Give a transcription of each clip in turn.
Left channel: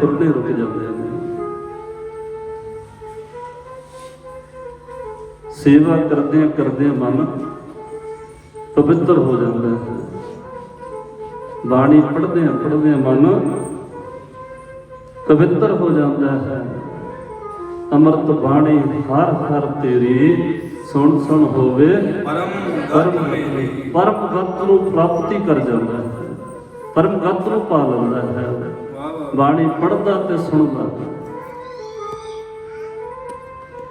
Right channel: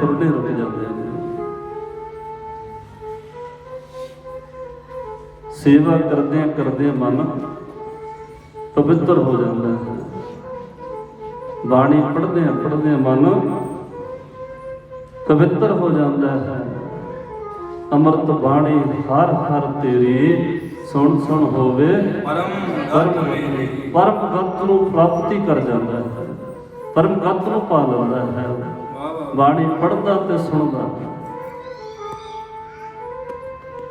फुरने रुक जाते हैं। सेवा करदे मन पवित्र हो जाता है। बाणी पढ़दे मन पवित्र हो जाता है। अमृत बाणी हर हर तेरी सुन सुन होवे परम गत नूं प्राप्ति कर जाता है, परम गत नूं पा लैंदा है। बाणी पढ़दा ते सुनदा।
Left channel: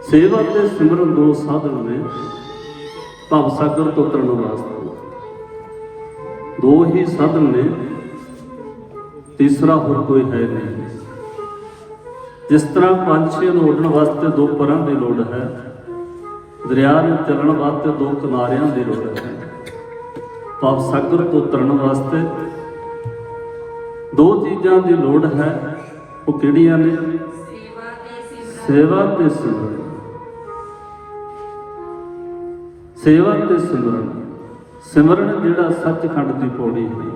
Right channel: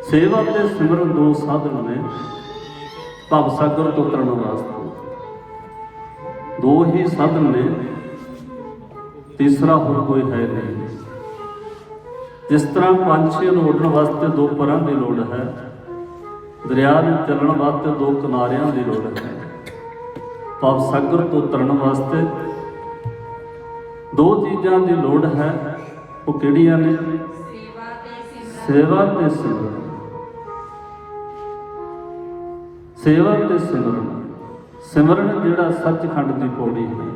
सेवा ते सिमरन दो साधन ने भव सागर तो तरन वास्ते। दो ही साधन ने, तीसरा होर कोई है नहीं। जिस तरह पंछी नूं उड़न वास्ते दो परां दी लोड़ है, दरिया नूं चलण वास्ते दो किनारियां दी लोड़ है, भव सागर तो तरन वास्ते दो चीज़ां दी लोड़ है। वो किहड़ियां ने? सेवा ते सिमरन। सेवा ते सिमरन। सिमरन जिहड़ा सचखंड दी पौड़ी है,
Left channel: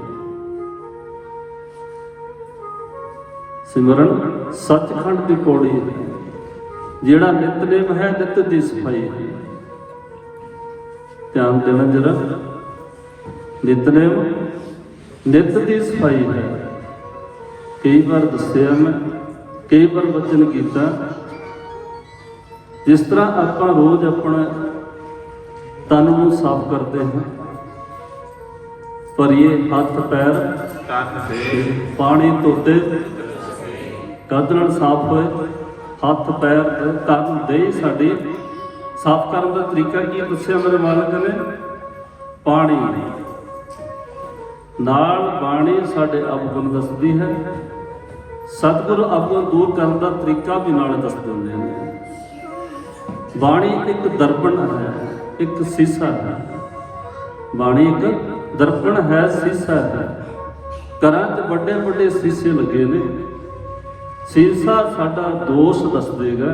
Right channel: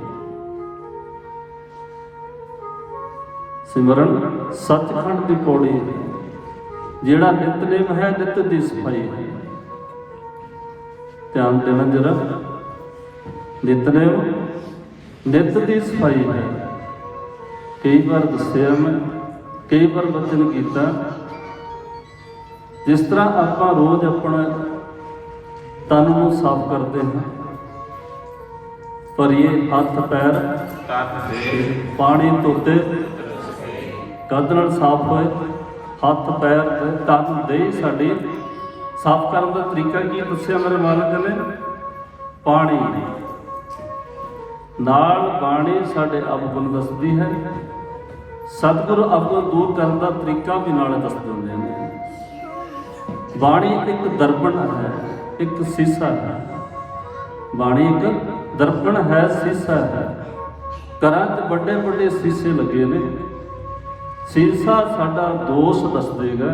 सिमरन सचखंड दी पौड़ी है। जिहड़ा नितनेम है, नित दी सफाई है। ध्यान देना जरा, नितनेम नित दी सफाई है। कई बार दस्सिया मैं, कई बार वचन कीता, जिस तरह आपां रोज़ अपना तन नूं साफ करते हैं, पर ये हथ पैर पानी धोते कद नाल साफ होए। हथ पैर तन दे साडी साफ करने का तरीका की दस्सिया मेरे मालिक ने? पानी नाल बाणी साडे अवगुण दसदी है। सतगुरु अवगुण दूर करने का तरीका भी नाल दस दिंदे हैं। बाणी एक दर्पण है, एक सीसा है। बाणी एक दर्पण है, सीसा है। घरां च बड़े बड़े सीसे लगे ने। सीसा साडा दोष दस देगा,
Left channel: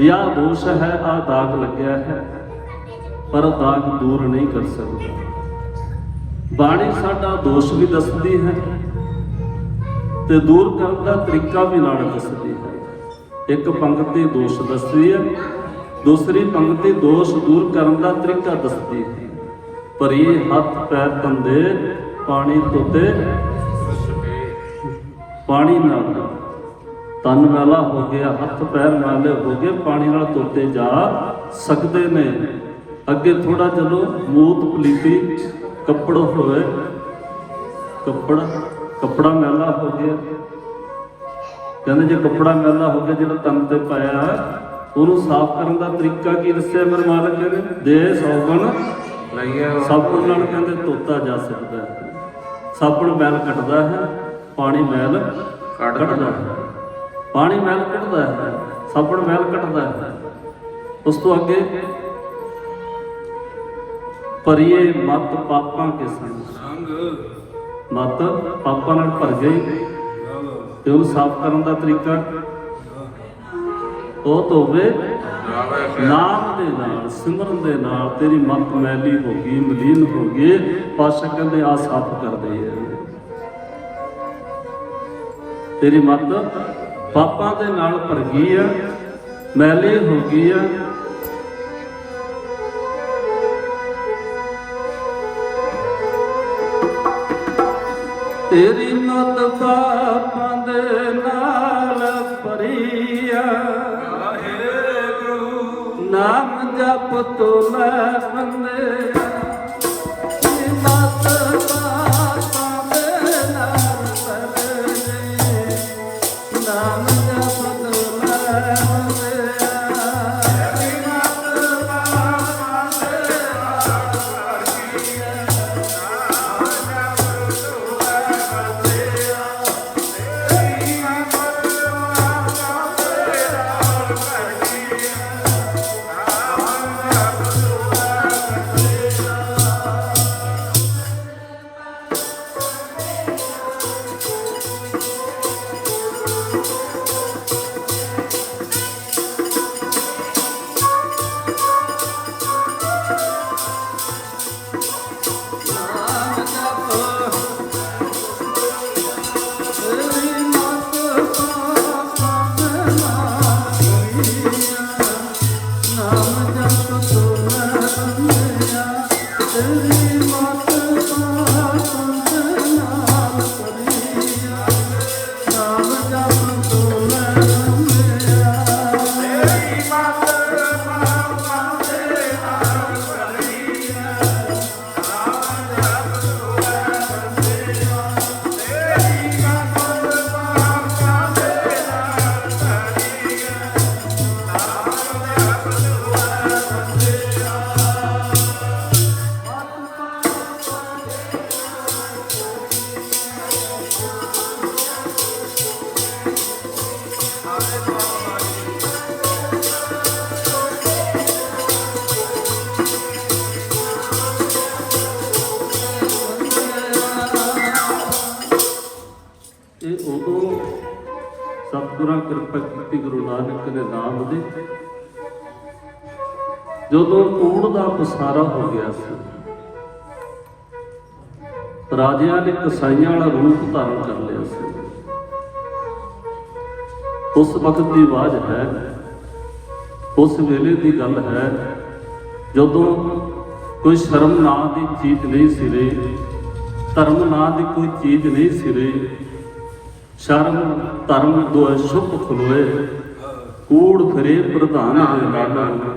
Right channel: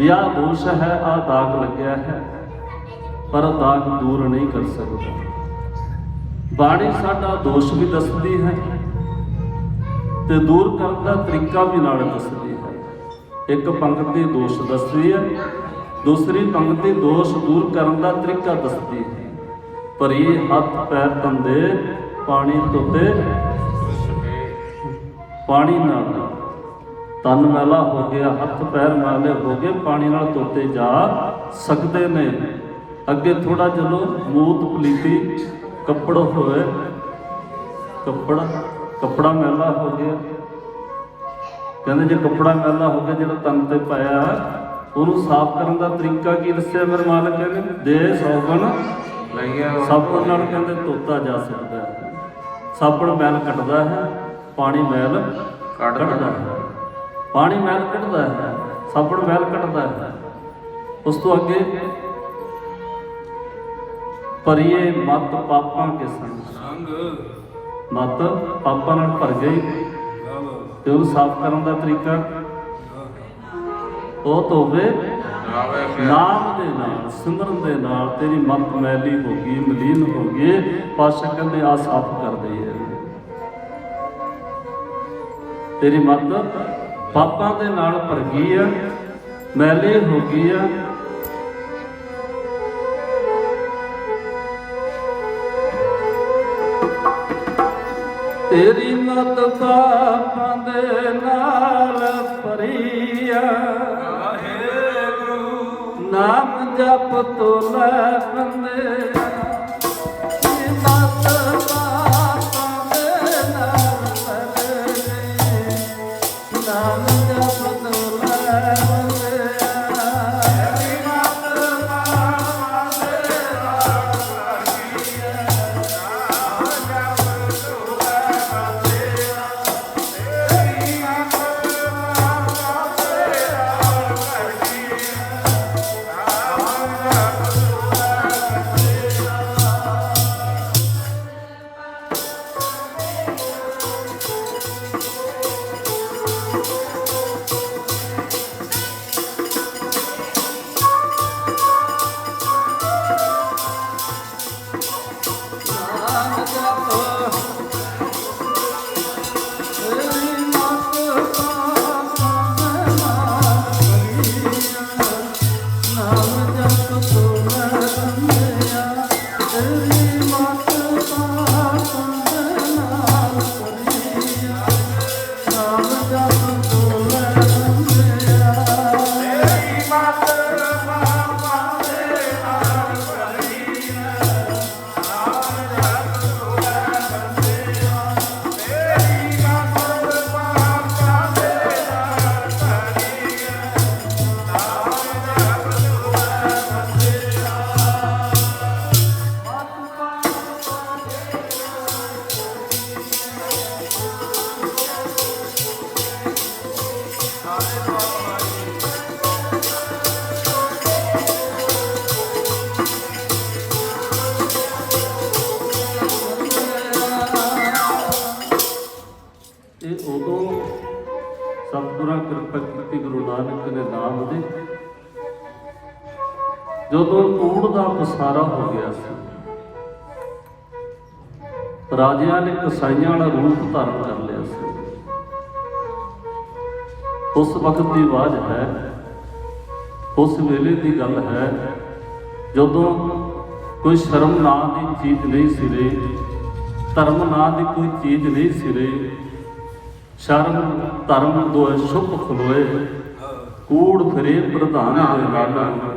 यह दोष है, आ दाग लग्या है, पर दाग दूर नहीं कर सकता। बाणी साडा दोष भी दसदी है ते दूर करने का तरीका भी नाल दसदी है। एक पंक्ति दोष दसदी है, दूसरी पंक्ति दोष दूर करने का तरीका दसदी है। पर ये हथ पैर धोंदे पानी धोते पानी नाल तन मैला हो गया, हथ पैर मैले हो गए, पानी नाल धोते जा सकते ने। अगे थोड़ा चलो, मूत पलीती कपड़ होए, कपड़ा मैला हो गया। कहते जो कपड़ा मैला हो गया जो तन से पाया है, उन्होंने साफ करने का तरीका की दस्सिया मेरे मालिक ने? दे सौगन साबुन नाल कहते धोता जा सकता है। साबुन मैल कटदा है, पानी मैल कटदा है। पानी मैल कटदा है, साबुन मैल कटदा है। उस तो अगे परिए मत पापां के संग, मत पापां नाल भर गई ते उन्हें साफ करने का तरीका वो धोवे नाम दे नाल, सिमरन दे नाल। तेरी मत मैली हो गई, मलीन हो गई, पातशाह कहते आ साफ कर दे। तेरी मत पापां दे नाल भर गई है, मैली हो गई है। तेरी मत पापां दे नाल भरी है। नाम जप तो लै बंदे मत पापां दे नाल भरी। नाम जप तो लै बंदे ਸਤਿਗੁਰਾਂ ਕਿਰਪਾ ਕੀਤੀ ਗੁਰੂ ਨਾਨਕ ਦੇ ਨਾਮ ਦੀ। ਜਦੋਂ ਕੂੜ ਦਾ ਪਸਾਰਾ ਹੋ ਗਿਆ ਸੀ, ਰਾਜਿਆਂ ਨੇ ਕਸਾਈਆਂ ਵਾਲਾ ਰੂਪ ਧਾਰਨ ਕਰ ਲਿਆ ਸੀ। ਉਸ ਵਕਤ ਦੀ ਆਵਾਜ਼ ਹੈ, ਉਸ ਵੇਲੇ ਦੀ ਗੱਲ ਹੈ, ਜਦੋਂ ਕੋਈ ਸ਼ਰਮ ਨਾਂ ਦੀ ਚੀਜ਼ ਨਹੀਂ ਸੀ ਰਹੀ, ਧਰਮ ਨਾਂ ਦੀ ਕੋਈ ਚੀਜ਼ ਨਹੀਂ ਸੀ ਰਹੀ। ਸ਼ਰਮ ਧਰਮ ਦੋਏ ਸ਼ੁਭ ਖਲੋਏ, ਕੂੜ ਫਿਰੇ ਪ੍ਰਧਾਨ ਵੇ ਲਾਲੋ।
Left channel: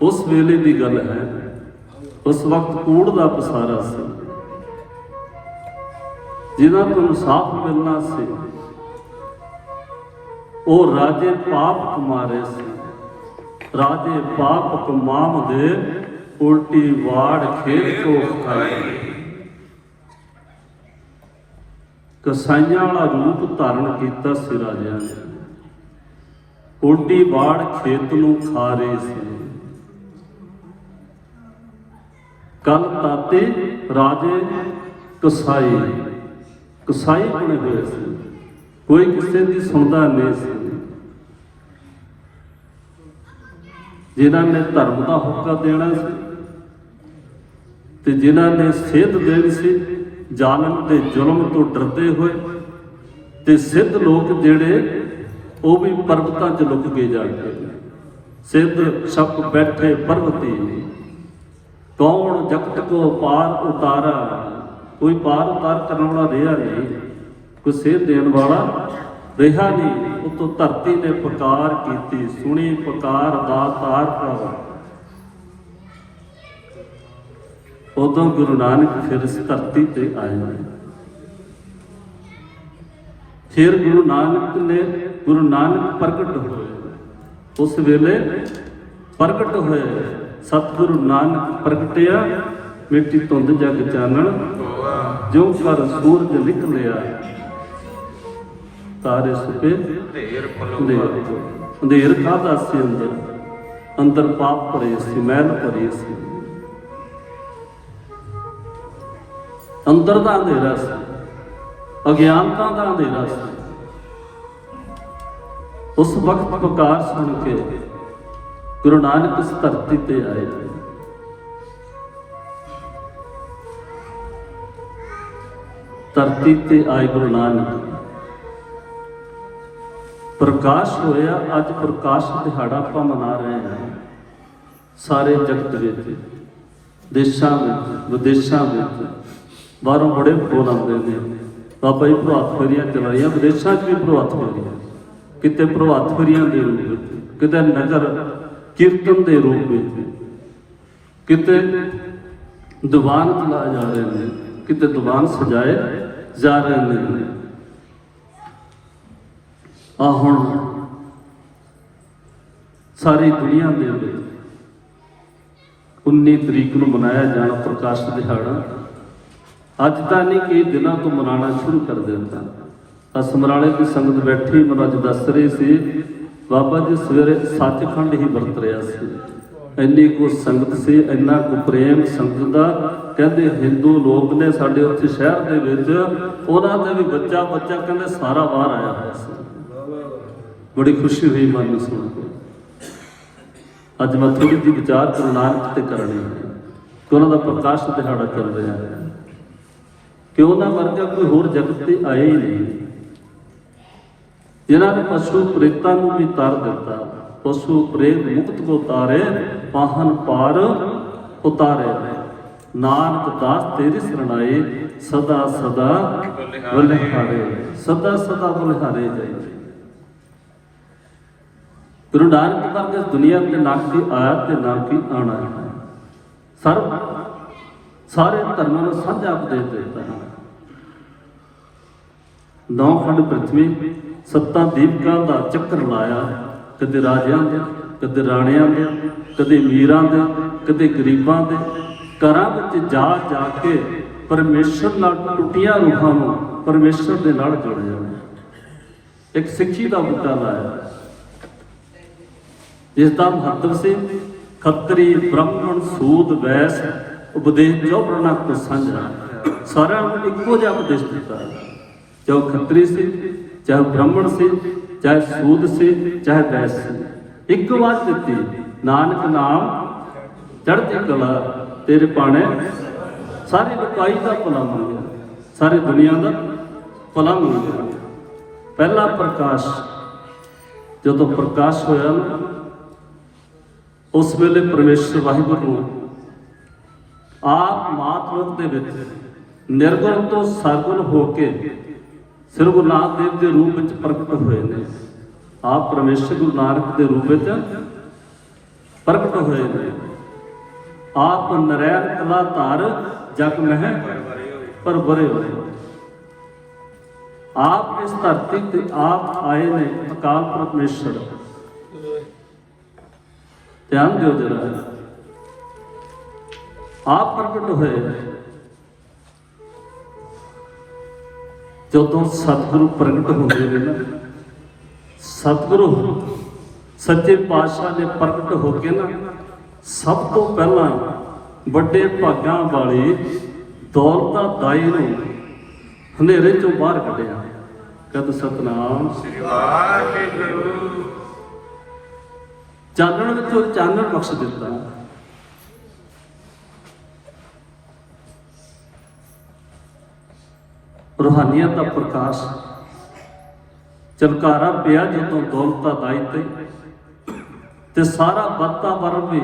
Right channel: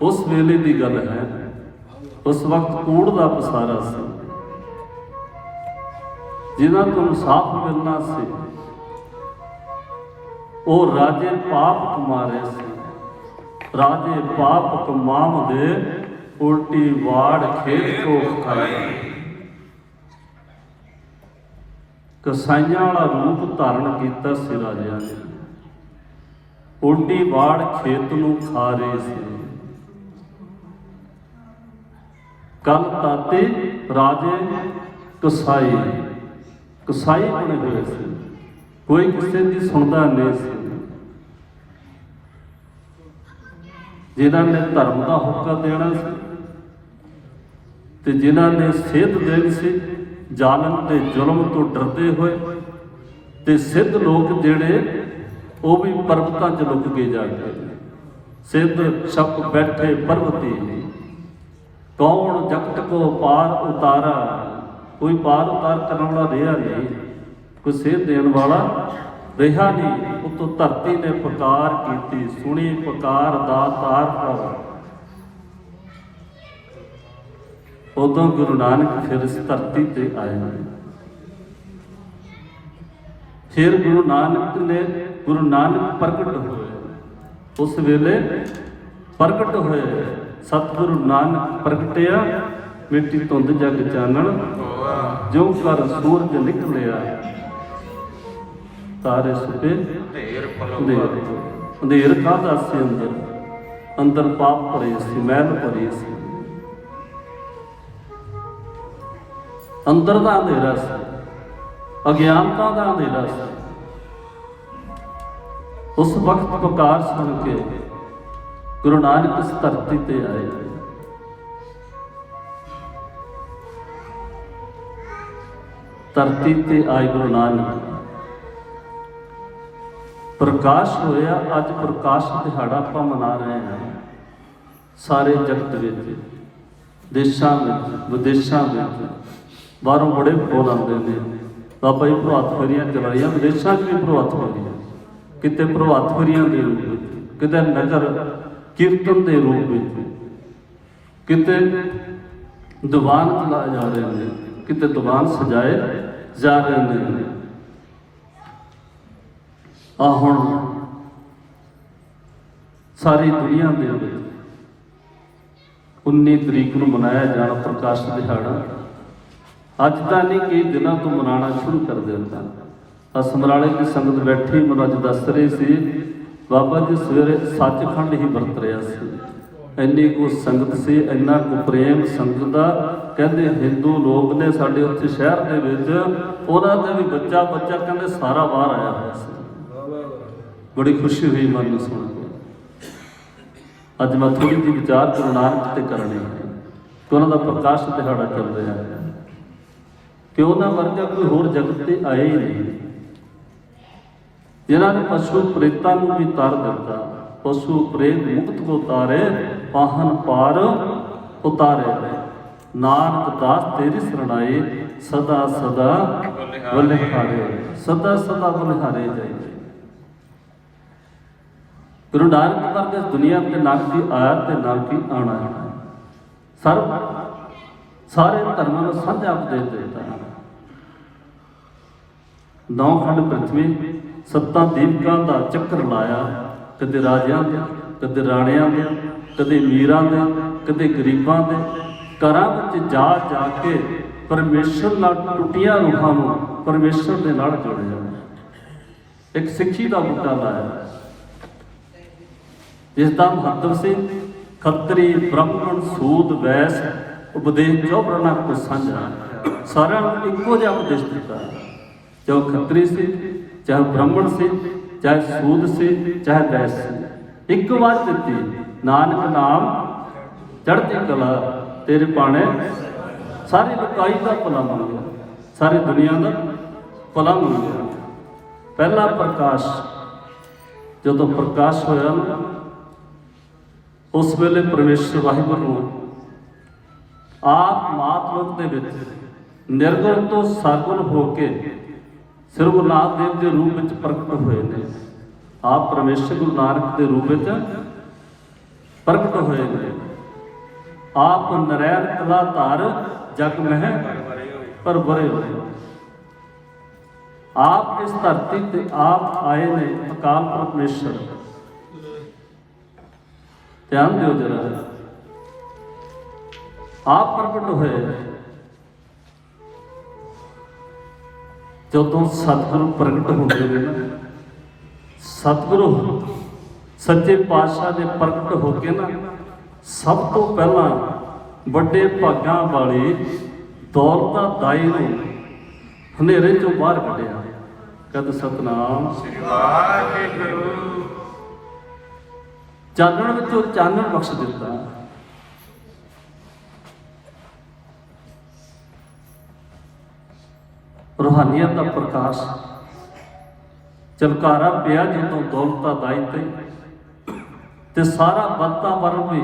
ਉਸ ਵੇਲੇ ਦੀ ਗੱਲ ਹੈ, ਉਸ ਵਕਤ ਕੂੜ ਦਾ ਪਸਾਰਾ ਸੀ। ਜਿਨ੍ਹਾਂ ਤੋਂ ਇਨਸਾਫ ਮਿਲਣਾ ਸੀ, ਉਹ ਰਾਜੇ ਪਾਪ ਕਮਾਰੇ ਸੀ। ਰਾਜੇ ਪਾਪ ਕਮਾਮ ਦੇ, ਉਲਟੀ ਵਾੜ ਖੇਤ ਕੋ ਖਾਏ। ਕਸਾਈਆਂ ਵਾਲਾ ਰੂਪ ਧਾਰਨ ਕੀਤਾ ਸੀ ਰਾਜਿਆਂ ਨੇ, ਉਲਟੀ ਵਾੜ ਖੇਤ ਨੂੰ ਖਾ ਰਹੇ ਸੀ। ਕੱਲ ਤਾਤੇ ਰਾਜੇ ਕਸਾਈ ਕਸਾਈ ਬਣੇ ਹੋਏ ਸੀ, ਕੋਈ ਕਿਸੇ ਦੀ ਸੁਣਦਾ ਨਹੀਂ ਸੀ। ਜਿਨ੍ਹਾਂ ਨੇ ਧਰਮ ਦਾ ਹੁਕਮ ਦੇਣਾ ਸੀ ਤੇ ਜਿਨ੍ਹਾਂ ਨੇ ਸੇਧ ਦੇਣੀ ਸੀ, ਜ਼ਾਲਮ ਤੇ ਜ਼ੁਲਮ ਤੋਂ ਡਰਦੇ ਹੋਏ, ਤੇ ਸਿੱਧ ਲੋਕ ਜਿਹੜੇ ਉਹ ਵੀ ਪਰਬਤਾਂ 'ਚ ਲੁਕ ਕੇ ਜਾ ਕੇ ਸਿੱਧ ਛਪ ਬੈਠੇ ਪਰਬਤੀ। ਕੌਣ ਜਗਤ ਕੋ ਪਾਰ ਉਤਾਰਾ, ਕੋਈ ਪਾਰ ਉਤਾਰ ਕਰਨ ਵਾਲਾ ਰਿਹਾ ਨਹੀਂ, ਕੋਈ ਸੇਧ ਦੇਣ ਵਾਲਾ ਰਿਹਾ ਨਹੀਂ। ਉਤੋਂ ਧਰਤੀ ਨੇ ਪੁਕਾਰ ਕੀਤੀ, ਸੁਣੀ ਪੁਕਾਰ ਦਾਤਾਰ ਭਰ। ਉਦੋਂ ਗੁਰੂ ਨਾਨਕ ਫਿਰ ਇਸ ਧਰਤੀ ਤੇ ਆਏ। ਫਿਰ ਗੁਰੂ ਨਾਨਕ ਪ੍ਰਗਟ ਹੋਏ। ਉਸ ਵੇਲੇ ਪ੍ਰਗਟ ਹੋਏ, ਸਤਿਗੁਰੂ ਨਾਨਕ ਪ੍ਰਗਟਿਆ, ਮਿੱਟੀ ਧੁੰਦ ਜਗ ਚਾਨਣ, ਜੋ ਕਰ ਸੂਰਜ ਨਿਕਲਿਆ, ਤਾਰੇ ਸੁਪੇ ਅੰਧੇਰ ਕਾਹਦਾ ਸੀ। ਅੰਦਰ ਪਾਪ ਭਰੇ ਸੀ, ਮੈਲ ਭਰੀ ਸੀ, ਅੰਦਰ ਦਾ ਅੰਧੇਰਾ ਸੀ, ਅਗਿਆਨਤਾ ਦਾ ਅੰਧੇਰਾ ਸੀ। ਉਸ ਵਕਤ ਪੁਕਾਰ ਸੁਣ ਕੇ ਗੁਰੂ ਨਾਨਕ ਇਸ ਧਰਤੀ ਤੇ ਆਏ। ਧਰਤੀ ਤੇ ਆਏ ਗੁਰੂ ਨਾਨਕ, ਪ੍ਰਕਾਸ਼ ਹੋਇਆ। ਅੱਜ ਪ੍ਰਕਾਸ਼ ਦਿਹਾੜਾ ਆਪਾਂ ਮਨਾ ਰਹੇ ਹਾਂ ਸਾਰੇ ਜਗਤ ਵਿੱਚ, ਦੇਸ਼ਾਂ ਵਿੱਚ, ਵਿਦੇਸ਼ਾਂ ਵਿੱਚ। ਬਾਹਰੋਂ ਬੜੇ ਫੋਨ ਆਉਂਦੇ ਨੇ, ਬਾਬਾ ਜੀ ਪ੍ਰਭਾਤ ਫੇਰੀਆਂ ਚਲਾਈਆਂ, ਵਿਦੇਸ਼ਾਂ 'ਚ ਵੀ ਪ੍ਰਭਾਤ ਫੇਰੀਆਂ, ਕਿਤੇ ਪ੍ਰਭਾਤ ਫੇਰੀਆਂ ਦੇ ਰੂਪ ਵਿੱਚ, ਕਿਤੇ ਨਗਰ ਕੀਰਤਨ ਦੇ ਰੂਪ ਵਿੱਚ, ਕਿਤੇ ਦੀਵਾਨ ਚਲਾਏ ਜਾ ਰਹੇ ਨੇ, ਕਿਤੇ ਦੀਵਾਨ ਸਜਾਏ ਜਾ ਰਹੇ ਨੇ। ਆ ਹੁਣ ਸਾਰੀ ਦੁਨੀਆ ਦੇ ਵਿੱਚ 19 ਤਰੀਕ ਨੂੰ ਮਨਾਇਆ ਜਾਣਾ ਪ੍ਰਕਾਸ਼ ਦਿਹਾੜਾ। ਅੱਜ ਤਾਂ ਨਹੀਂ, ਕਈ ਦਿਨਾਂ ਤੋਂ ਮਨਾਉਣਾ ਸ਼ੁਰੂ ਕਰ ਦਿੱਤਾ। ਸਮਰਾਲੇ ਦੀ ਸੰਗਤ ਬੈਠੀ, ਮੈਨੂੰ ਅੱਜ ਦੱਸ ਰਹੇ ਸੀ ਬਾਬਾ ਜੀ ਸਵੇਰੇ ਸੱਚਖੰਡ ਹੀ ਵਰਤ ਰਿਹਾ ਸੀ। ਇੰਨੀ ਕੁ ਸੰਗਤ ਸੀ, ਇੰਨਾ ਕੁ ਪ੍ਰੇਮ ਸੰਗਤ ਦਾ। ਕਹਿੰਦੇ ਹਿੰਦੂ ਲੋਕ ਨੇ ਸਾਡੇ ਉੱਥੇ ਸ਼ਹਿਰ ਦੇ ਵਿੱਚ, ਉਹਨਾਂ ਦੇ ਵੀ ਬੱਚਾ ਕਹਿੰਦੇ ਸਾਰਾ ਬਾਹਰ ਆਇਆ ਹੋਇਆ ਸੀ। ਬੜੀ ਖੁਸ਼ੀ ਹੋਈ ਮਨ ਨੂੰ ਸੁਣ ਕੇ। ਅੱਜ ਮੈਂ ਥੋੜੀ ਜਿਹੀ ਵਿਚਾਰ ਗੁਰੂ ਨਾਨਕ ਤੇ ਕਰਨੀ ਹੈ ਕਿ ਉਹਨਾਂ ਦਾ ਪ੍ਰਕਾਸ਼ ਦਿਹਾੜਾ ਚੱਲ ਰਿਹਾ ਹੈ, ਕਿ ਉਹਨਾਂ ਵਰਗਾ ਕੋਈ ਹੋਰ ਜਗਤ ਤੇ ਆਏ ਹੀ ਨਹੀਂ, ਜਿਨ੍ਹਾਂ ਨੇ ਪਸ਼ੂ ਪ੍ਰੇਤਾਂ ਨੂੰ ਵੀ ਤਰ ਦਿੱਤਾ। ਪਸ਼ੂ ਪ੍ਰੇਤ ਮੁਕਤ ਕੋ ਤਾਰੇ, ਪਾਹਨ ਪਾਰ ਉਤਾਰੇ। ਨਾਨਕ ਦਾਸ ਤੇਰੀ ਸਰਣਾਈ, ਸਦਾ ਸਦਾ ਬਲਿਹਾਰੇ, ਸਦਾ ਸਦਾ ਬਲਿਹਾਰੇ ਜਾਈ। ਗੁਰੂ ਨਾਨਕ ਦਾ ਇਸ ਦੁਨੀਆ ਤੇ ਨਾ ਕੀ ਆਇਆ ਤੇ ਨਾ ਕੀ ਆਉਣਾ ਹੈ। ਸਾਰੇ ਧਰਮਾਂ ਨੂੰ ਸਾਂਝਾ ਉਪਦੇਸ਼ ਦਿੱਤਾ ਹੈ। 9 ਖੰਡ ਪ੍ਰਿਥਵੀ, 7 ਦੀਪਕਾਂ ਦਾ ਚੱਕਰ ਲਾਇਆ, ਕਦੇ ਰਾਜਿਆਂ ਦੇ, ਕਦੇ ਰਾਣਿਆਂ ਦੇ, ਕਦੇ ਅਮੀਰਾਂ ਦੇ, ਕਦੇ ਗਰੀਬਾਂ ਦੇ। ਘਰਾਂ ਵਿੱਚ ਜਾ ਜਾ ਕੇ ਪਰਮੇਸ਼ਰ ਨਾਲ ਟੁੱਟੀਆਂ ਰੂਹਾਂ ਨੂੰ ਪਰਮੇਸ਼ਰ ਦੇ ਨਾਲ ਜੋੜਿਆ। ਇੱਕ ਸਿੱਖੀ ਦਾ ਬੂਟਾ ਲਾਇਆ, ਜਿਸ ਦਾ ਮਹੱਤਵ ਸੀ ਖੱਤਰੀ ਬ੍ਰਾਹਮਣ ਸੂਦ ਵੈਸ ਉਪਦੇਸ਼ ਚੌਵਰਨਾ ਕੋ ਸਾਂਝਾ। ਸਾਰਿਆਂ ਨੂੰ ਇੱਕੋ ਜਿਹਾ ਉਪਦੇਸ਼ ਦਿੱਤਾ। चाहे वो खत्री से, चाहे ब्राह्मण से, चाहे सूद से, चाहे वैस से, एक आवाज दी, नानक नाम चढ़ती कला तेरे पाने। सारी लुकाई का भला मंगया, सारी दुनिया का भला मंगया। पहला प्रकाश जो प्रकाश होया ना, उस वेले परमेश्वर वाहिगुरू आप मात लोक दे विच निर्गुण तो सरगुण होके श्री गुरु नानक देव के रूप में प्रगट हुए ने। आप परमेश्वर गुरु नानक के रूप में प्रगट हुए ने। आप नरैन कला धार जग में पर बरे हुए। आप इस धरती पे आप आए ने अकाल परमेश्वर। ध्यान दियो जरा, आप प्रगट हुए जो सतगुरु प्रगट होते हैं। सतगुरु सच्चे पातशाह ने प्रगट होके ना सब तो पहला बड़े भागां वाले दौलता दाई नूं हनेरे चों बाहर कढ़िया। कद सतनाम चानण विचों चानण बख्श दिता। रूहानियत का प्रकाश चमकारा पिया जो दौलता दाई ते सारा वातावरण भी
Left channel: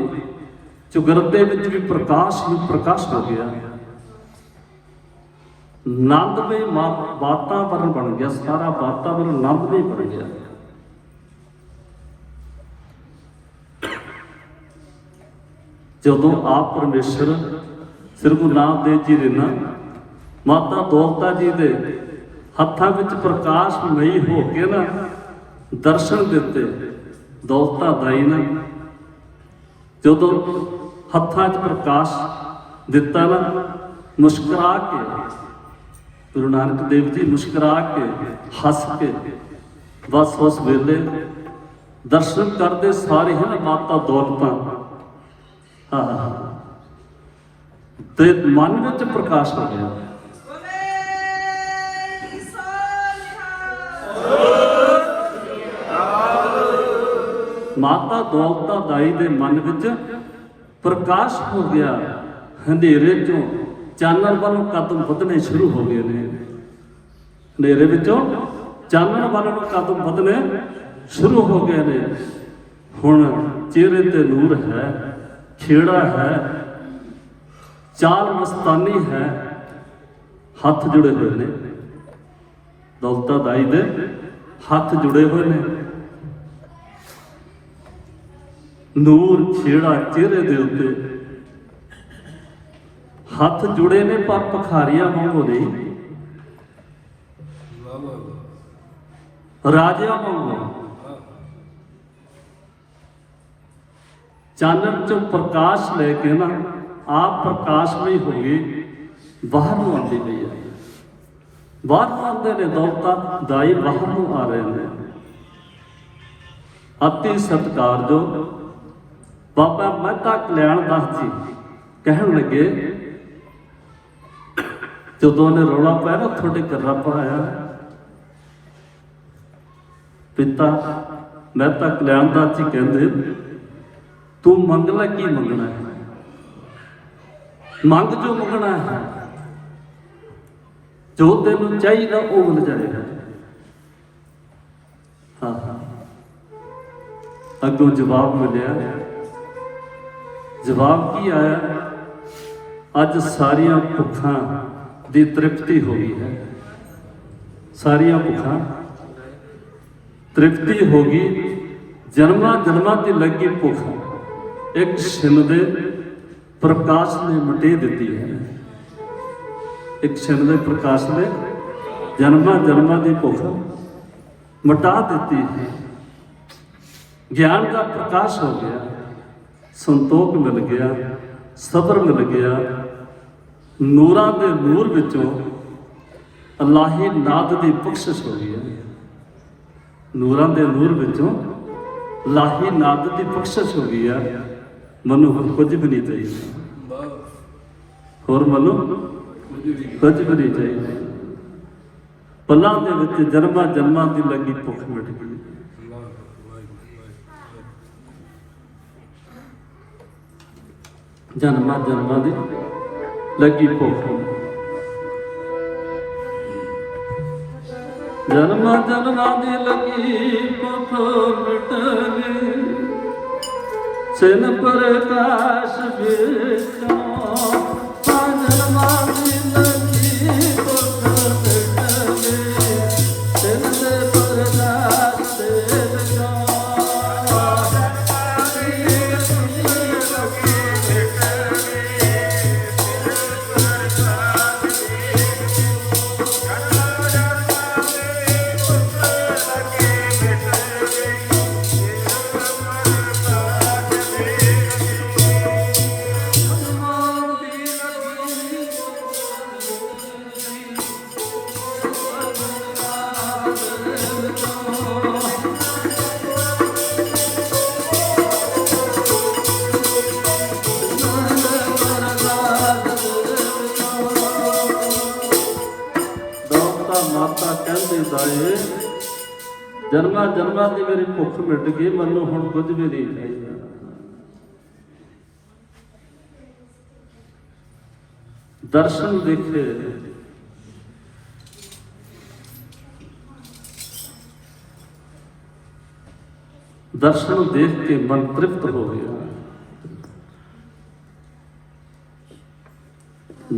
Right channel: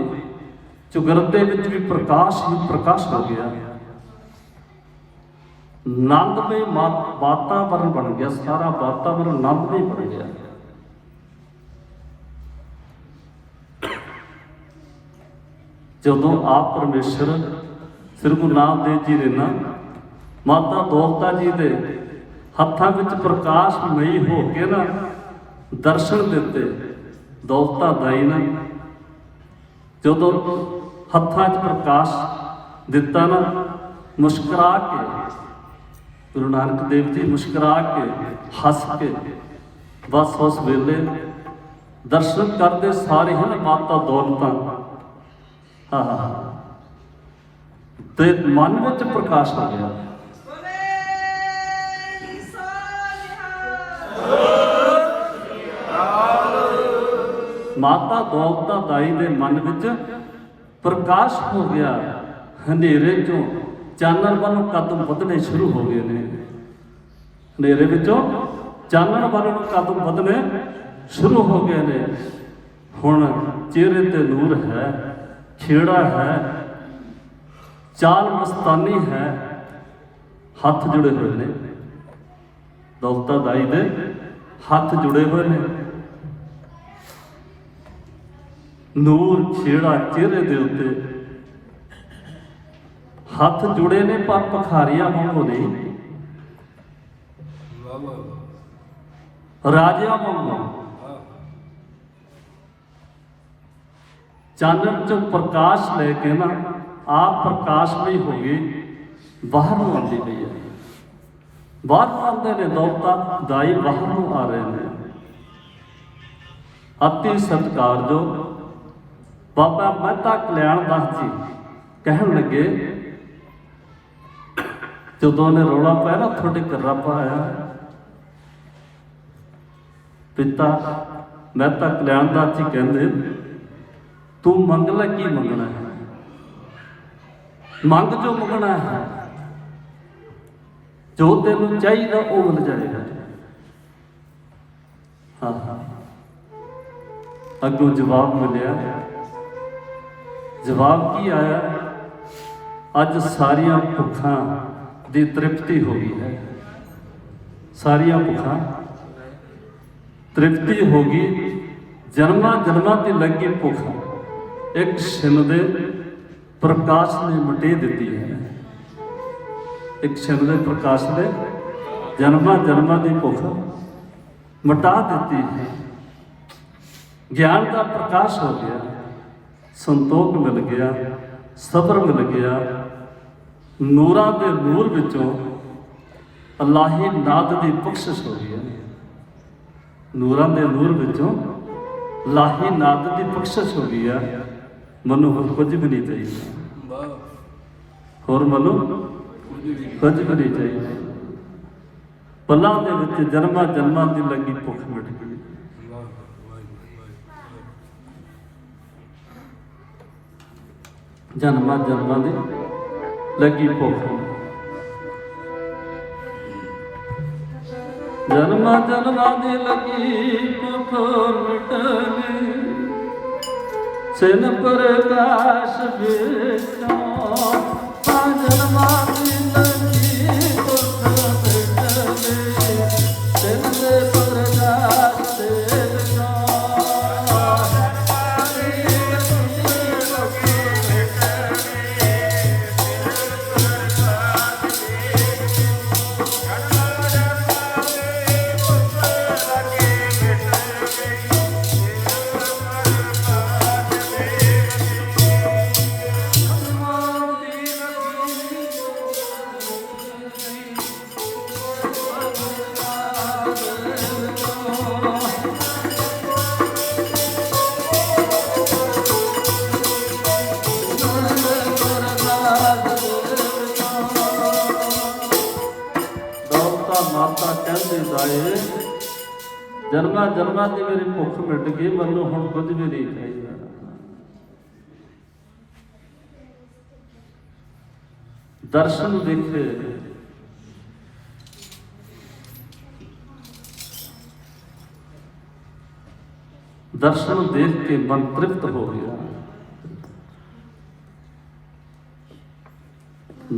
चुगरदे विच भी प्रकाश ही प्रकाश हो गया। नंद में वातावरण बन गया, सारा वातावरण नंद में बन गया। जदों आप परमेश्वर श्री गुरु नानक देव जी ने ना माता दौलता जी के हत्थां विच प्रकाशमयी हो के ना दर्शन दिते। दौलता दाई ने जदों हत्थां च प्रकाश दिता ना, मुस्कुरा के गुरु नानक देव जी मुस्कुरा के हस के बस उस वेले दर्शन करते सारे हैं माता दौलता ते मन में प्रकाश हो गया। माता दौलता दाई दे मन विच प्रकाश हो गया। हनेरे चों चानण वालों कदम वधने शुरू हो गए ने। हनेरे विचों चानण वालों कदम वधने शुरू हो गए ने। हुण चेहरे ते नूर है, खेड़ा है, चाल मस्तानी है, हाथ जुड़े हुए ने। दौलता दाई दे हाथ जुड़े हुए ने। नूर खेड़ा चेहरे दे उत्ते, हाथ जुड़े ने पर पखारियां वांगू नहीं, राजियां वांगू। चानण चों प्रकाश लेके ना आप प्रकाशमय हो गए, बाहर नूं आंदी पई है। बाहर नूं आंदे ने, दौलता दाई बाहर नूं आ रहे हैं। अति सत्कार जो बाबा मेहता कल्याण दास जी कहन लगे, जदों ने रौला पाया ना थोड़े घर रब आया, पिता मेहता कल्याण दास जी कहते तू मंग लै की मंगना है, मंग जो मंगना है, जो तेन चाहिए वो मिल जाएगा। हाँ, अगों जवाब मिलिया। जवाब की आया, अज सारिया भुखां दी तृप्ति हो गई है। सारिया भुखां तृप्ति हो गई। जन्मा जन्मा की लगी भुख एक छिन दे प्रकाश ने मटे दी है। एक छिन दे प्रकाश ने जन्मा जन्मा की भुख मटा दी है। ज्ञान का प्रकाश हो गया, संतोख मिल गया, सबर मिल गया। नूरां दे नूर विचों अल्लाही नाद की बख्शिश हो गई है। नूरां दे नूर विचों अल्लाही नाद की बख्शिश हो गई है। मनु होर कुछ भी नहीं चाहिए, होर मनु कुछ भी नहीं चाहिए। ਪਲਾਂ ਦੇ ਵਿੱਚ ਜਨਮਾਂ ਜਨਮਾਂ ਦੀ ਲੱਗੀ ਭੁੱਖ ਮਿਟ ਗਈ। ਜਨਮਾਂ ਜਨਮਾਂ ਦੀ ਲੱਗੀ ਭੁੱਖ, ਜਨਮਾਂ ਜਨਮਾਂ ਦੀ ਲੱਗੀ ਭੁੱਖ ਮਿਟ ਗਈ। ਸਿਨ ਪ੍ਰਕਾਸ਼ ਵਿੱਚੋਂ ਜਨਮਾਂ ਦੀ ਲੱਗੀ ਭੁੱਖ ਮਿਟ ਗਈ। ਸਿਨ ਪ੍ਰਕਾਸ਼ ਵਿੱਚੋਂ ਮਾਤਾ ਕਹਿੰਦੇ ਜਾਏ, ਜਨਮਾਂ ਜਨਮਾਂ ਦੀ ਮੇਰੀ ਭੁੱਖ ਮਿਟ ਗਈ, ਮੈਨੂੰ ਹੁਣ ਕੁਝ ਵੀ ਨਹੀਂ ਚਾਹੀਦਾ। ਦਰਸ਼ਨ ਦੇਖੇ, ਦਰਸ਼ਨ ਦੇਖ ਕੇ ਮਨ ਤ੍ਰਿਪਤ ਹੋ ਗਿਆ,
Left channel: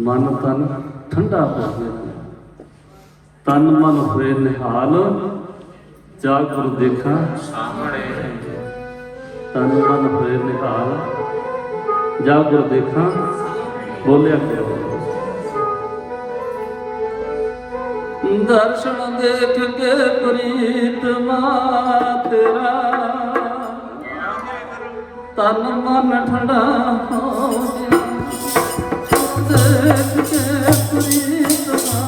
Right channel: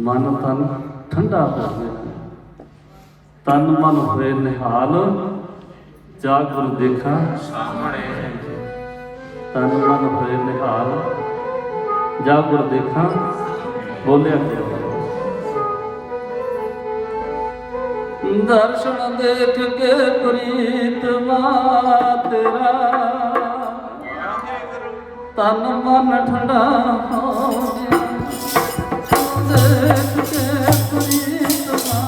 ਮਨ ਤਨ ਠੰਡਾ ਹੋ ਗਿਆ। ਤਨ ਮਨ ਹੋਏ ਨਿਹਾਲ, ਜਾ ਗੁਰੂ ਦੇਖਾਂ ਸਾਹਮਣੇ। ਤਨ ਮਨ ਹੋਏ ਨਿਹਾਲ, ਜਾ ਗੁਰੂ ਦੇਖਾਂ ਬੋਲਿਆ ਕਰੋ। ਦਰਸ਼ਨ ਦੇਖ ਕੇ ਪ੍ਰੀਤਮਾ ਤੇਰਾ, ਤਨ ਮਨ ਠੰਡਾ ਹੋ ਗਿਆ। ਦੇਖ ਕੇ ਪ੍ਰੀਤਮਾ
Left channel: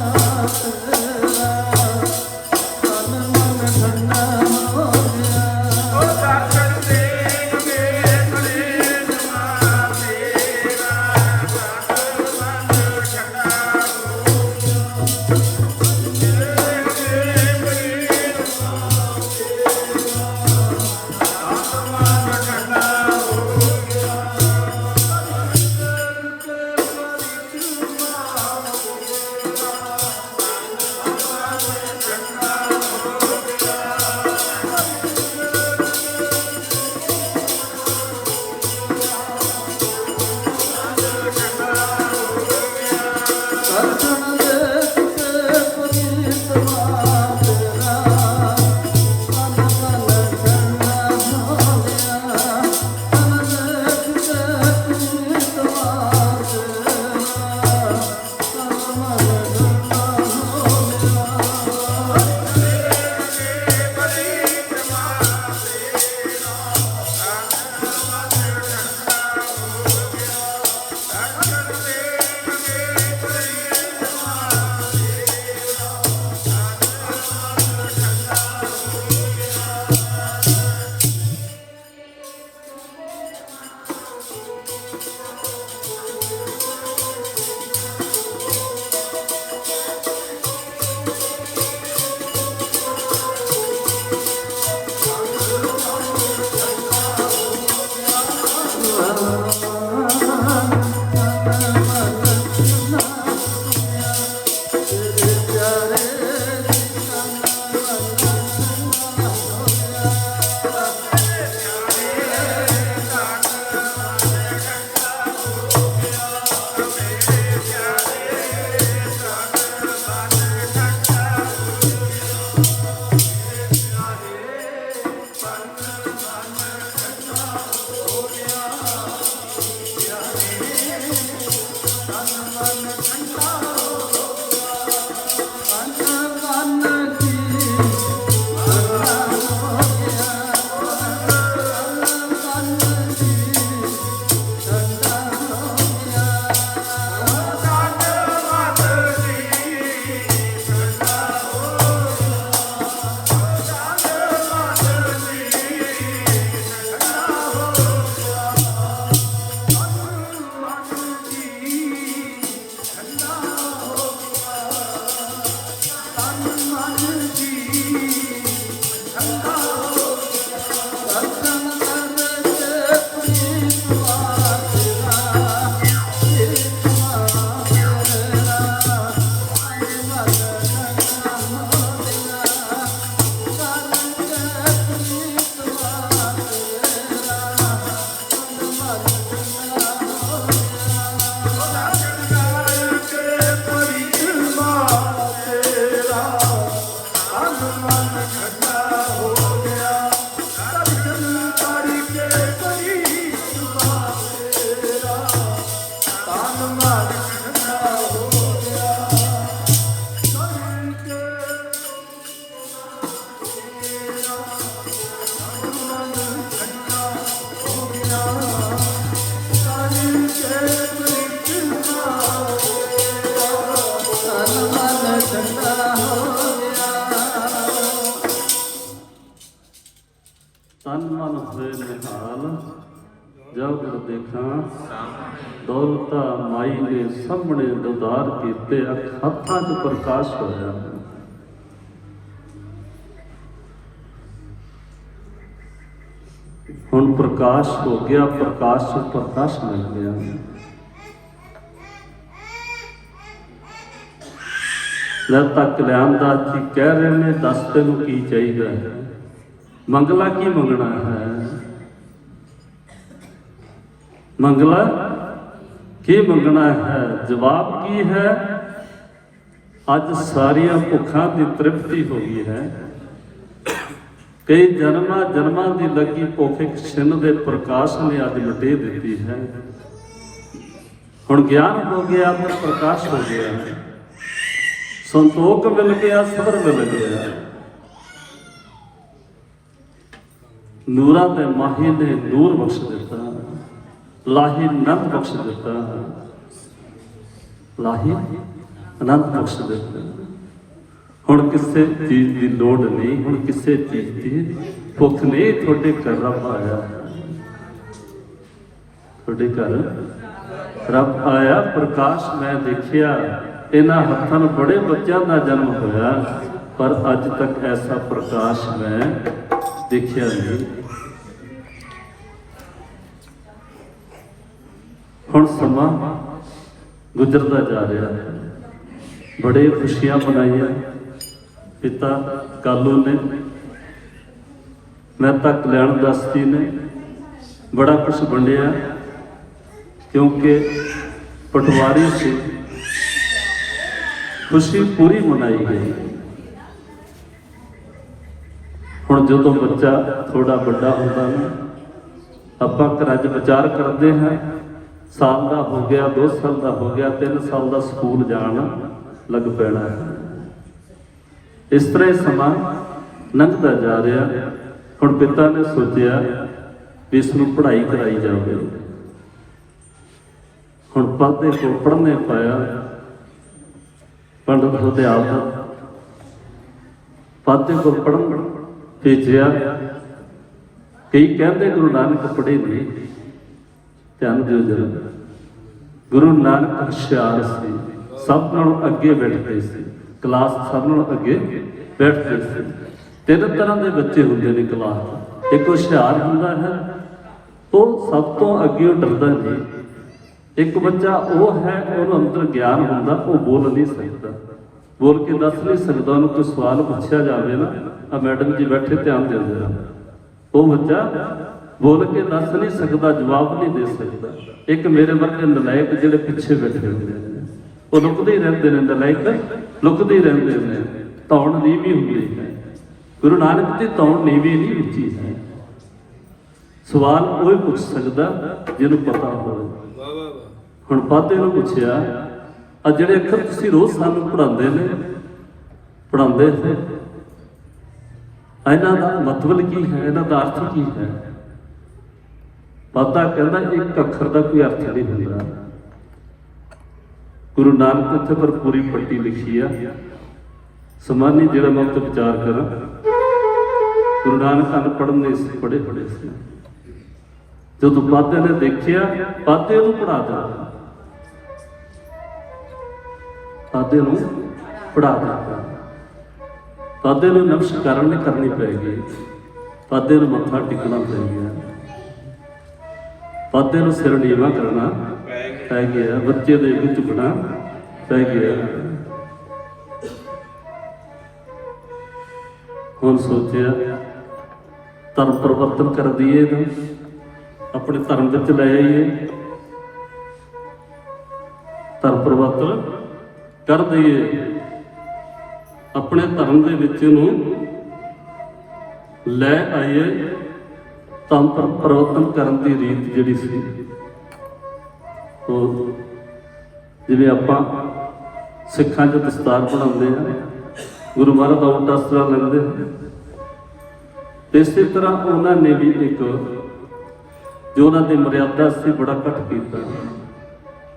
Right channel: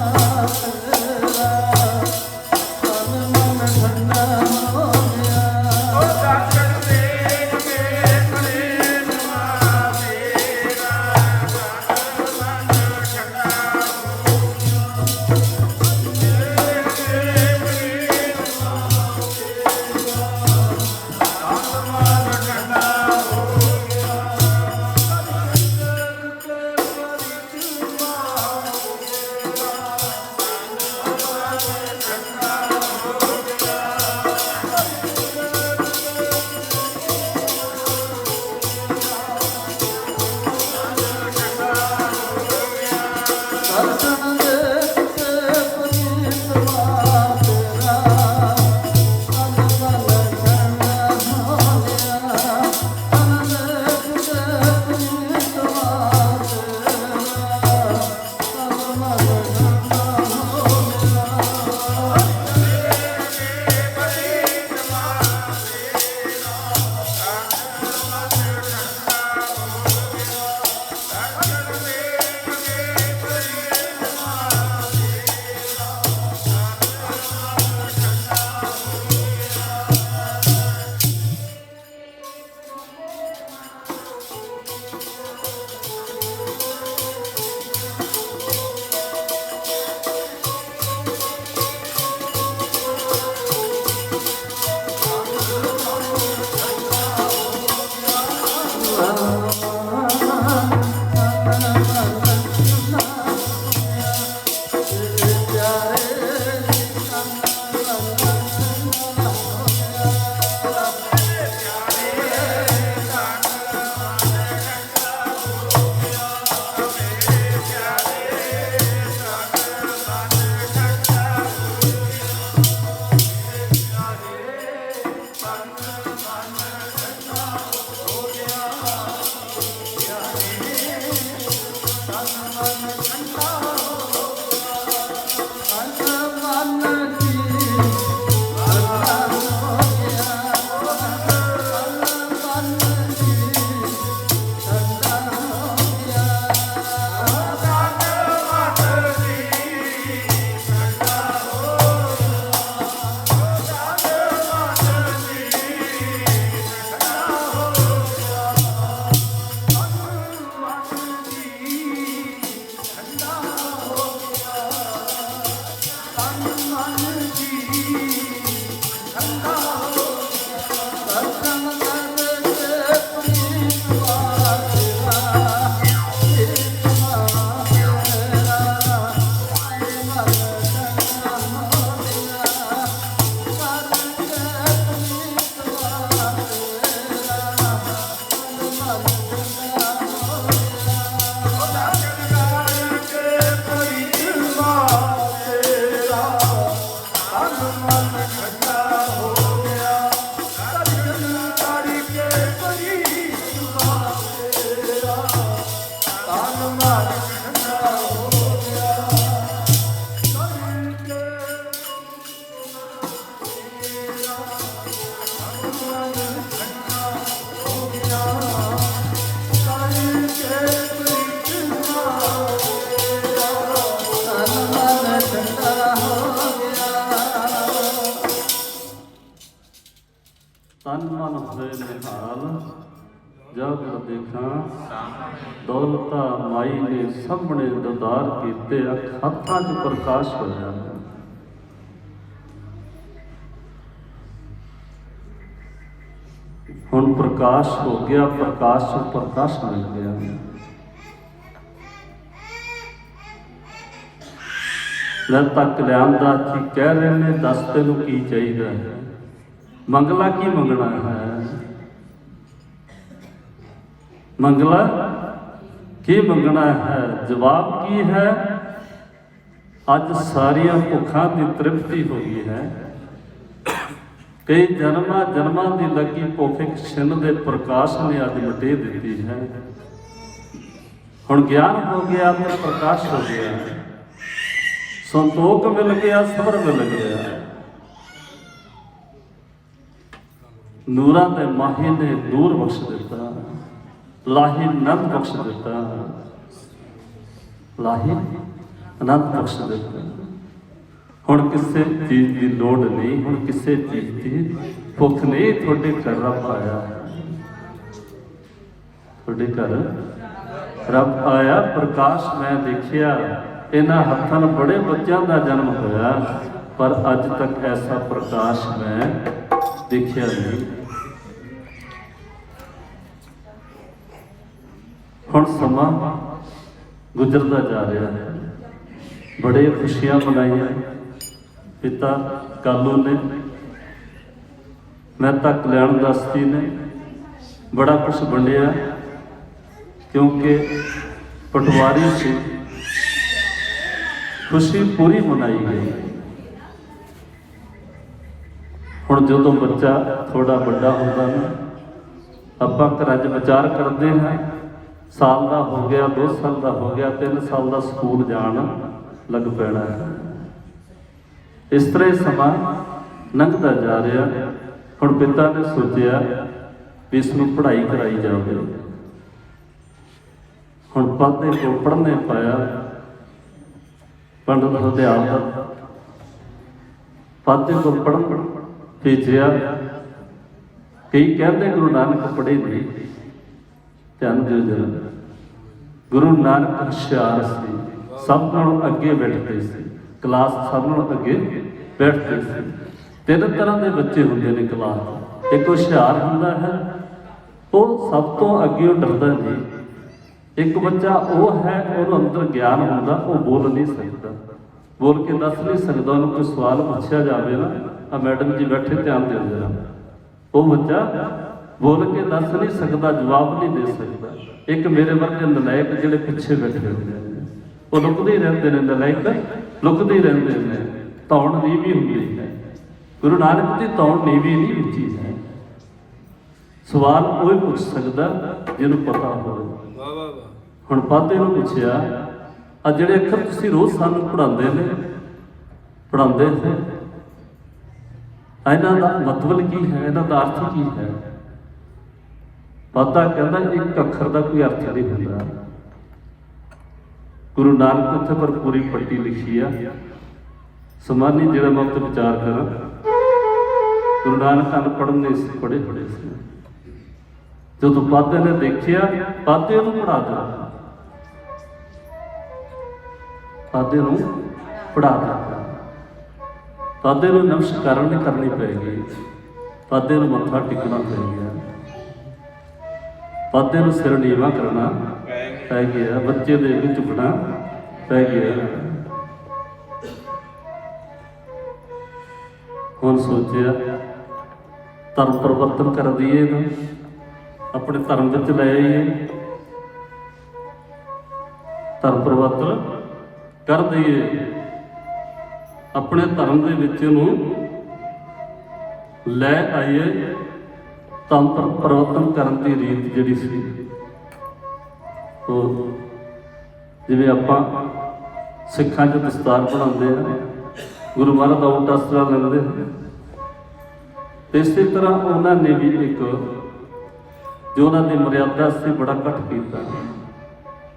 तन मन होए निहाल जब देखा दौलता माई ने सामने ददार कीते हत्थां च प्रकाश होया। हुण प्रकाश हो गया, प्रकाश च प्रकाश मिल गया। जब तक कल्याणदास जी कह रहे ने दस तेनू की चाहिए, मंगला की मंगना है, मंगला की मंगना है, जवाब की है। अज सारिया भुखा की तृप्ति हो गई है। कई जन्मां जन्मां की लगी भुख एक छिन्न दे प्रकाश ने अज मिटे दी है। हुण ज्ञान हो गया तो प्रकाश हो गया, संतोख मिल गया, सबर मिल गया। नूरां दे माही ने नूर बख्श दिता, लाही आनंद बख्श दिता, लाही आनंद बख्श दिता। हुण किसी चीज की लोड़ नहीं, हुण किसी चीज की भुख नहीं। तुहाडे घर रब आया, तुहाडे घर रब आया। प्रकाश मैं देखिया, इन्हां हत्थां नाल बड़े बच्चों का जन्म होया, पर अज तक ऐसा प्रकाश मैं देखिया नहीं। हुण समा गुजरता जा रहा है, बड़े खुशियां मनाइया पिता कालू ने, मेहता कल्याणदास जी ने, बड़ा कुछ वंडिया, क्योंकि पटवारी से खुशी पूरी मनाई गई। हुण जदों बच्चा थोड़ा बड़ा होता है, आपां घरां च विचार करते हैं, साल का हो गया, 2 साल का हो गया, 3 साल का स्कूल जान लग पैना है। इस तरह समा लंघता जा रहा। हुण पिता ने सोचा भी इसनूं पढ़ाई कराई जाए। हुण पढ़ने को पढ़ने पाया, पंडित हरदयाल पाते को पढ़न भेजिया। कई कहते गुरु नानक पढ़े नहीं, ध्यान दिओ जरा। गुरु नानक होशियार सी, सब नालों अगे बैठते सी, क्लास सब नालों अगे बैठते थे। 3 तरह के बच्चे होंगे ने क्लास। एक होशियार होंदा है, वो सब तो अगे डरदा नहीं। एक बच्चा वो है, उन्होंने अंदर ज्ञान होंदा, वो बोल नहीं सकता, बोल के दस नहीं सकता। उन्होंने कोई सवाल पूछा जाए ना, मैडम जी बैठे ध्यान देंगे, वो बच्चा बोल के दस नहीं सकता, जवाब नहीं दे सकता। एक मेरे वर्गे नलायक जिहड़े पिछे बैठे होंगे वो लुकते ही रहते हैं, नलायक लुकते ही रहते हैं। धौण नीवी होंदी है, गुरु नानक की धौण नीवी नहीं विची है। सवाल वो पूछ सकता जिन्हों पता हो। हुण पाते नूं पुछया, आ जिहड़े अखर तुसीं रोज़ सानूं पढ़ाउंदे ने, पढ़ाउंदे हैं, इन्हां दा मतलब की है, इन्हां दा अर्थ की है? पाता कहना एक अखर का कोई अर्थ नहीं होता। गुरु नानक उत्थे पर पूरी पट्टी लिखी है। समानी जिहड़ा मैं उत्ते विचार करा, गुरु नानक अनपढ़ नहीं सी, पढ़े पढ़े सी। जो पाते ने देखिया, पाते नूं पढ़ा दिता, पाते नूं पढ़ा दिता। पाते नूं नमस्कार नहीं करनी पैगी, पाते नूं मत्था टिकना पै गया, पाते नूं सिर नीवा करना पै गया, बच्चे दे अगे झुकना पै गया। हुण सोचिया धर्म परिवर्तन कर दिए ना, अपने धर्म विच ले आइए, धर्म परिवर्तन कर दिए। ਆਪਣੇ ਧਰਮ ਦੇ ਵਿੱਚ ਇਹਨੂੰ ਲੈ ਆਈਏ ਤਾਂ ਪਰਿਵਰਤਨ ਕਰਨ ਦੀ ਰੀਤ ਜਿਹੜੀ ਸੀ ਉਹ ਜਿਵੇਂ ਆਪਾਂ ਸਿੱਖਾਂ 'ਚ ਦਸਤਾਰ ਬਣਾਉਂਦੇ ਹਾਂ, ਗੁਰੂ ਮਹਾਰਾਜ ਦਾ ਉਲਟਾ ਅਸਤਰਾ ਲੈਂਦੇ ਹਾਂ, ਇਸੇ ਤਰ੍ਹਾਂ ਉਹਨਾਂ ਨੇ ਵੀ ਇੱਕ ਜੋ ਉਹਨਾਂ ਦੀ ਮਰਿਆਦਾ ਸੀ ਬੜਾ ਘੱਟ ਕੀਤਾ।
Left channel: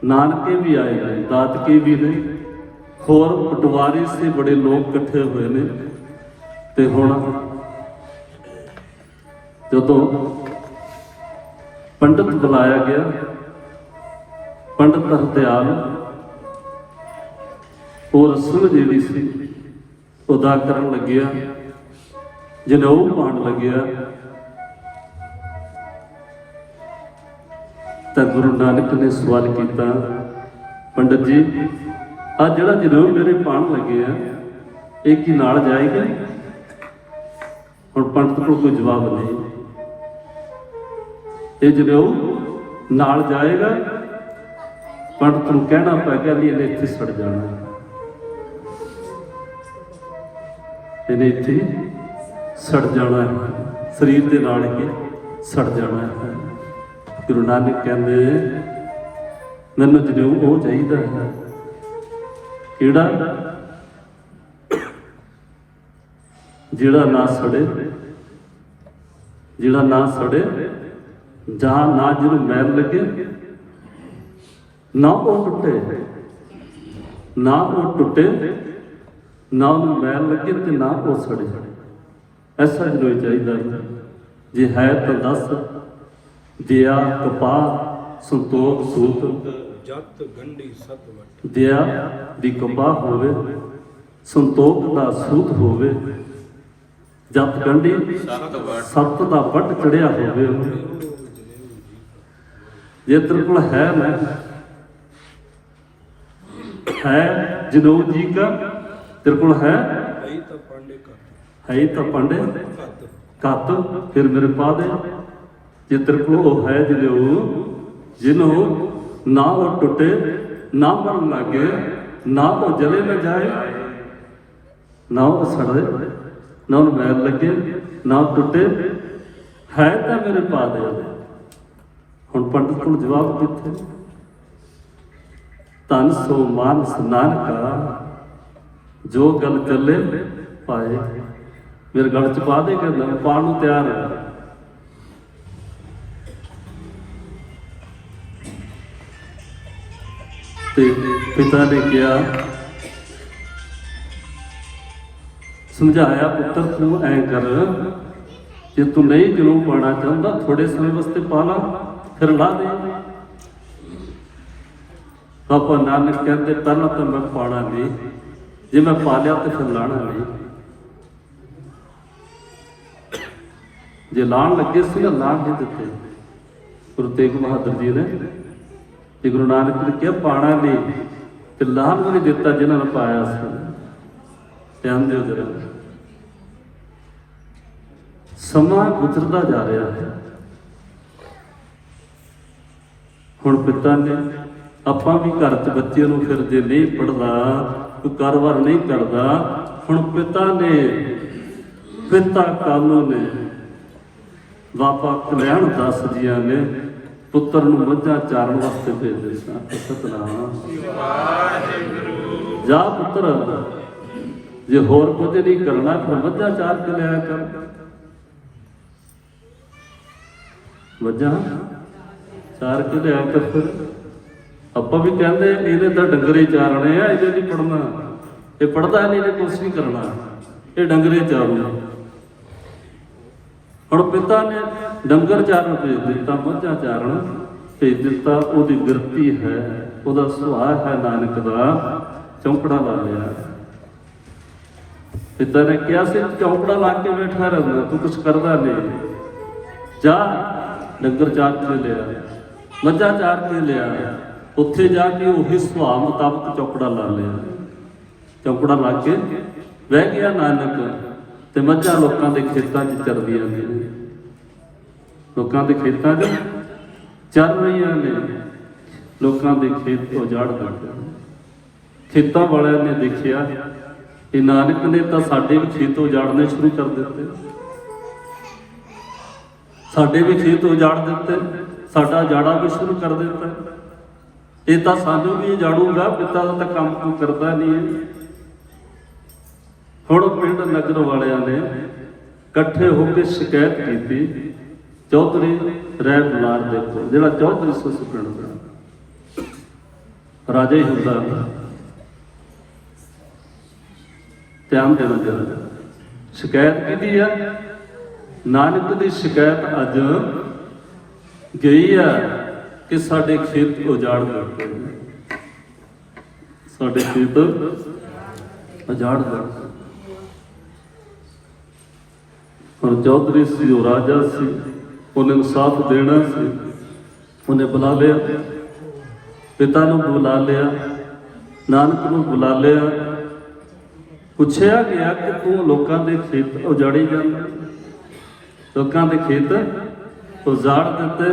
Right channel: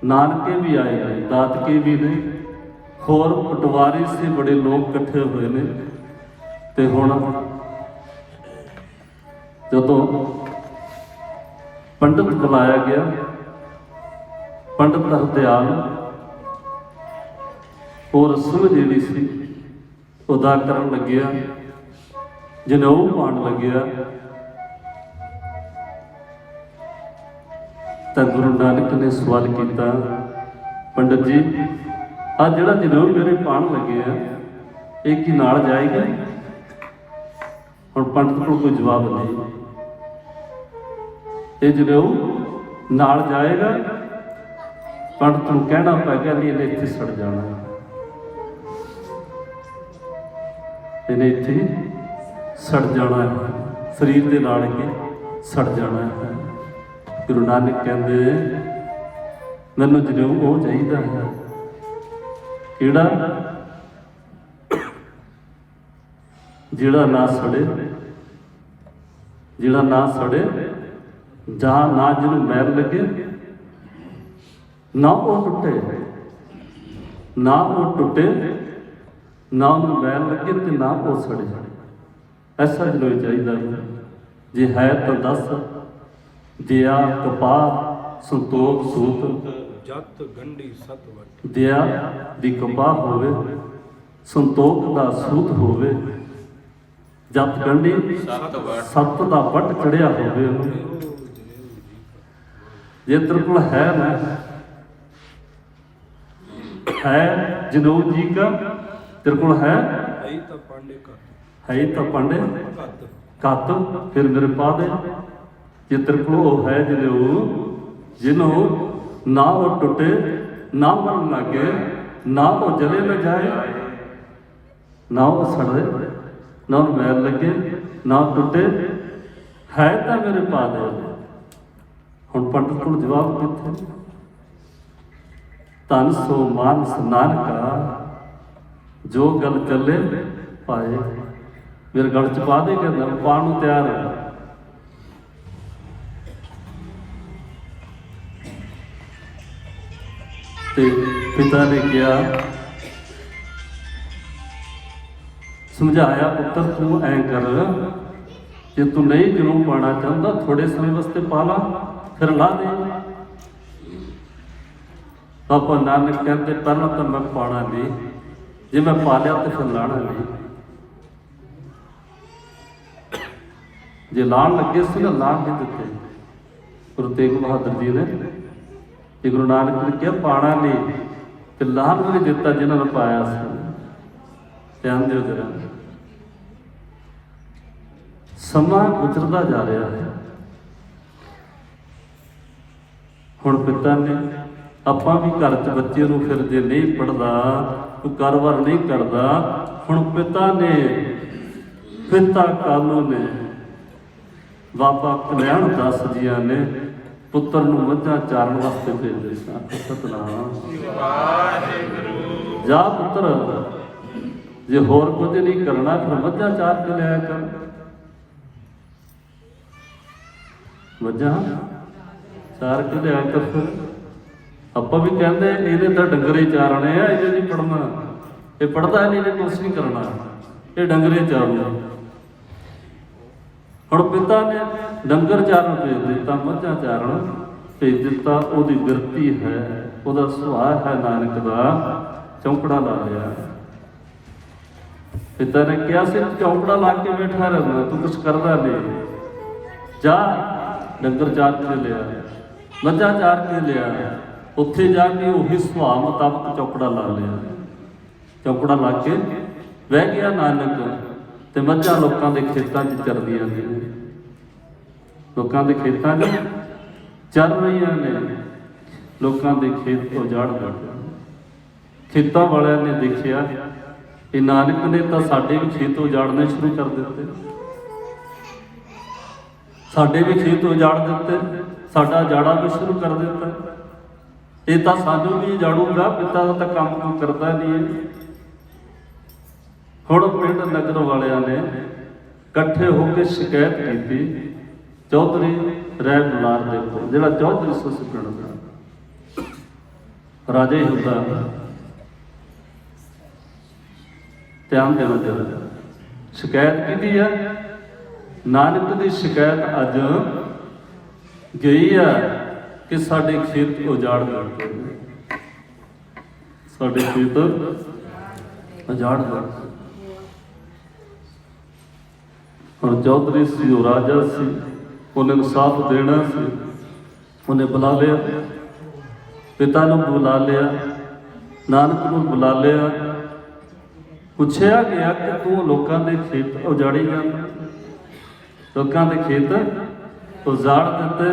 ਨਾਨਕੇ ਵੀ ਆਏ ਨੇ, ਦਾਤਕੇ ਵੀ ਨੇ, ਹੋਰ ਪਟਵਾਰੀ ਸੀ, ਬੜੇ ਲੋਕ ਇਕੱਠੇ ਹੋਏ ਨੇ। ਤੇ ਹੁਣ ਜਦੋਂ ਪੰਡਤ ਬੁਲਾਇਆ ਗਿਆ, ਪੰਡਤ ਹਰਦਿਆਲ ਉਹ ਰਸਮ ਜਿਹੜੀ ਸੀ ਅਦਾ ਕਰਨ ਲੱਗਿਆ, ਜਨੇਊ ਪਾਉਣ ਲੱਗਿਆ ਤਾਂ ਗੁਰੂ ਨਾਨਕ ਨੇ ਸਵਾਲ ਕੀਤਾ, ਪੰਡਤ ਜੀ ਆ ਜਿਹੜਾ ਜਨੇਊ ਮੇਰੇ ਪਾਉਣ ਲੱਗੇ ਆ ਇਹ ਕੀ ਨਾਲ ਜਾਏਗਾ? ਹੁਣ ਪੰਡਤ ਕੋਲ ਕੋਈ ਜਵਾਬ ਨਹੀਂ। ਇਹ ਜਨੇਊ ਨਾਲ ਜਾਏਗਾ? ਪੰਡਤ ਨੂੰ ਕਹਿਣਾ ਪੈ ਗਿਆ ਨਹੀਂ, ਇਹਨੇ ਇੱਥੇ ਸੜ ਜਾਣਾ, ਇਹਨੇ ਇੱਥੇ ਸੜ ਜਾਣਾ ਹੈ, ਸਰੀਰ ਦੇ ਨਾਲ ਹੀ ਸੜ ਜਾਣਾ ਹੈ। ਗੁਰੂ ਨਾਨਕ ਕਹਿੰਦੇ ਮੈਨੂੰ ਜਨੇਊ ਉਹ ਚਾਹੀਦਾ ਹੈ, ਕਿਹੜਾ? ਜਿਹੜਾ ਨਾ ਸੜੇ, ਜਿਹੜਾ ਨਾ ਸੜੇ, ਜਹਾਂ ਨਾ ਜਿਹਨੂੰ ਮੈਲ ਲੱਗੇ, ਨਾ ਉਹ ਟੁੱਟੇ, ਨਾ ਉਹ ਟੁੱਟੇ, ਨਾ ਉਹਨੂੰ ਮੈਲ ਲੱਗੇ ਤੇ ਨਾ ਉਹ ਸੜੇ। ਐਸਾ ਜਨੇਊ ਚਾਹੀਦਾ ਹੈ। ਜੇ ਹੈ ਤਾਂ ਦੱਸ। ਦਿਆ ਕਪਾਹ ਸੰਤੋਖ ਸੂਤ, ਜਤ ਗੰਢੀ ਸਤ ਵਟ। ਦਿਆ ਦੀ ਕਪਾਹ ਹੋਵੇ, ਸੰਤੋਖ ਦਾ ਸੂਤ ਹੋਵੇ, ਜਤ ਗੰਢੀ ਸਤ ਦਾ ਵੱਟ ਚੜਿਆ ਹੋਵੇ। ਜੇ ਤੇਰੇ ਕੋਲ ਹੈ ਨਾ, ਹੈ ਜਨੇਊ ਜੀ का, तेरे को है ਤਾਂ ਪਾਂਡੇ ਘੱਟ, है तो पांडे ਘੱਟ कत, फिर मेरे पा दे। जे तेरे को वो है जनेऊ जिन्हों ना वो टूटे, ना मर लगे, ना वो जले न जाए, ना वो सड़े, ना वो मैल लगे, ना वो टूटे, है तो मेरे पा दे। हुण पंडित को जवाब किथे? धन सो मानस नानका, जो गल चले पाए। मेरे गल च पा दे, कहना पाण नूं तैयार है। ते पिता ने कहा, समझाया पुत्र तू ऐ कर, जे तू नहीं जरूर पाना चाहता थोड़े समय वास्ते पा ला, फिर ला दे। पापा नानक कहते पहला तो मैं पाना नहीं, जे मैं पा लिया तो फिर लाना नहीं। जे लाण लगे से लाण नहीं दिते। गुरु तेग बहादुर जी ने, गुरु नानक ने कहा पाना नहीं तो लाण भी नहीं दिता जिन्होंने पाया सी। ध्यान दो जरा, समा गुजरता जा रहा है। हुण पिता ने ਆਪਾਂ भी घर च बच्चे नूं फिर जे नहीं पढ़दा, कोई कारोबार नहीं करदा, हुण पिता ने, पिता कालों ने, बाबा कल्याण दास जिया ने पुत्र नूं मੱਝਾਂ चारण वास्ते भेजे सन। सतनाम जा पुत्र, जे होर कुछ नहीं करना फिर मੱਝਾਂ चार के लिया कर। मੱਝਾਂ चार के लिया कर। फिर ਆਪਾਂ ਵੀ ਕਹਿੰਦੇ ਇਹਦੇ ਤਾਂ ਡੰਗਰੇ ਚਾਰਨੇ ਆ, ਇਹਦੇ ਨਹੀਂ ਪੜਨਾ, ਇਹ ਪੜਦਾ ਨਹੀਂ, ਇਹਨੇ ਕੁਛ ਨਹੀਂ ਕਰਨਾ, ਇਹ ਡੰਗਰੇ ਚਾਰਨਾ। ਹੁਣ ਪਿਤਾ ਨੇ ਡੰਗਰ ਚਾਰਨ ਭੇਜ ਦਿੱਤਾ, ਮੱਝਾਂ ਚਾਰਨ ਭੇਜ ਦਿੱਤਾ। ਉਹਦੀ ਬਿਰਤੀ ਹੈ, ਉਹਦਾ ਸੁਭਾਅ ਹੈ ਨਾਨਕ ਦਾ, ਚੌਂਕੜਾ ਲਾ ਲਿਆ। ਪਿਤਾ ਨੇ ਕਿਹਾ ਸੀ ਚੌਂਕੜਾ ਲਾ ਕੇ ਬੈਠਾ ਰਹਿੰਦਾ, ਤੂੰ ਕੁਛ ਕਰਦਾ ਨਹੀਂ, ਜਾ ਡੰਗਰ ਚਾਰ ਕੇ ਲਿਆ, ਮੱਝਾਂ ਚਾਰ ਕੇ ਲਿਆ। ਉੱਥੇ ਜਾ ਕੇ ਉਹੀ ਸੁਭਾਅ ਮੁਤਾਬਕ ਚੌਕੜਾ ਲਾ ਲਿਆ। ਚੌਕੜਾ ਲਾ ਕੇ ਬਹਿ ਗਿਆ ਨਾਨਕ, ਤੇ ਮੱਝਾਂ ਲੋਕਾਂ ਦੇ ਖੇਤਾਂ 'ਚ ਚਰਦੀਆਂ ਨੇ, ਲੋਕਾਂ ਦੇ ਖੇਤਾਂ 'ਚ ਚੱਲ ਰਹੀਆਂ ਨੇ। ਲੋਕਾਂ ਦੇ ਖੇਤ ਉਜਾੜ ਗਏ। ਖੇਤਾਂ ਵਾਲਿਆਂ ਨੇ ਦੇਖਿਆ ਇਹ ਨਾਨਕ ਨੇ ਤਾਂ ਸਾਡੇ ਵੀ ਖੇਤ ਉਜਾੜਨੇ ਸ਼ੁਰੂ ਕਰ ਦਿੱਤੇ, ਸਾਡੇ ਵੀ ਖੇਤ ਉਜਾੜ ਦਿੱਤੇ, ਸਾਡਾ ਜਾੜਾ ਵੀ ਸ਼ੁਰੂ ਕਰ ਦਿੱਤਾ। ਇਹ ਤਾਂ ਸਾਨੂੰ ਵੀ ਉਜਾੜੂਗਾ, ਪਿਤਾ ਦਾ ਤਾਂ ਕੰਮ ਕੋਈ ਕਰਦਾ ਨਹੀਂ ਹੈ। ਹੁਣ ਪਿੰਡ ਨਗਰ ਵਾਲਿਆਂ ਨੇ ਇਕੱਠੇ ਹੋ ਕੇ ਸ਼ਿਕਾਇਤ ਕੀਤੀ ਚੌਧਰੀ ਰਹਿ ਬਲਾਰ ਦੇ ਕੋਲ, ਜਿਹੜਾ ਚੌਧਰੀ ਸੱਸ ਪਿੰਡ ਦਾ ਰਾਜਾ ਹੀ ਹੁੰਦਾ, ਧਿਆਨ ਦੇਣਾ ਚਾਹੀਦਾ। ਸ਼ਿਕਾਇਤ ਕੀਤੀ ਹੈ, ਨਾਨਕ ਦੀ ਸ਼ਿਕਾਇਤ ਅੱਜ ਗਈ ਹੈ ਕਿ ਸਾਡੇ ਖੇਤ ਉਜਾੜ ਦਿੱਤੇ, ਸਾਡੇ ਖੇਤ ਉਜਾੜ ਦਿੱਤੇ। ਹੁਣ ਚੌਧਰੀ ਸੀ, ਉਹ ਰਾਜਾ ਸੀ, ਉਹਨੇ ਇਨਸਾਫ ਦੇਣਾ ਸੀ। ਉਹਨੇ ਬੁਲਾ ਲਿਆ, ਪਿਤਾ ਨੂੰ ਬੁਲਾ ਲਿਆ, ਨਾਨਕ ਨੂੰ ਬੁਲਾ ਲਿਆ, ਪੁੱਛਿਆ ਗਿਆ ਕਿ ਤੂੰ ਲੋਕਾਂ ਦੇ ਖੇਤ ਉਜਾੜੀ ਜਾਂਦਾ, ਲੋਕਾਂ ਦੇ ਖੇਤ ਉਜਾੜ ਦਿੱਤੇ।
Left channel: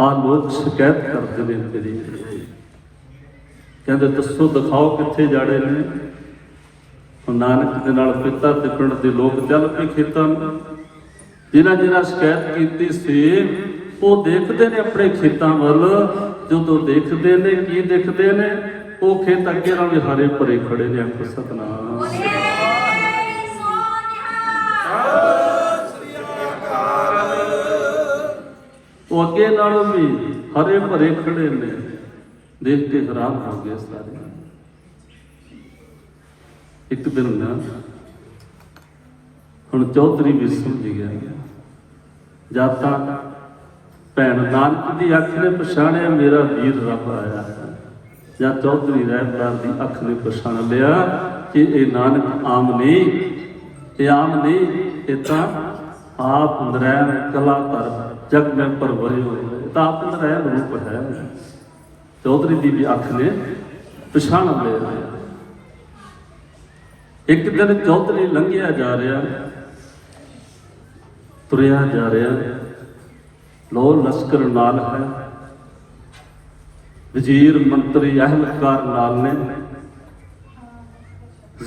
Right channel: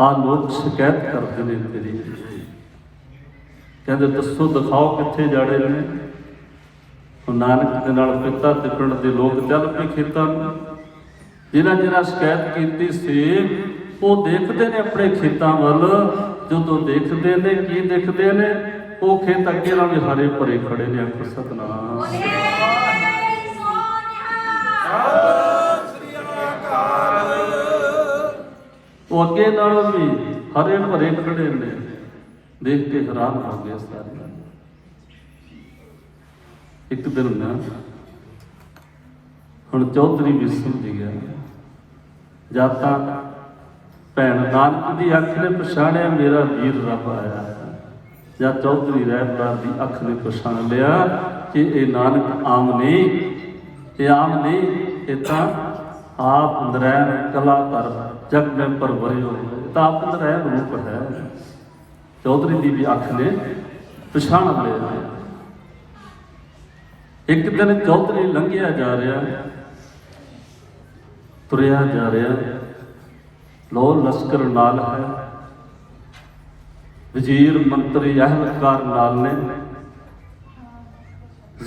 ਆਹ ਲੋਕ ਸ਼ਿਕਾਇਤ ਕਰਦੇ ਨੇ ਤੇਰੀ, ਕਹਿੰਦੇ ਦੱਸੋ, ਦਿਖਾਓ ਕਿੱਥੇ ਜਾੜੇ ਨੇ। ਨਾਨਕ ਦੇ ਨਾਲ ਪਿਤਾ ਤੇ ਪਿੰਡ ਦੇ ਲੋਕ ਚੱਲ ਪਏ ਖੇਤਾਂ ਨੂੰ। ਜਿਹਨਾਂ ਸ਼ਿਕਾਇਤ ਕੀਤੀ ਸੀ ਉਹ ਦੇਖਦੇ ਨੇ ਆਪਣੇ ਖੇਤਾਂ ਵੱਲ, ਜਦੋਂ ਦੇਖਦੇ ਨੇ ਕੀ ਦੇਖਦੇ ਨੇ, ਉਹ ਖੇਤ ਅੱਗੇ ਨਾਲ ਹਰੇ ਭਰੇ ਖੜੇ ਨੇ। ਆਖੋ ਸਤਿਨਾਮ। ਉਹ ਅੱਗੇ ਨਾਲੋਂ ਵੀ ਹਰੇ ਭਰੇ ਖੜੇ ਨੇ, ਦੇਖ ਕੇ ਹੈਰਾਨ ਹੋ ਗਏ ਸਾਰੇ। ਇੱਕ ਦਿਨ ਨਾ ਹੁਣ ਚੌਧਰੀ ਵੀ ਸਮਝ ਗਿਆ, ਜਦ ਤੱਕ ਭੈਣ ਨਾਨਕ ਦੀ ਅੱਖ ਨੇ ਪਛਾਣਿਆ ਮੇਰਾ ਵੀਰ ਰੱਬ ਆਇਆ, ਜਦ ਚੌਧਰੀ ਰਹਿਬਰਾਰ ਦੀ ਅੱਖ ਨੇ ਪਛਾਣ ਲਿਆ ਕਿ ਇਹ ਨਾਨਕ ਆਮ ਨਹੀਂ, ਇਹ ਆਮ ਨਹੀਂ, ਇਹ ਤਾਂ ਆਪ ਨਰੈਣ ਕਲਾਕਾਰ ਜਗ ਮੈਂ ਪਰਵਰੇ ਹੋ, ਤਾਂ ਆਪ ਨਰੈਣ ਰੂਪ ਹੈ। ਚੌਧਰੀ ਦੀ ਵੀ ਅੱਖ ਨੇ ਪਛਾਣ ਲਿਆ। ਇੱਕ ਦਿਨ ਚੌਧਰੀ ਲੰਘਿਆ ਜਾ ਰਿਹਾ, ਤੁਰਿਆ ਜਾ ਰਿਹਾ, ਲੋ ਲਸ਼ਕਰ ਨਾਲ ਹੈ, ਵਜ਼ੀਰ ਮੰਤਰੀ ਅਹਿਲਕਾਰ ਨਾਲ ਨੇ।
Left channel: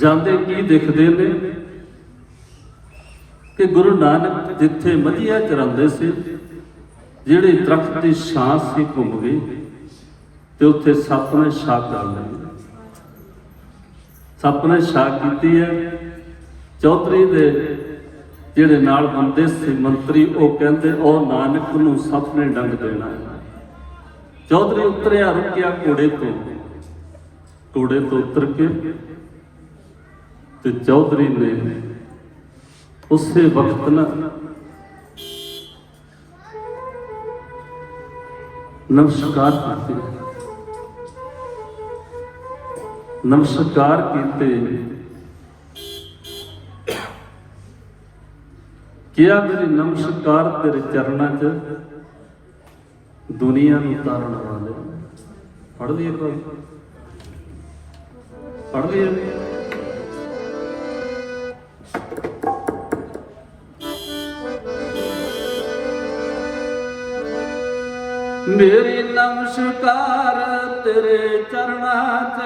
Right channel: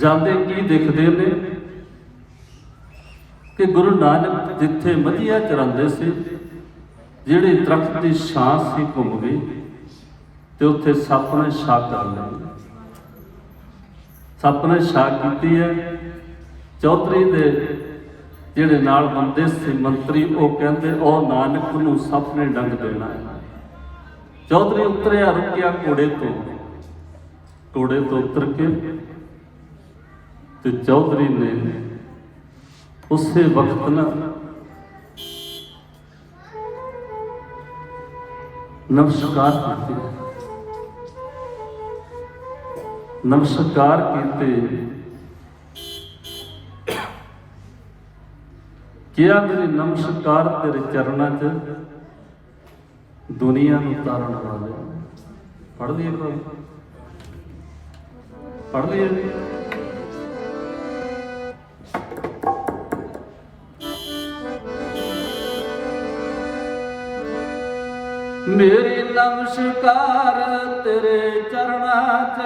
ਜਾਂਦੇ ਕੀ ਦੇਖਦੇ ਨੇ ਕਿ ਗੁਰੂ ਨਾਨਕ ਜਿੱਥੇ ਮਧੀਆ ਚਰਾਉਂਦੇ ਸੀ, ਜਿਹੜੀ ਦਰਖਤ ਦੀ ਛਾਂ ਸੀ ਘੁੰਮ ਗਈ ਤੇ ਉੱਥੇ ਸੱਪ ਨੇ ਛਾਂ ਕਰ ਲਈ। ਸੱਪ ਨੇ ਛਾਂ ਕੀਤੀ ਹੈ। ਚੌਧਰੀ ਦੇ ਜਿਹੜੇ ਨਾਲ ਬੰਦੇ ਸੀ ਮੰਤਰੀ, ਉਹ ਕਹਿੰਦੇ ਉਹ ਨਾਨਕ ਨੂੰ ਸੱਪ ਨੇ ਡੰਗ ਦੇਣਾ। ਚੌਧਰੀ ਉਤਰਿਆ, ਰੁਕਿਆ ਘੋੜੇ ਤੋਂ ਉਤਰ ਕੇ, ਤੇ ਚੌਧਰੀ ਨੇ ਉਸੇ ਵਕਤ ਨਾ ਨਮਸਕਾਰ ਕੀਤੇ, ਕਿਹਾ ਮੇਰੇ ਨਮਸਕਾਰ ਤੇਰੇ ਚਰਨਾਂ 'ਚ ਦੁਨੀਆ ਨੂੰ ਤਾਰਨ ਵਾਲੇ। ਪੜ੍ਹ ਲਈਏ ਕੋਈ, ਪੜ੍ਹ ਲਈਏ। ਮੇਰੀ ਨਮਸਕਾਰ ਤੇਰੇ ਚਰਨਾਂ 'ਚ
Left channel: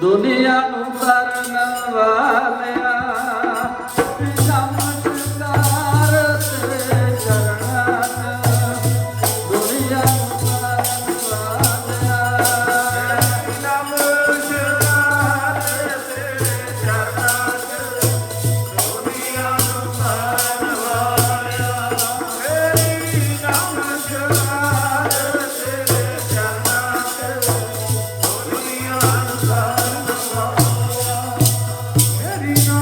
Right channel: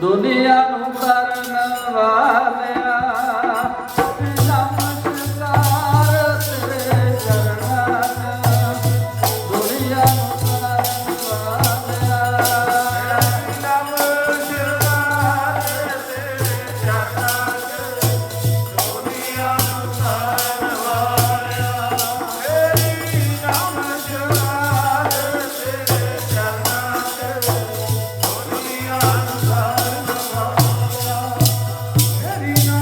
ਦੁਨੀਆ ਨੂੰ ਤਾਰਨ ਵਾਲਿਆ। Hare Rama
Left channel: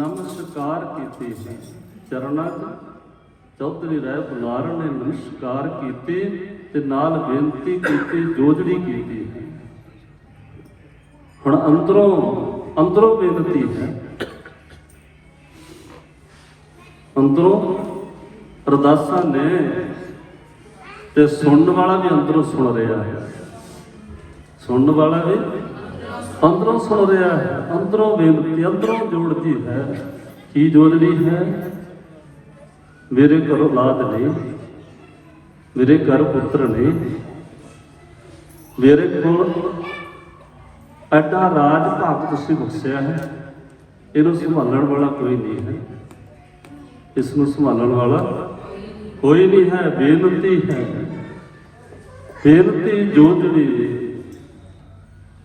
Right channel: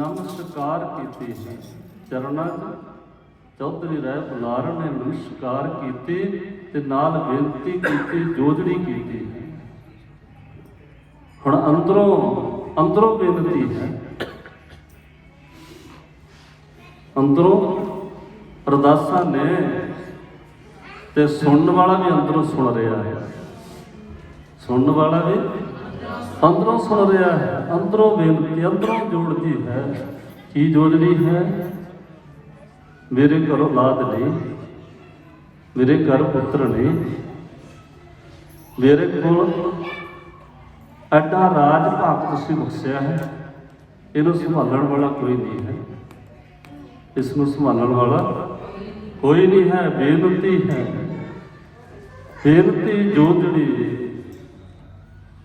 ਨਮਸਕਾਰ ਕੀਤੀ ਹੈ ਚਰਨਾਂ 'ਚ ਚੌਧਰੀ ਰਾਏ ਬੁਲਾਰ ਨੇ ਨਮਸਕਾਰ ਕੀਤੀ ਤੇ ਨਾਲ ਬੇਨਤੀ ਕੀਤੀ, ਜੋਜੜੀ ਕੀਤੀ। ਹੁਣ ਅੰਦਰੋਂ ਬੇਨਤੀ ਹੈ, ਅੰਦਰੋਂ ਅਰਦਾਸਾਂ ਨੇ ਤੇ ਸੁਣਨ ਵਾਲਾ ਵੀ ਅੰਦਰੋਂ ਸੁਣ ਰਿਹਾ ਹੈ, ਸੁਣਨ ਵਾਲਾ ਵੀ ਅੰਦਰੋਂ ਸੁਣ ਰਿਹਾ ਹੈ। ਅੰਦਰੋਂ ਬੇਨਤੀ, ਅੰਦਰੋਂ ਜੋੜਦੀ ਹੈ। ਕੀ ਜੋੜਦੀ ਹੈ? ਮੇਰੇ ਘਰ ਔਲਾਦ ਨਹੀਂ, ਮੇਰੇ ਘਰ ਪੁੱਤਰ ਨਹੀਂ, ਮੇਰੇ ਕੋਲ ਐਡਾ ਰਾਜ ਭਾਗ ਤੁਸੀਂ ਬਖਸ਼ਿਆ ਹੈ, ਇਹਨੂੰ ਸੰਭਾਲਣ ਵਾਲਾ ਕੋਈ ਨਹੀਂ ਹੈ, ਇਸ ਨੂੰ ਸੰਭਾਲਣ ਵਾਲਾ ਕੋਈ ਨਹੀਂ ਹੈ। ਬੇਨਤੀ ਹੈ, ਬੇਨਤੀ ਜੋਜੜੀ।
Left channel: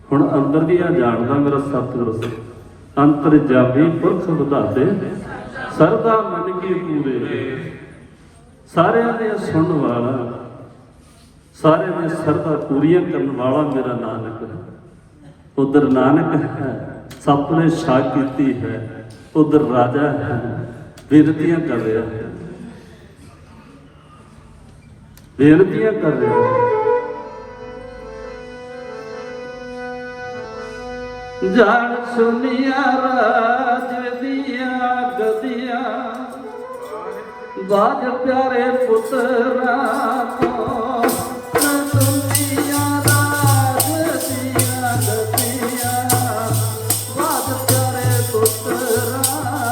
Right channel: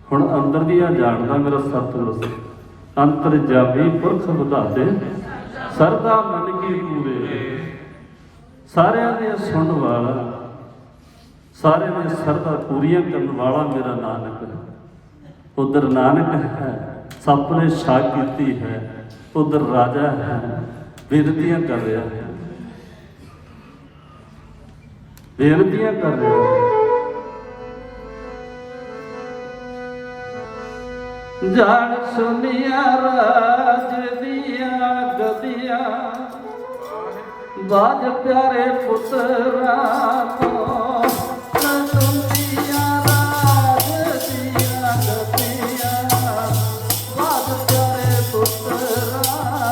ਹੁਣ ਅੰਦਰ ਦੀਆਂ ਜਾਣਦਾ ਮੇਰਾ ਸਤਿਗੁਰ ਅੰਤਰ ਜਾਵੀ ਪੁਰਖ ਵਧਾਤੇ ਸਰਦਾ ਮਨ ਕੀ ਪੂਰੇ। ਸਾਰਿਆਂ ਦੇ ਸੁਣਨ ਵਾਲਾ, ਸਾਰਿਆਂ ਦੇ ਸਰਦਾ ਪੂਰੀਆਂ ਕਰਨ ਵਾਲਾ ਮੇਰਾ ਨਾਨਕ। ਉਧਰ ਨਾਨਕ ਹੈ, ਸੱਪ ਨੇ ਛਾਕ ਕੀਤੀ ਹੈ, ਉਧਰ ਰਾਜਾ ਹੈ, ਬੇਨਤੀਆਂ ਕਰ ਰਿਹਾ ਹੈ, ਬੇਨਤੀਆਂ ਕਰ ਰਿਹਾ ਹੈ। ਜਾਣ ਸੁਨੀਆ ਰਾਜ ਦੀਆਂ ਗਦੀਆਂ, ਬਾਜ ਪਿਆਰੇ ਪੁੱਤਰਾਂ ਤੋਂ ਸੁਨੀਆ ਰਾਜ ਦੀਆਂ ਗਦੀਆਂ, ਬਾਜ ਪਿਆਰੇ ਪੁੱਤਰਾਂ ਤੋਂ।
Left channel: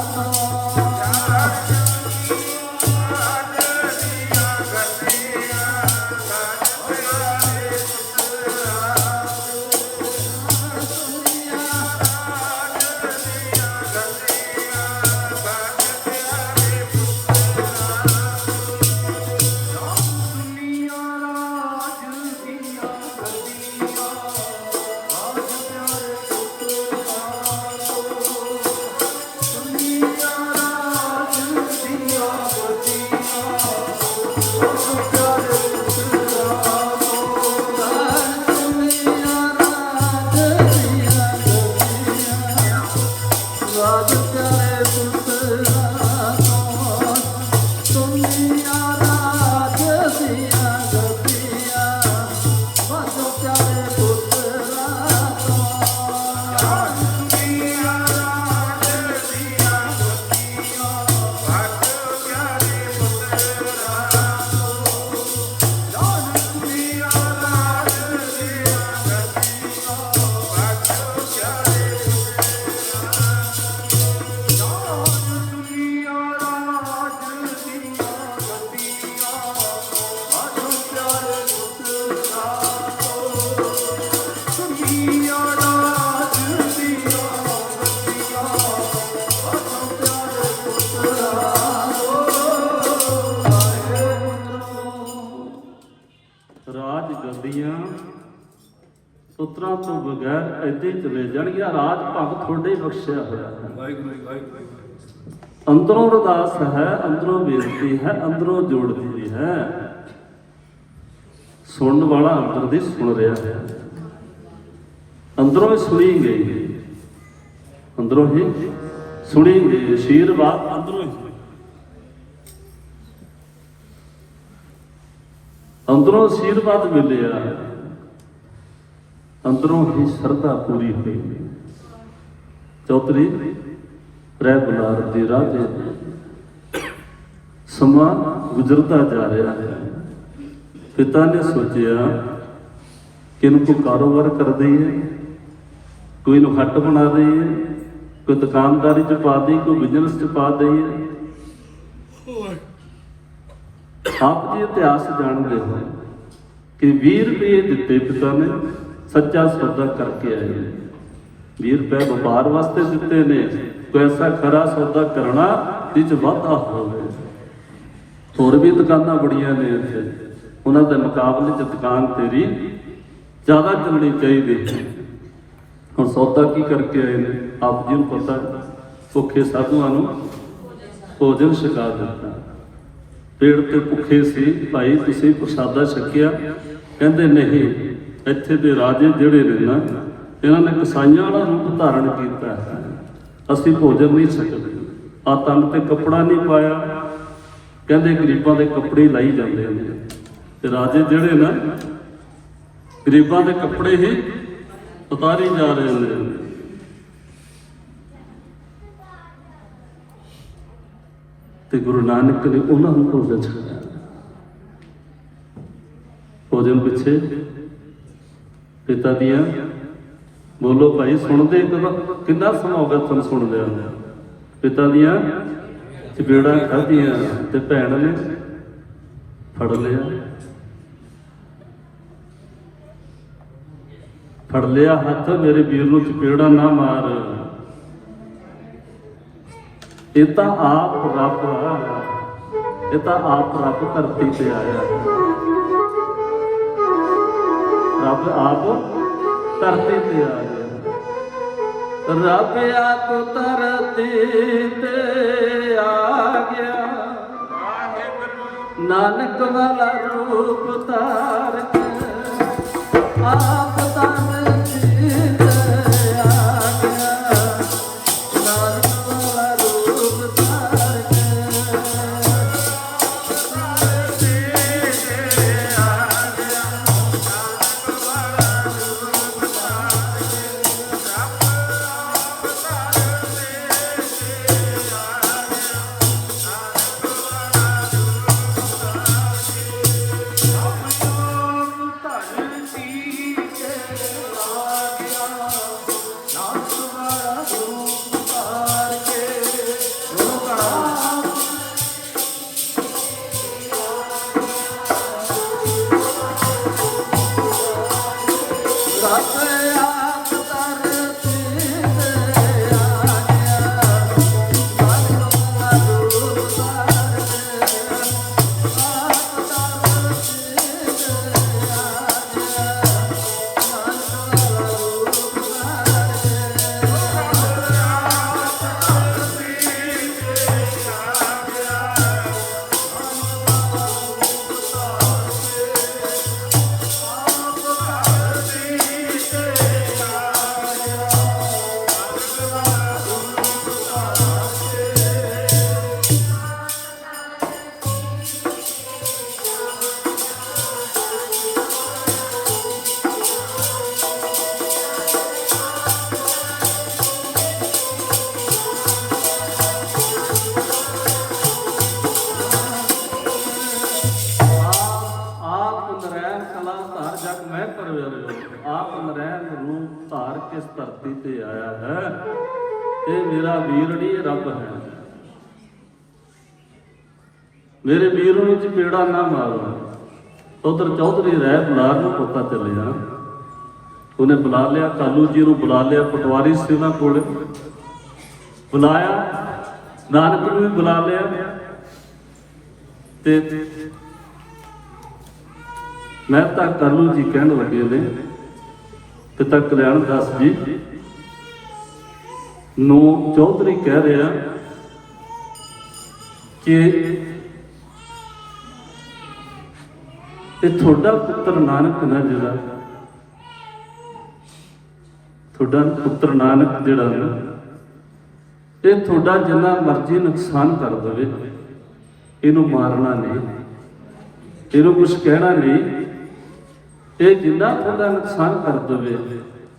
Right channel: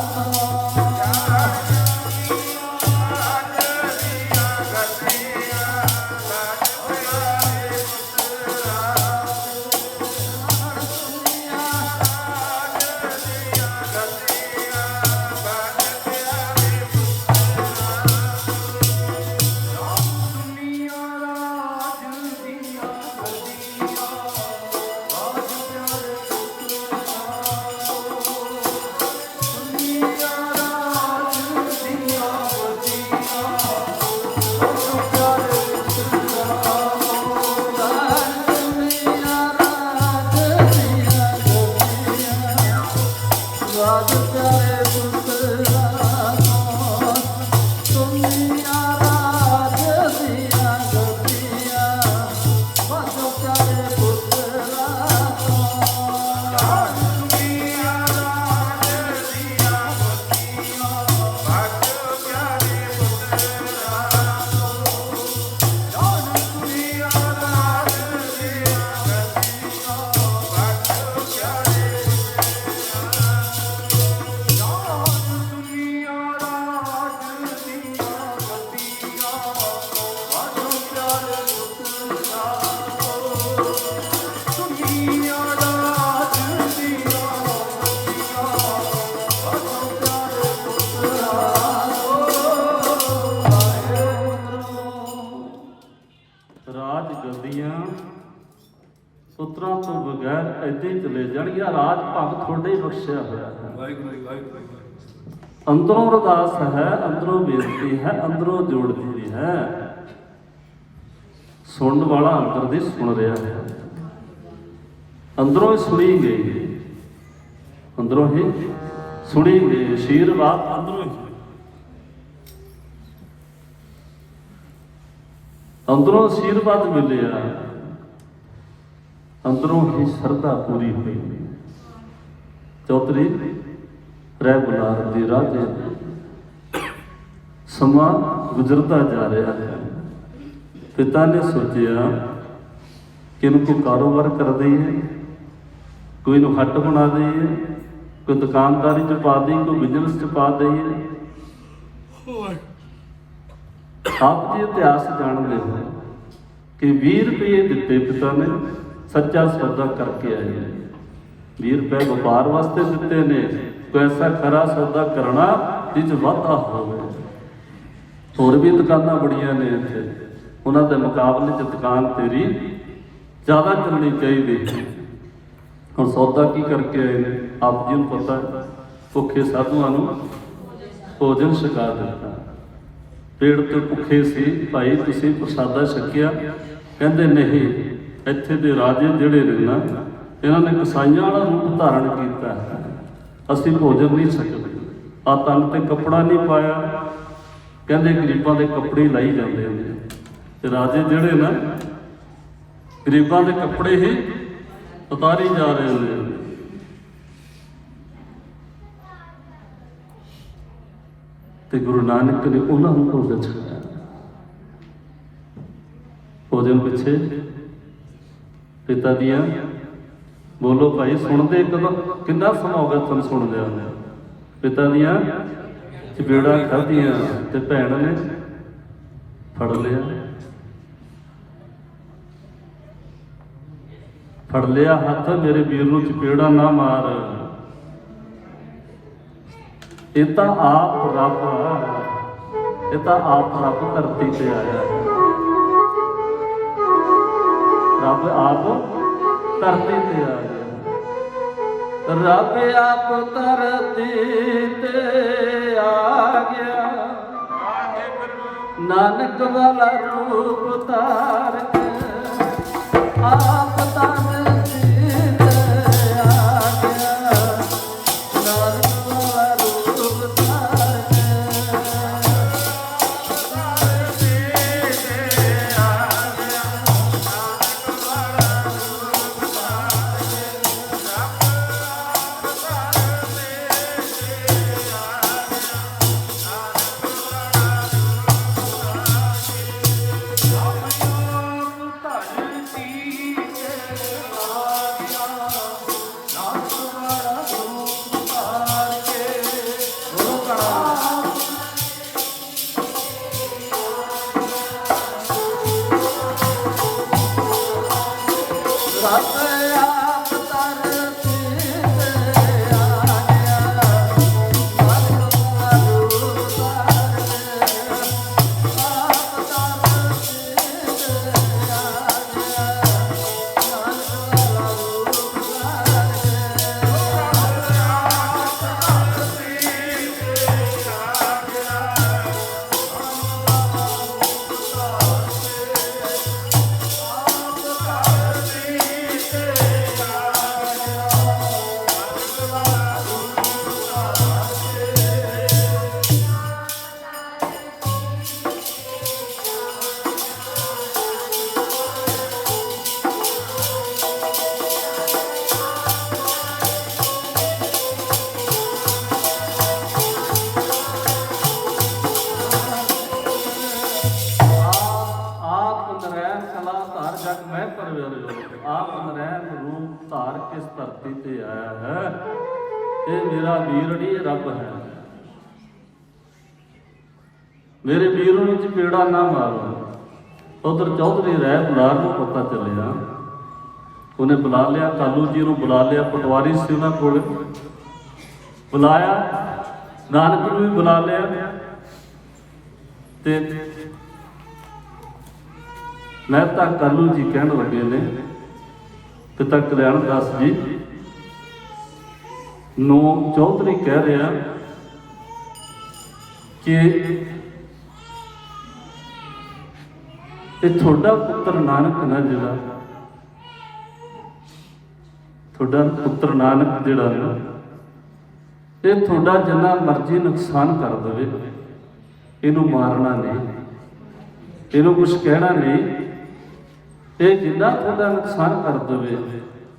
ਰਾਜ ਗੱਦੀਆਂ ਸੁਤਰਾਂ ਤੋਂ ਬਗੈਰ ਏਦਾਂ ਹੀ ਚਲੇ ਜਾਣਗੀਆਂ। ਰਾਜ ਭਾਗ ਤੁਹਾਡੇ ਹੀ ਬਖਸ਼ਿਆ ਹੋਇਆ ਹੈ। ਵਾਹਿਗੁਰੂ ਜੀ, ਵਾਹਿਗੁਰੂ ਜੀ। ਅੰਦਰੋਂ ਅਰਦਾਸ ਹੈ, ਅੰਦਰੋਂ ਬੇਨਤੀ ਹੈ, ਅੰਦਰੋਂ ਜੋੜਦੀ ਹੈ। ਸੁਣਨ ਵਾਲਾ ਅੰਦਰ ਦੀ ਸੁਣ ਰਿਹਾ ਹੈ, ਅੰਦਰੋਂ ਹੀ ਸੁਣੀ ਗਈ, ਅੰਦਰੋਂ ਹੀ ਸੁਣੀ ਗਈ। ਅਸ਼ੀਰਵਾਦ ਅੰਦਰੋਂ ਹੀ, ਅੰਦਰੋਂ ਅਸ਼ੀਰਵਾਦ ਮਿਲਿਆ, ਅੰਦਰੋਂ ਹੀ ਸਰਦਾ ਪੂਰੀ ਹੋਈ। ਚੌਧਰੀ ਰਹਿ ਬੁਲਾਰ ਦੇ ਰਾਹ ਤੇ ਸਮਾਂ ਗੁਜ਼ਰਦਾ ਜਾ ਰਿਹਾ ਹੈ। ਪਿਤਾ ਨੇ ਸੋਚਿਆ ਕਿ ਇਹਨੂੰ ਕੋਈ ਕਾਰੋਬਾਰ ਕਰ ਦਈਏ, ਕੋਈ ਨੂੰ ਹੱਟ ਬਣਾ ਦਈਏ, ਕੋਈ ਦੁਕਾਨਦਾਰੀ ਚ ਪਾ ਦਈਏ, ਕੋਈ ਬਿਜ਼ਨਸ ਚ ਪਾ ਦਈਏ। ਆਪ ਜੀ ਇਤਿਹਾਸ ਜਾਣਦੇ ਹੋ ਕਿ 20 ਰੁਪਏ ਦਿੱਤੇ ਪਿਤਾ ਨੇ, ਸੱਚਾ ਸੌਦਾ ਕਰਕੇ ਆਏ। 20 ਰੁਪਏ ਵਪਾਰ ਵਾਸਤੇ ਦਿੱਤੇ ਨੇ, ਕੋਈ ਐਸਾ ਖਰਾ ਸੌਦਾ ਕਰਨਾ ਜਿਸ ਵਾਧਾ ਹੋਵੇ। ਹੋਰ ਵੀ ਦੁਕਾਨਾਂ ਬੜੀਆਂ ਨੇ ਇੱਥੇ, ਉਹਨਾਂ ਦੇ ਮੁਕਾਬਲੇ 'ਚ ਦੁਕਾਨ ਤੇਰੀ ਜ਼ਿਆਦਾ ਚੱਲਣੀ ਚਾਹੀਦੀ। ਹੁਣ ਸੌਦਾ ਕੀ ਕਰਕੇ ਆਏ ਨੇ? ਆਪ ਜੀ ਨੂੰ ਪਤਾ, ਭੁੱਖੇ ਸਾਧੂਆਂ ਨੂੰ ਭੋਜਨ ਛਕਾ ਦਿੱਤਾ। ਪੇੜ ਤੇ ਭੁੱਖੇ ਸੀ, ਭਾਈ ਤੁਸੀਂ ਪ੍ਰਸ਼ਾਦਾ ਛਕਿਆ? ਕਹਿੰਦੇ ਨਹੀਂ, ਇੱਥੇ ਦੇ ਰਾਜੇ ਜਿਹੜੇ ਨੇ ਨਾ, ਇਹਨਾਂ ਨੇ ਕਸਾਈਆਂ ਵਾਲਾ ਰੂਪ ਧਾਰਨ ਕੀਤਾ, ਅਸੀਂ ਭੋਜਨ ਨਹੀਂ ਛਕਦੇ। ਆ ਤਨ ਤੇ ਕੱਪੜਾ ਨਹੀਂ ਪਾਇਆ, ਕਹਿੰਦੇ ਗਰੀਬਾਂ ਦੇ ਕੱਪੜੇ ਲਾਈ ਜਾਂਦੇ ਨੇ। ਤੇ ਰਾਜੇ ਜਿਹੜੇ ਨਾ ਗਰੀਬਾਂ ਦੇ ਕੱਪੜੇ ਹੀ ਉਤਾਰੀ ਜਾ ਰਹੇ ਨੇ। ਤੇ ਗੁਰੂ ਨਾਨਕ ਨੇ ਉਹਨਾਂ ਨੂੰ ਭੋਜਨ ਛਕਾਇਆ। ਭੋਜਨ ਪਿੱਛੇ ਪਿਤਾ ਦੀਆਂ, ਬੋਲੋ ਭਾਈ, ਸੁਣਦੇ ਕਦੋਂ, ਕਿੰਨਾ ਸਮਾਂ ਹੋ ਗਿਆ ਤੁਹਾਨੂੰ ਸੁਣਦੇ ਹੋ? ਪਿਤਾ ਦੀਆਂ ਚਪੇੜਾਂ ਖਾਧੀਆਂ ਤੇ ਭੈਣ ਨੇ ਫੜ ਲਿਆ ਹੱਥ, ਮੇਰੇ ਵੀਰ ਨੂੰ ਚਪੇੜਾਂ ਨਾ ਮਾਰ। ਇਹ ਤਾਂ ਆਪ ਰੱਬ ਆ, ਇਹ ਤਾਂ ਆਪ ਰੱਬ ਧਰਤੀ ਤੇ ਆਇਆ। ਰੱਬ ਆਪ ਧਰਤੀ ਤੇ ਆ ਗਿਆ। ਰੱਬ ਆਪ ਧਰਤੀ ਤੇ ਆ ਗਿਆ, ਨਾਨਕ ਵਾਲਾ ਰੂਪ ਧਾਰ ਕੇ ਆਪ ਕਿਸ ਧਰਤੀ ਤੇ ਆਇਆ ਹੈ। ਇਹ ਮੇਰਾ ਵੀਰ ਨਹੀਂ, ਰੱਬ ਹੈ। ਮੇਰੇ ਵੀਰ ਨੂੰ ਚਪੇੜਾ ਨਾ ਮਾਰੋ। ਉਧਰ ਚੌਧਰੀ ਰਹਿ ਬਨਾਰ ਨੂੰ ਪਤਾ ਚੱਲਿਆ, ਉਹਨੇ ਬੁਲਾ ਲਿਆ, ਕਾਲੂ ਜੀ ਨੂੰ ਬੁਲਾ ਲਿਆ, ਪਟਵਾਰੀ ਸੀ ਉਹਨਾਂ ਕੋਲ ਬੁਲਾਇਆ, ਨਾਨਕ ਨੂੰ ਵੀ ਬੁਲਾ ਲਿਆ। ਤੇ ਮੈਂ ਤਾਂ ਕਾਲੂ ਜੀ ਕਹਿਣ ਲੱਗੇ ਨੇ, ਪਿਤਾ ਕਲਿਆਣ ਦਾਸ ਜੀ ਨੂੰ ਚੌਧਰੀ ਕਹਿ ਰਿਹਾ ਕਿ ਇਹ ਤੁਹਾਡਾ ਪੁੱਤਰ ਨਾਨਕ ਨਾ, ਜਿਹੜਾ ਤੁਹਾਡਾ ਪੁੱਤਰ ਨਾਨਕ ਜਿਹੜਾ ਨਾ, ਇਹ ਤੁਹਾਡਾ ਜਿੰਨਾ ਮਰਜ਼ੀ ਨੁਕਸਾਨ ਕਰ ਦੇਵੇ, ਇਹਨੂੰ ਮਾਰਨਾ ਨਹੀਂ, ਇਹਨੂੰ ਕੁਝ ਕਹਿਣਾ ਨਹੀਂ। ਇਹ ਜਿੰਨਾ ਤੁਹਾਡਾ ਨੁਕਸਾਨ ਕਰ ਦੇਵੇ,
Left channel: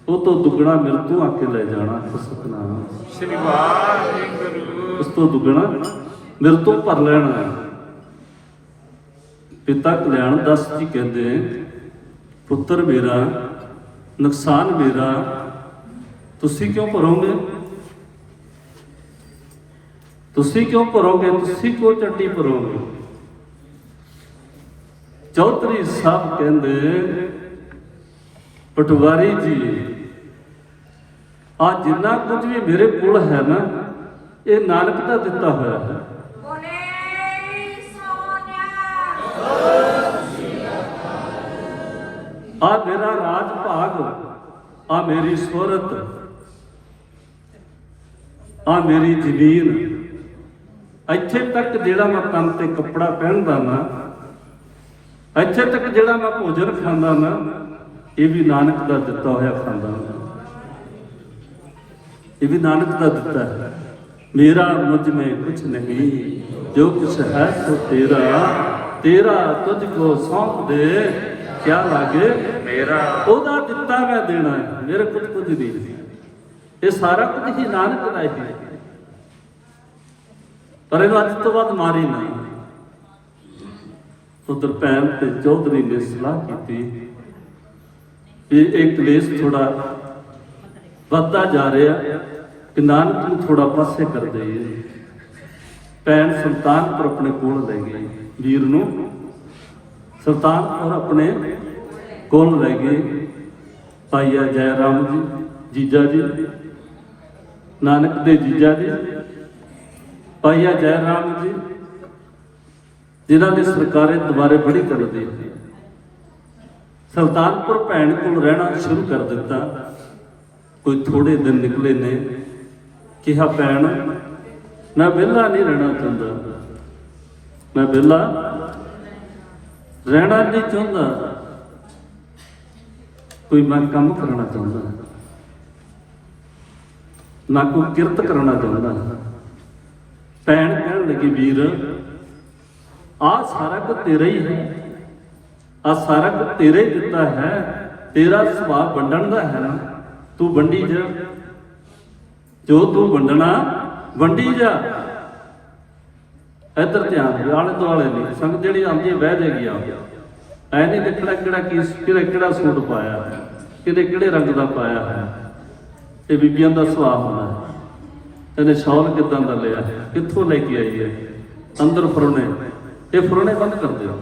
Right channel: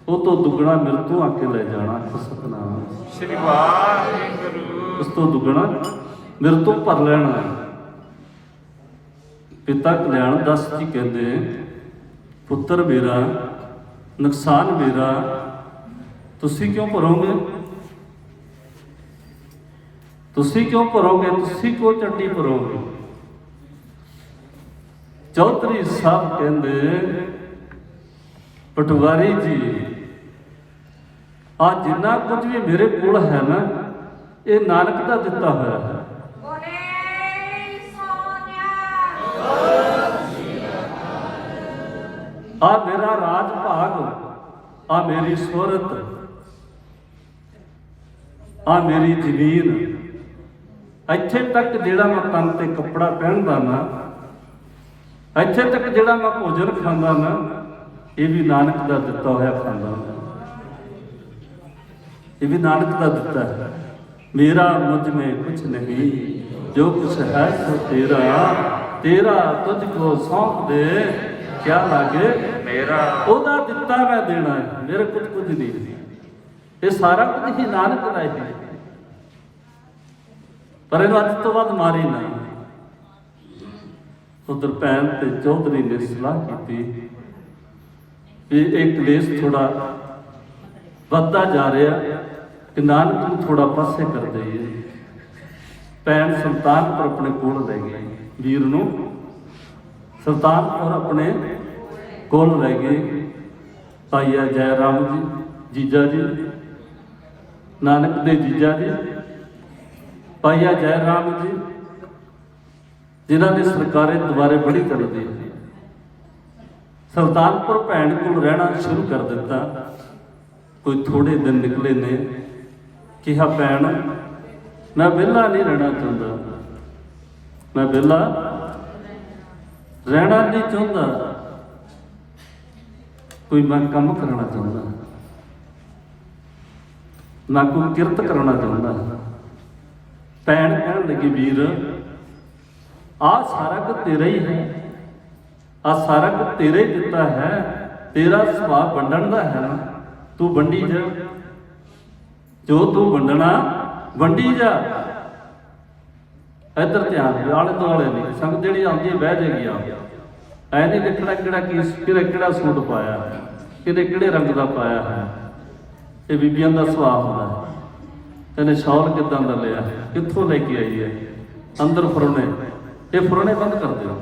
ਉਹ ਤੋਂ ਦੁੱਗਣਾ ਮੇਰੇ ਤੋਂ ਆ ਕੇ ਲੈ ਜਾਣਾ। ਸਤਿਨਾਮ ਸ੍ਰੀ ਵਾਹਿਗੁਰੂ। ਉਸ ਤੋਂ ਦੁੱਗਣਾ ਮੇਰੇ ਤੋਂ ਭਰ ਲੈਣਾ। ਪਿਤਾ ਕਲਿਆਣ ਦਾਸ ਜੀ ਕਹਿੰਦੇ, ਪੁੱਤਰ ਮੇਰਾ, ਨੁਕਸਾਨ ਮੇਰਾ ਤੁਸੀਂ ਕਿਉਂ ਭਰੋਗੇ? ਤੁਸੀਂ ਕਿਉਂ ਭਰੋਗੇ? ਤੁਸੀਂ ਕਿਉਂ ਚੱਟੀ ਭਰੋਗੇ? ਚੌਧਰੀ ਸਾਹਿਬ ਕਹਿੰਦੇ, ਪਟਵਾਰੀ ਜੀ, ਆ ਜਿੰਨਾ ਕੁਝ ਵੀ ਮੇਰੇ ਕੋਲ ਹੈ ਨਾ, ਇਹ ਨਾਨਕ ਦਾ ਦਿੱਤਾ ਹੋਇਆ ਹੈ। ਆ ਮੇਰਾ ਰਾਜ ਭਾਗ, ਆ ਮੇਰੀ ਸੁਰਤ, ਆ ਮੇਰੀ ਜ਼ਮੀਨ, ਇੱਥੇ ਤੱਕ ਜਿਹੜਾ ਮੈਂ ਤਨ ਤੇ ਕੱਪੜਾ ਪਹਿਨਦਾ ਨਾ, ਇੱਥੇ ਤੱਕ ਜਿਹੜਾ ਮੈਂ ਭੋਜਨ ਖਾਂਦਾ ਨਾ, ਇਹ ਵੀ ਨਾਨਕ ਦਾ ਦਿੱਤਾ ਹੋਇਆ ਖਾਂਦਾ, ਇਹ ਵੀ ਨਾਨਕ ਦਾ ਦਿੱਤਾ ਹੈ। मेरा मुझ में कुछ नहीं, जो कुछ है सो तेरा, तेरा तुझको सौंप दे, क्या लागे मेरा। ਉਹਦਾ ਦਿੱਤਾ ਮੈਂ ਦੇਣਾ ਹੈ, ਮੇਰੇ ਕੋਲ ਕੁਝ ਨਹੀਂ। ਇਹ ਸਾਰਾ ਕੁਝ ਹੀ ਨਾਨਕ ਦਾ ਹੈ, ਪਰ ਇਹਨੂੰ ਅੱਜ ਤੋਂ ਬਾਅਦ ਮਾਰੀ ਨਾ। ਉਧਰ ਭੈਣ ਤੇ ਚੌਧਰੀ ਨੇ ਸਲਾਹ ਕੀਤੀ ਕਿ ਇਹ ਕਲੇਸ਼ ਥੋੜਾ ਵੱਧਦਾ ਜਾ ਰਿਹਾ, ਕਿ ਨਾਨਕ ਨੂੰ ਥੋੜਾ ਪਾਸੇ ਕਰ ਦਈਏ। ਭੈਣ ਸੁਲਤਾਨਪੁਰ ਆਪਣੇ ਕੋਲ ਲੈ ਗਈ, ਵੀਰ ਨੂੰ ਸੁਲਤਾਨਪੁਰ ਆਪਣੇ ਕੋਲ ਲੈ ਗਏ। ਭਾਈਆ ਜੈ ਰਾਮ ਜੀ, ਜੀਜਾ ਜੀ, ਨਾਨਕ ਦੇ ਜੀਜਾ ਜੀ, ਭਾਈਆ ਜੈ ਰਾਮ ਜੀ, ਜਿਨ੍ਹਾਂ ਨੇ ਸਰਕਾਰੇ ਦੁਬਾਰੇ ਬੜੀ ਕਰਦੀ। ਸੁਲਤਾਨਪੁਰ ਭੈਣ ਕੋਲ ਰਹਿਣਾ ਸ਼ੁਰੂ ਕਰ ਦਿੱਤਾ। ਕੋਈ ਥੋੜੇ ਦਿਨ ਨਿਕਲੇ ਨੇ, ਕਿਹਾ ਭੈਣ ਮੈਂ ਵਿਹਲਾ ਨਹੀਂ ਰਹਿਣਾ ਚਾਹੁੰਦਾ, ਮੈਂ ਵਿਹਲਾ ਰਹਿਣਾ ਨਹੀਂ ਚਾਹੁੰਦਾ, ਕੋਈ ਮੈਂ ਕੰਮ ਕਰਨਾ ਚਾਹੁੰਦਾ, ਨਾ ਕੋਈ ਕਿਰਤ ਕਰਨਾ ਚਾਹੁੰਦਾ। ਭੈਣ ਕਹਿਣ ਲੱਗੀ ਵੀਰ ਆਹ ਸਾਰਾ ਕੁਝ ਤੇਰਾ ਹੀ ਹੈ, ਆਹ ਸਾਰਾ ਕੁਝ ਤੇਰੇ ਦਿੱਤਾ ਹੈ, ਤੇਰਾ ਸੁਭਾਅ ਵੰਡਣ ਦਾ ਹੈ ਨਾ, ਤੂੰ ਵੰਡੀ ਜਾ, ਜੋ ਤੂੰ ਵੰਡਣਾ ਵੰਡੀ ਜਾ। ਇੱਧਰ ਧਿਆਨ ਦੇ, ਆਲੇ ਦੁਆਲੇ ਨਹੀਂ ਸੰਗਤ ਜਿਹੜੀ ਆਉਂਦੀ ਹੈ ਬਹਿ ਜਾਏਗੀ। ਆ ਐ ਨਹੀਂ ਦੇਖਣਾ ਕਿਹੜਾ ਸੂਟ ਪਾਇਆ, ਕਿਹੜੇ ਰੰਗ ਦਾ ਪਾਇਆ ਹੈ। ਇਹ ਬੀਬੀਆਂ ਦਾ ਸੁਭਾਅ ਹੁੰਦਾ ਹੈ। ਇਹਨੇ ਸ਼ੌਲ ਕਿੱਦਾਂ ਦਾ ਲਿਆ, ਕਿੱਥੋਂ ਲੈ ਕੇ ਆਈ ਹੈ, ਅੰਦਰ ਫਰੋਣੇ, ਇਹ ਫਰੋਣੇ ਬੰਦ ਕਰ ਦਿਓ।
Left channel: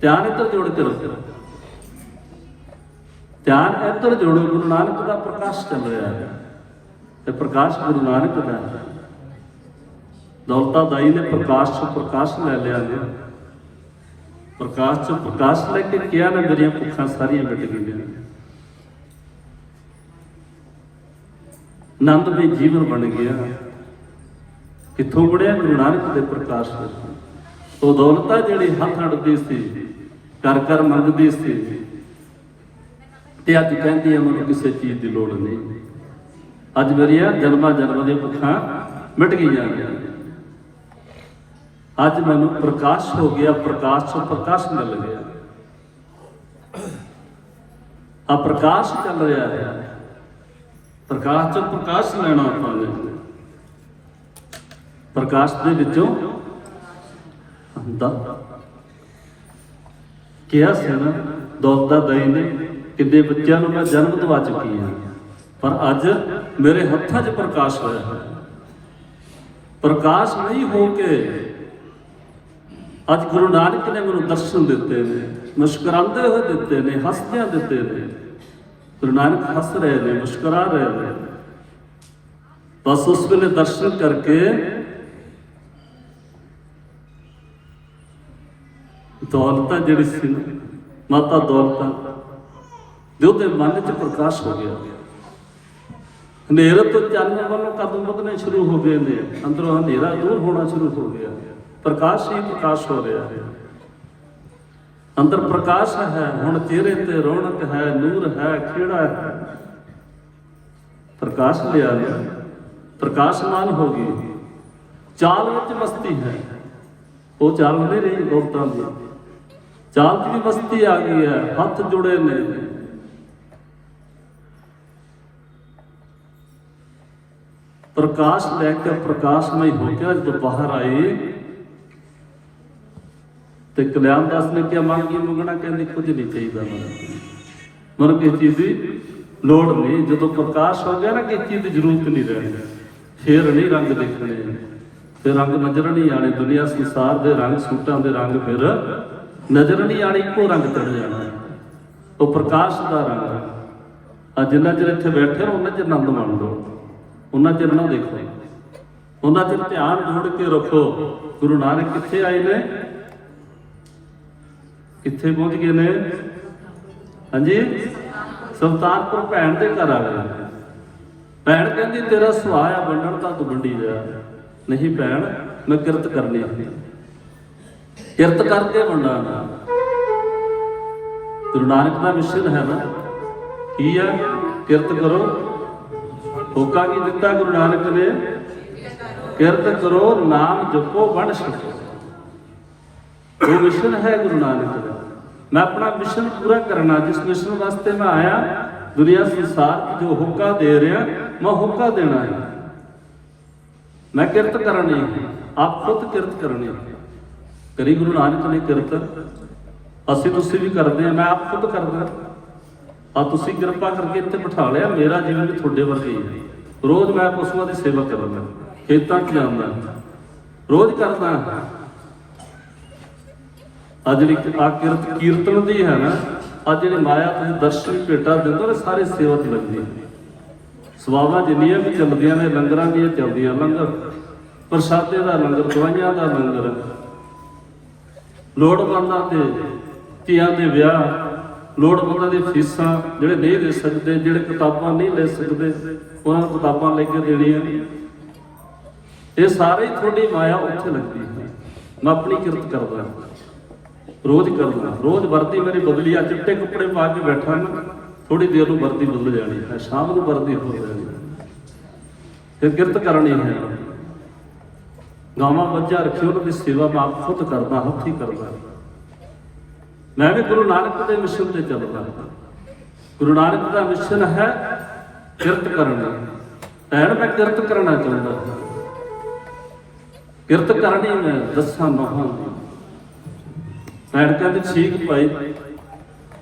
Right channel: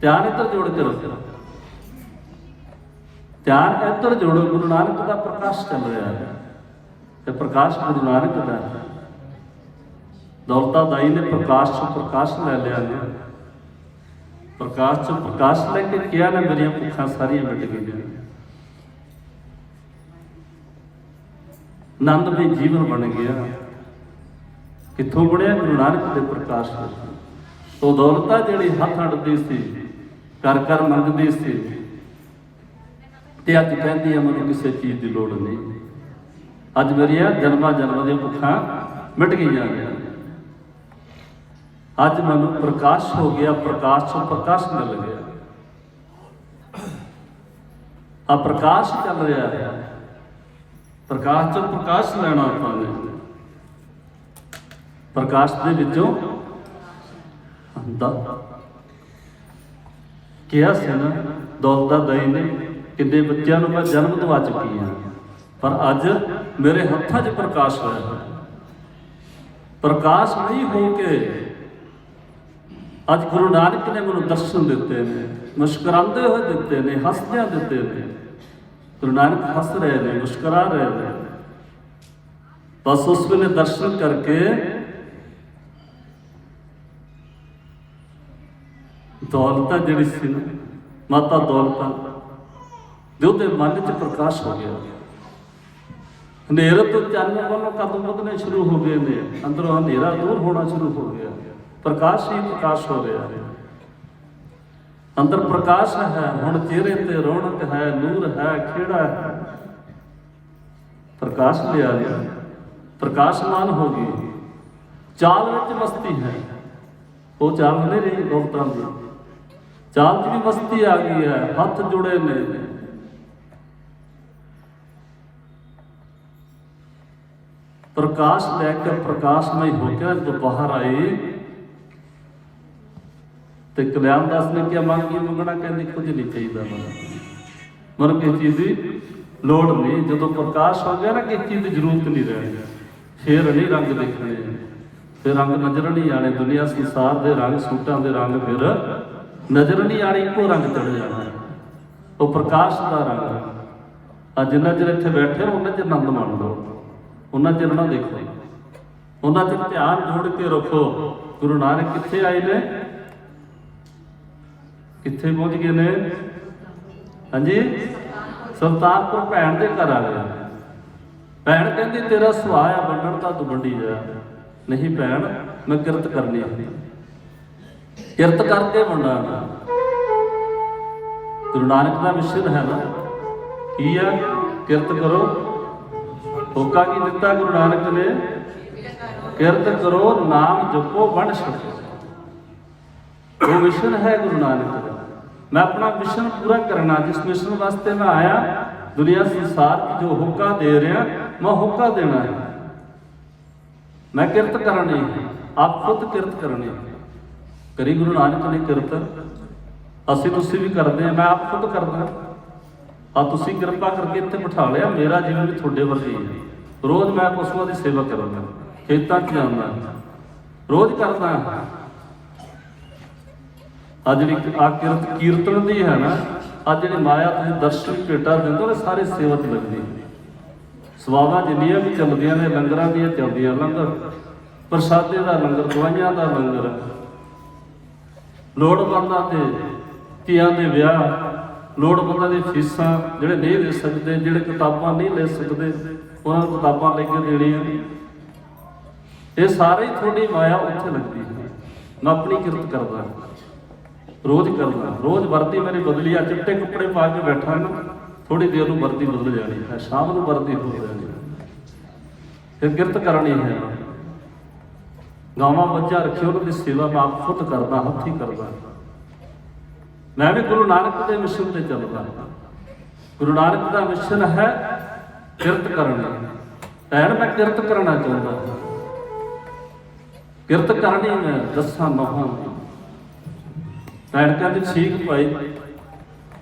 ਧਿਆਨ ਇੱਧਰ ਜੋੜ ਕੇ ਰੱਖੋ, ਧਿਆਨ ਇੱਧਰ ਜੋੜੋ। ਗੁਰੂ ਨਾਨਕ ਦਾ ਪ੍ਰਕਾਸ਼ ਚੱਲ ਰਿਹਾ ਹੈ, ਤੇ ਪ੍ਰਕਾਸ਼ ਗੁਰੂ ਨਾਨਕ ਦਾ ਹੈ। ਦੌਲਤਾ ਦਾਈ ਨੇ ਪ੍ਰਕਾਸ਼ ਤੋਂ ਪ੍ਰਕਾਸ਼ ਲੈ ਲਿਆ ਨੇ, ਪ੍ਰਕਾਸ਼ ਤੋਂ ਪ੍ਰਕਾਸ਼ ਲੈ ਕੇ ਕਿਹਾ ਨਾ ਮੇਰੀਆਂ ਭੁੱਖਾਂ ਸਾਰੀਆਂ ਮਿਟ ਗਈਆਂ, ਆਨੰਦ ਦੇ ਜੀਵਨ ਬਣ ਗਿਆ। ਕਿੱਥੋਂ ਬਣਿਆ? ਗੁਰੂ ਨਾਨਕ ਦੇ ਪ੍ਰਕਾਸ਼ ਤੋਂ। ਉਹ ਦੌਲਤਾਂ ਜਿਹੜੀ ਹੱਥ ਅੜਦੀ ਸੀ, ਕਰ ਕਰ ਮੰਗਦੀ ਸੀ, ਤੇ ਅੱਜ ਕਹਿੰਦੀ ਹੈ ਮੈਨੂੰ ਕਿਸੇ ਚੀਜ਼ ਦੀ ਲੋੜ ਨਹੀਂ। ਅੱਜ ਮੇਰੀਆਂ ਜਨਮਾਂ ਦੀਆਂ ਭੁੱਖਾਂ ਮਿਟ ਗਈਆਂ। ਅੱਜ ਮੈਨੂੰ ਪ੍ਰਕਾਸ਼ ਹੋ ਗਿਆ, ਪ੍ਰਕਾਸ਼ ਤੋਂ ਪ੍ਰਕਾਸ਼ ਮਿਲ ਗਿਆ। ਆ ਪ੍ਰਕਾਸ਼ ਚੱਲ ਰਿਹਾ ਹੈ, ਪ੍ਰਕਾਸ਼ ਤੋਂ ਪ੍ਰਕਾਸ਼ ਲੈਣਾ ਆਪਾਂ ਨੇ। ਪ੍ਰਕਾਸ਼ ਦੇ ਵਿੱਚੋਂ ਕਿਹਾ ਸੀ ਨਾ ਦੌਲਤਾ ਦਾਈ ਨੇ, ਕਿੰਨੇ ਬੱਚਿਆਂ ਨੂੰ ਮੈਂ ਜਨਮ ਦਵਾ ਚੁੱਕੀ ਹਾਂ, ਪਰ ਅੱਜ ਮੇਰੇ ਹੱਥਾਂ 'ਚ ਪ੍ਰਕਾਸ਼ ਹੋਇਆ ਹੈ। ਪ੍ਰਕਾਸ਼ ਨਹੀਂ ਹੋ ਕੇ ਅੱਜ ਗੁਰੂ ਨਾਨਕ ਨੇ ਮੈਨੂੰ ਦਰਸ਼ਨ ਦਿੱਤੇ ਨੇ, ਮੁਸਕਰਾਉਂਦੇ ਹੋਏ ਦਿੱਤੇ ਨੇ, ਹੱਸਦਿਆਂ ਦਿੱਤੇ ਨੇ। ਗੁਰੂ ਨਾਨਕ ਹੱਸ ਰਹੇ ਨੇ, ਮੁਸਕਰਾ ਰਹੇ ਨੇ। ਬਸ ਉਸ ਵੇਲੇ ਦਰਸ਼ਨ ਕਰਕੇ ਦੌਲਤਾਂ ਜਿਹੜੀ ਸੀ ਮਾਤਾ ਦੌਲਤਾਂ ਦੇ ਉਹਦੇ ਮਨ 'ਚ ਪ੍ਰਕਾਸ਼ ਹੋ ਗਿਆ। ਹਨੇਰੇ ਤੋਂ ਚਾਨਣ ਵੱਲੋਂ ਕਦਮ ਵਧਣੇ ਸ਼ੁਰੂ ਹੋ ਗਏ ਨੇ, ਅੰਦਰੋਂ ਹਨੇਰਾ ਦੂਰ ਹੋਣਾ ਸ਼ੁਰੂ ਹੋ ਗਿਆ। ਪ੍ਰਕਾਸ਼ ਹੀ ਪ੍ਰਕਾਸ਼ ਹੋ ਰਿਹਾ ਹੈ, ਅੰਦਰ ਪ੍ਰਕਾਸ਼ ਹੈ। ਹੁਣ ਚਿਹਰੇ ਤੇ ਰੌਣਕ ਹੈ, ਨੂਰ ਹੈ, ਖੇੜਾ ਹੈ। ਪ੍ਰਕਾਸ਼ ਲਿਆ ਲਿਆ, ਪ੍ਰਕਾਸ਼ਮਾਨ ਹੋ ਗਈ। ਚਾਲ ਵਿੱਚ ਮਸਤੀ ਹੈ, ਉਹ ਚਾਲ ਨਹੀਂ ਰਹੀ ਦੌਲਤਾਂ ਦੀ, ਚਾਲ 'ਚ ਵੀ ਮਸਤੀ ਆ ਗਈ ਹੈ। ਹੱਥ ਜੁੜੇ ਨੇ, ਪ੍ਰਕਾਸ਼ ਲੈ ਕੇ ਪ੍ਰਕਾਸ਼ਮਈ ਹੋ ਕੇ ਜਦ ਬਾਹਰ ਆਏ ਤੇ ਕਲਿਆਣ ਦਾਸ ਨੇ ਕਿਹਾ ਮੰਗੀ ਮੰਗਣਾ, ਕਹਿੰਦੇ ਕੁਝ ਨਹੀਂ ਚਾਹੀਦਾ ਮੈਨੂੰ ਕਿਸੇ ਚੀਜ਼ ਦੀ ਲੋੜ ਨਹੀਂ। ਜਦੋਂ ਪ੍ਰਕਾਸ਼ ਹੋ ਗਿਆ ਨਾ ਕਿਸੇ ਚੀਜ਼ ਦੀ ਜ਼ਰੂਰਤ ਨਹੀਂ ਰਹਿਣੀ। ਫੇਰ ਨਹੀਂ ਰੰਗ ਦੇਖਣੇ, ਫਿਰ ਰੰਗ ਨਜ਼ਰ ਨਹੀਂ ਆਣੇ। ਦੁਨੀਆ ਸੰਸਾਰ ਦੇ ਰੰਗ, ਸੂਟਾਂ ਦੇ ਰੰਗ ਫਿਰ ਨਜ਼ਰ ਨਹੀਂ ਆਣੇ, ਇੱਕੋ ਰੰਗ ਚੜ ਜਾਣਾ। ਉਹ ਪ੍ਰਕਾਸ਼ ਦਾ ਰੰਗ। ਅੱਜ ਜਿੰਨਾ ਚਿਰ ਇੱਥੇ ਬੈਠੇ ਉਹਨਾਂ ਚਿਰ ਆਨੰਦ ਮਾਣ ਲਓ, ਉਹਨਾਂ ਚਿਰ ਨਾ ਦੇਖੋ, ਉਹਨਾਂ ਚਿਰ ਧਿਆਨ ਜੋੜ ਕੇ ਰੱਖੋ। ਗੁਰੂ ਨਾਨਕ ਕਿੱਥੇ ਆਏ ਨੇ, ਕਿੱਥੇ ਪਹੁੰਚ ਗਏ ਨੇ? ਹਾਂਜੀ, ਸੁਲਤਾਨਪੁਰ ਭੈਣ ਦੇ ਘਰ ਆ ਗਏ। ਭੈਣ ਕਹਿੰਦੀ ਤੇਰਾ ਸੁਭਾਅ ਆ ਵੰਡਣ ਦਾ, ਤੂੰ ਵੰਡੀ ਜਾ। ਨਹੀਂ ਭੈਣ, ਮੈਂ ਕਿਰਤ ਕਰਨੀ ਹੈ, ਕਿਰਤ ਕਰਕੇ ਵੰਡਾਂਗਾ। ਗੁਰੂ ਨਾਨਕ ਦਾ ਮਿਸ਼ਨ ਹੈ ਨਾ, ਕੀ ਹੈ? ਕਿਰਤ ਕਰੋ। ਹੋਕਾ ਕੀ ਦਿੱਤਾ ਗੁਰੂ ਨਾਨਕ ਨੇ? ਕਿਰਤ ਕਰੋ ਨਾਮ ਜਪੋ ਵੰਡ ਛਕੋ। ਉਹ ਮਿਸ਼ਨ ਹੈ ਗੁਰੂ ਨਾਨਕ ਦਾ। ਮੈਂ ਆਪਣਾ ਮਿਸ਼ਨ ਪੂਰਾ ਕਰਨਾ, ਜਿਸ ਮਿਸ਼ਨ ਵਾਸਤੇ ਮੈਂ ਆਇਆ ਦੁਨੀਆ ਸੰਸਾਰ ਜੋ ਹੁਕਾ ਦੇ ਰਿਹਾ ਮੈਂ ਹੁਕਾ ਦੇਣਾ ਹੈ। ਮੈਂ ਕਿਰਤ ਕਰਨੀ ਹੈ, ਆਪ ਖੁਦ ਕਿਰਤ ਕਰਨੀ ਹੈ। ਕਰੀ ਗੁਰੂ ਨਾਨਕ ਨੇ ਕਿਰਤ, ਅਸੀਂ ਤੁਸੀਂ ਵੀ ਕਰਦੇ ਹਾਂ, ਮੈਂ ਆਪ ਖੁਦ ਕਰਦਾ। ਆ ਤੁਸੀਂ ਕਿਰਪਾ ਕਰਕੇ ਇੱਥੇ ਬਿਠਾ ਲਿਆ, ਮੇਰਾ ਜੀਵਨ ਵੀ ਤੁਹਾਡੇ ਵਰਗਾ ਹੀ ਹੈ। ਰੋਜ਼ ਮੈਂ ਪਸ਼ੂਆਂ ਦੀ ਸੇਵਾ ਕਰਦਾ, ਖੇਤਾਂ 'ਚ ਜਾਂਦਾ, ਰੋਜ਼ ਕਰਦਾ। ਆ ਜਿਹੜੀ ਆ ਕਿਰਤ ਕੀਰਤਨ ਦੀ ਹੈ ਨਾ, ਅੱਜ ਜਿਹੜੇ ਮਾਇਆ ਤੁਸੀਂ ਦਰਸ਼ਨ ਭੇਟਾ ਦਿੰਦਾ ਉਹ ਸਾਰੇ ਸੇਵਾ 'ਚ ਲੱਗਦੀ। ਸੇਵਾਵਾਂ ਜਿੰਨੀਆਂ ਵੀ ਚੱਲਦੀਆਂ ਨੇ, ਲੰਗਰਾਂ ਦੀਆਂ ਚੱਲਦੀਆਂ, ਲੰਗਰ ਪ੍ਰਸ਼ਾਦੇ ਦਾ ਲੰਗਰ, ਦਵਾਈਆਂ ਦਾ ਲੰਗਰ, ਲੋੜਵੰਦਾਂ ਦੇ ਧੀਆਂ ਦੇ ਵਿਆਹ, ਲੋੜਵੰਦਾਂ ਦੀਆਂ ਫੀਸਾਂ, ਜਿਹੜੇ ਨਹੀਂ ਦੇ ਸਕਦੇ, ਜਿਹੜੇ ਕਿਤਾਬਾਂ ਨਹੀਂ ਲੈ ਸਕਦੇ, ਉਹਨਾਂ ਨੂੰ ਕਿਤਾਬਾਂ ਲੈ ਕੇ ਦੇਣੀਆਂ। ਇਹ ਸਾਰੇ ਹੀ ਤੁਹਾਡੀ ਮਾਇਆ ਉੱਥੇ ਲੱਗਦੀ ਹੈ। ਮੈਂ ਆਪਣੀ ਕਿਰਤ ਕਰਦਾ, ਰੋਜ਼ ਕਰਦਾ। ਰੋਜ਼ ਵਰਦੀ ਮੇਰੀ ਬਦਲੀ ਆ, ਚਿੱਟੇ ਕੱਪੜੇ ਪਾ ਕੇ ਬੈਠਾ ਨਾ, ਥੋੜੀ ਦੇਰ ਨੂੰ ਵਰਦੀ ਬਦਲ ਜਾਣੀ ਹੈ, ਸ਼ਾਮ ਨੂੰ ਵਰਦੀ ਹੋ ਜਾਣੀ। ਫਿਰ ਕਿਰਤ ਕਰਨੀ ਹੈ। ਗਾਵਾਂ ਬੱਚਾ ਰੱਖੇ, ਉਹਨਾਂ ਦੀ ਸੇਵਾ ਮੈਂ ਆਪ ਖੁਦ ਕਰਦਾ, ਹੱਥੀਂ ਕਰਦਾ। ਮੈਂ ਵੀ ਗੁਰੂ ਨਾਨਕ ਦੇ ਮਿਸ਼ਨ ਤੇ ਚੱਲਦਾ। ਗੁਰੂ ਨਾਨਕ ਦਾ ਮਿਸ਼ਨ ਹੈ ਕਿਰਤ ਕਰਨੀ। ਭੈਣ ਮੈਂ ਕਿਰਤ ਕਰਨਾ ਚਾਹੁੰਦਾ, ਕਿਰਤ ਕਰਨੀ ਮੈਂ ਦੱਸਾਂ ਨਹਾਂ ਦੀ। ਭੈਣ ਕਹਿੰਦੇ ਠੀਕ ਭਾਈ,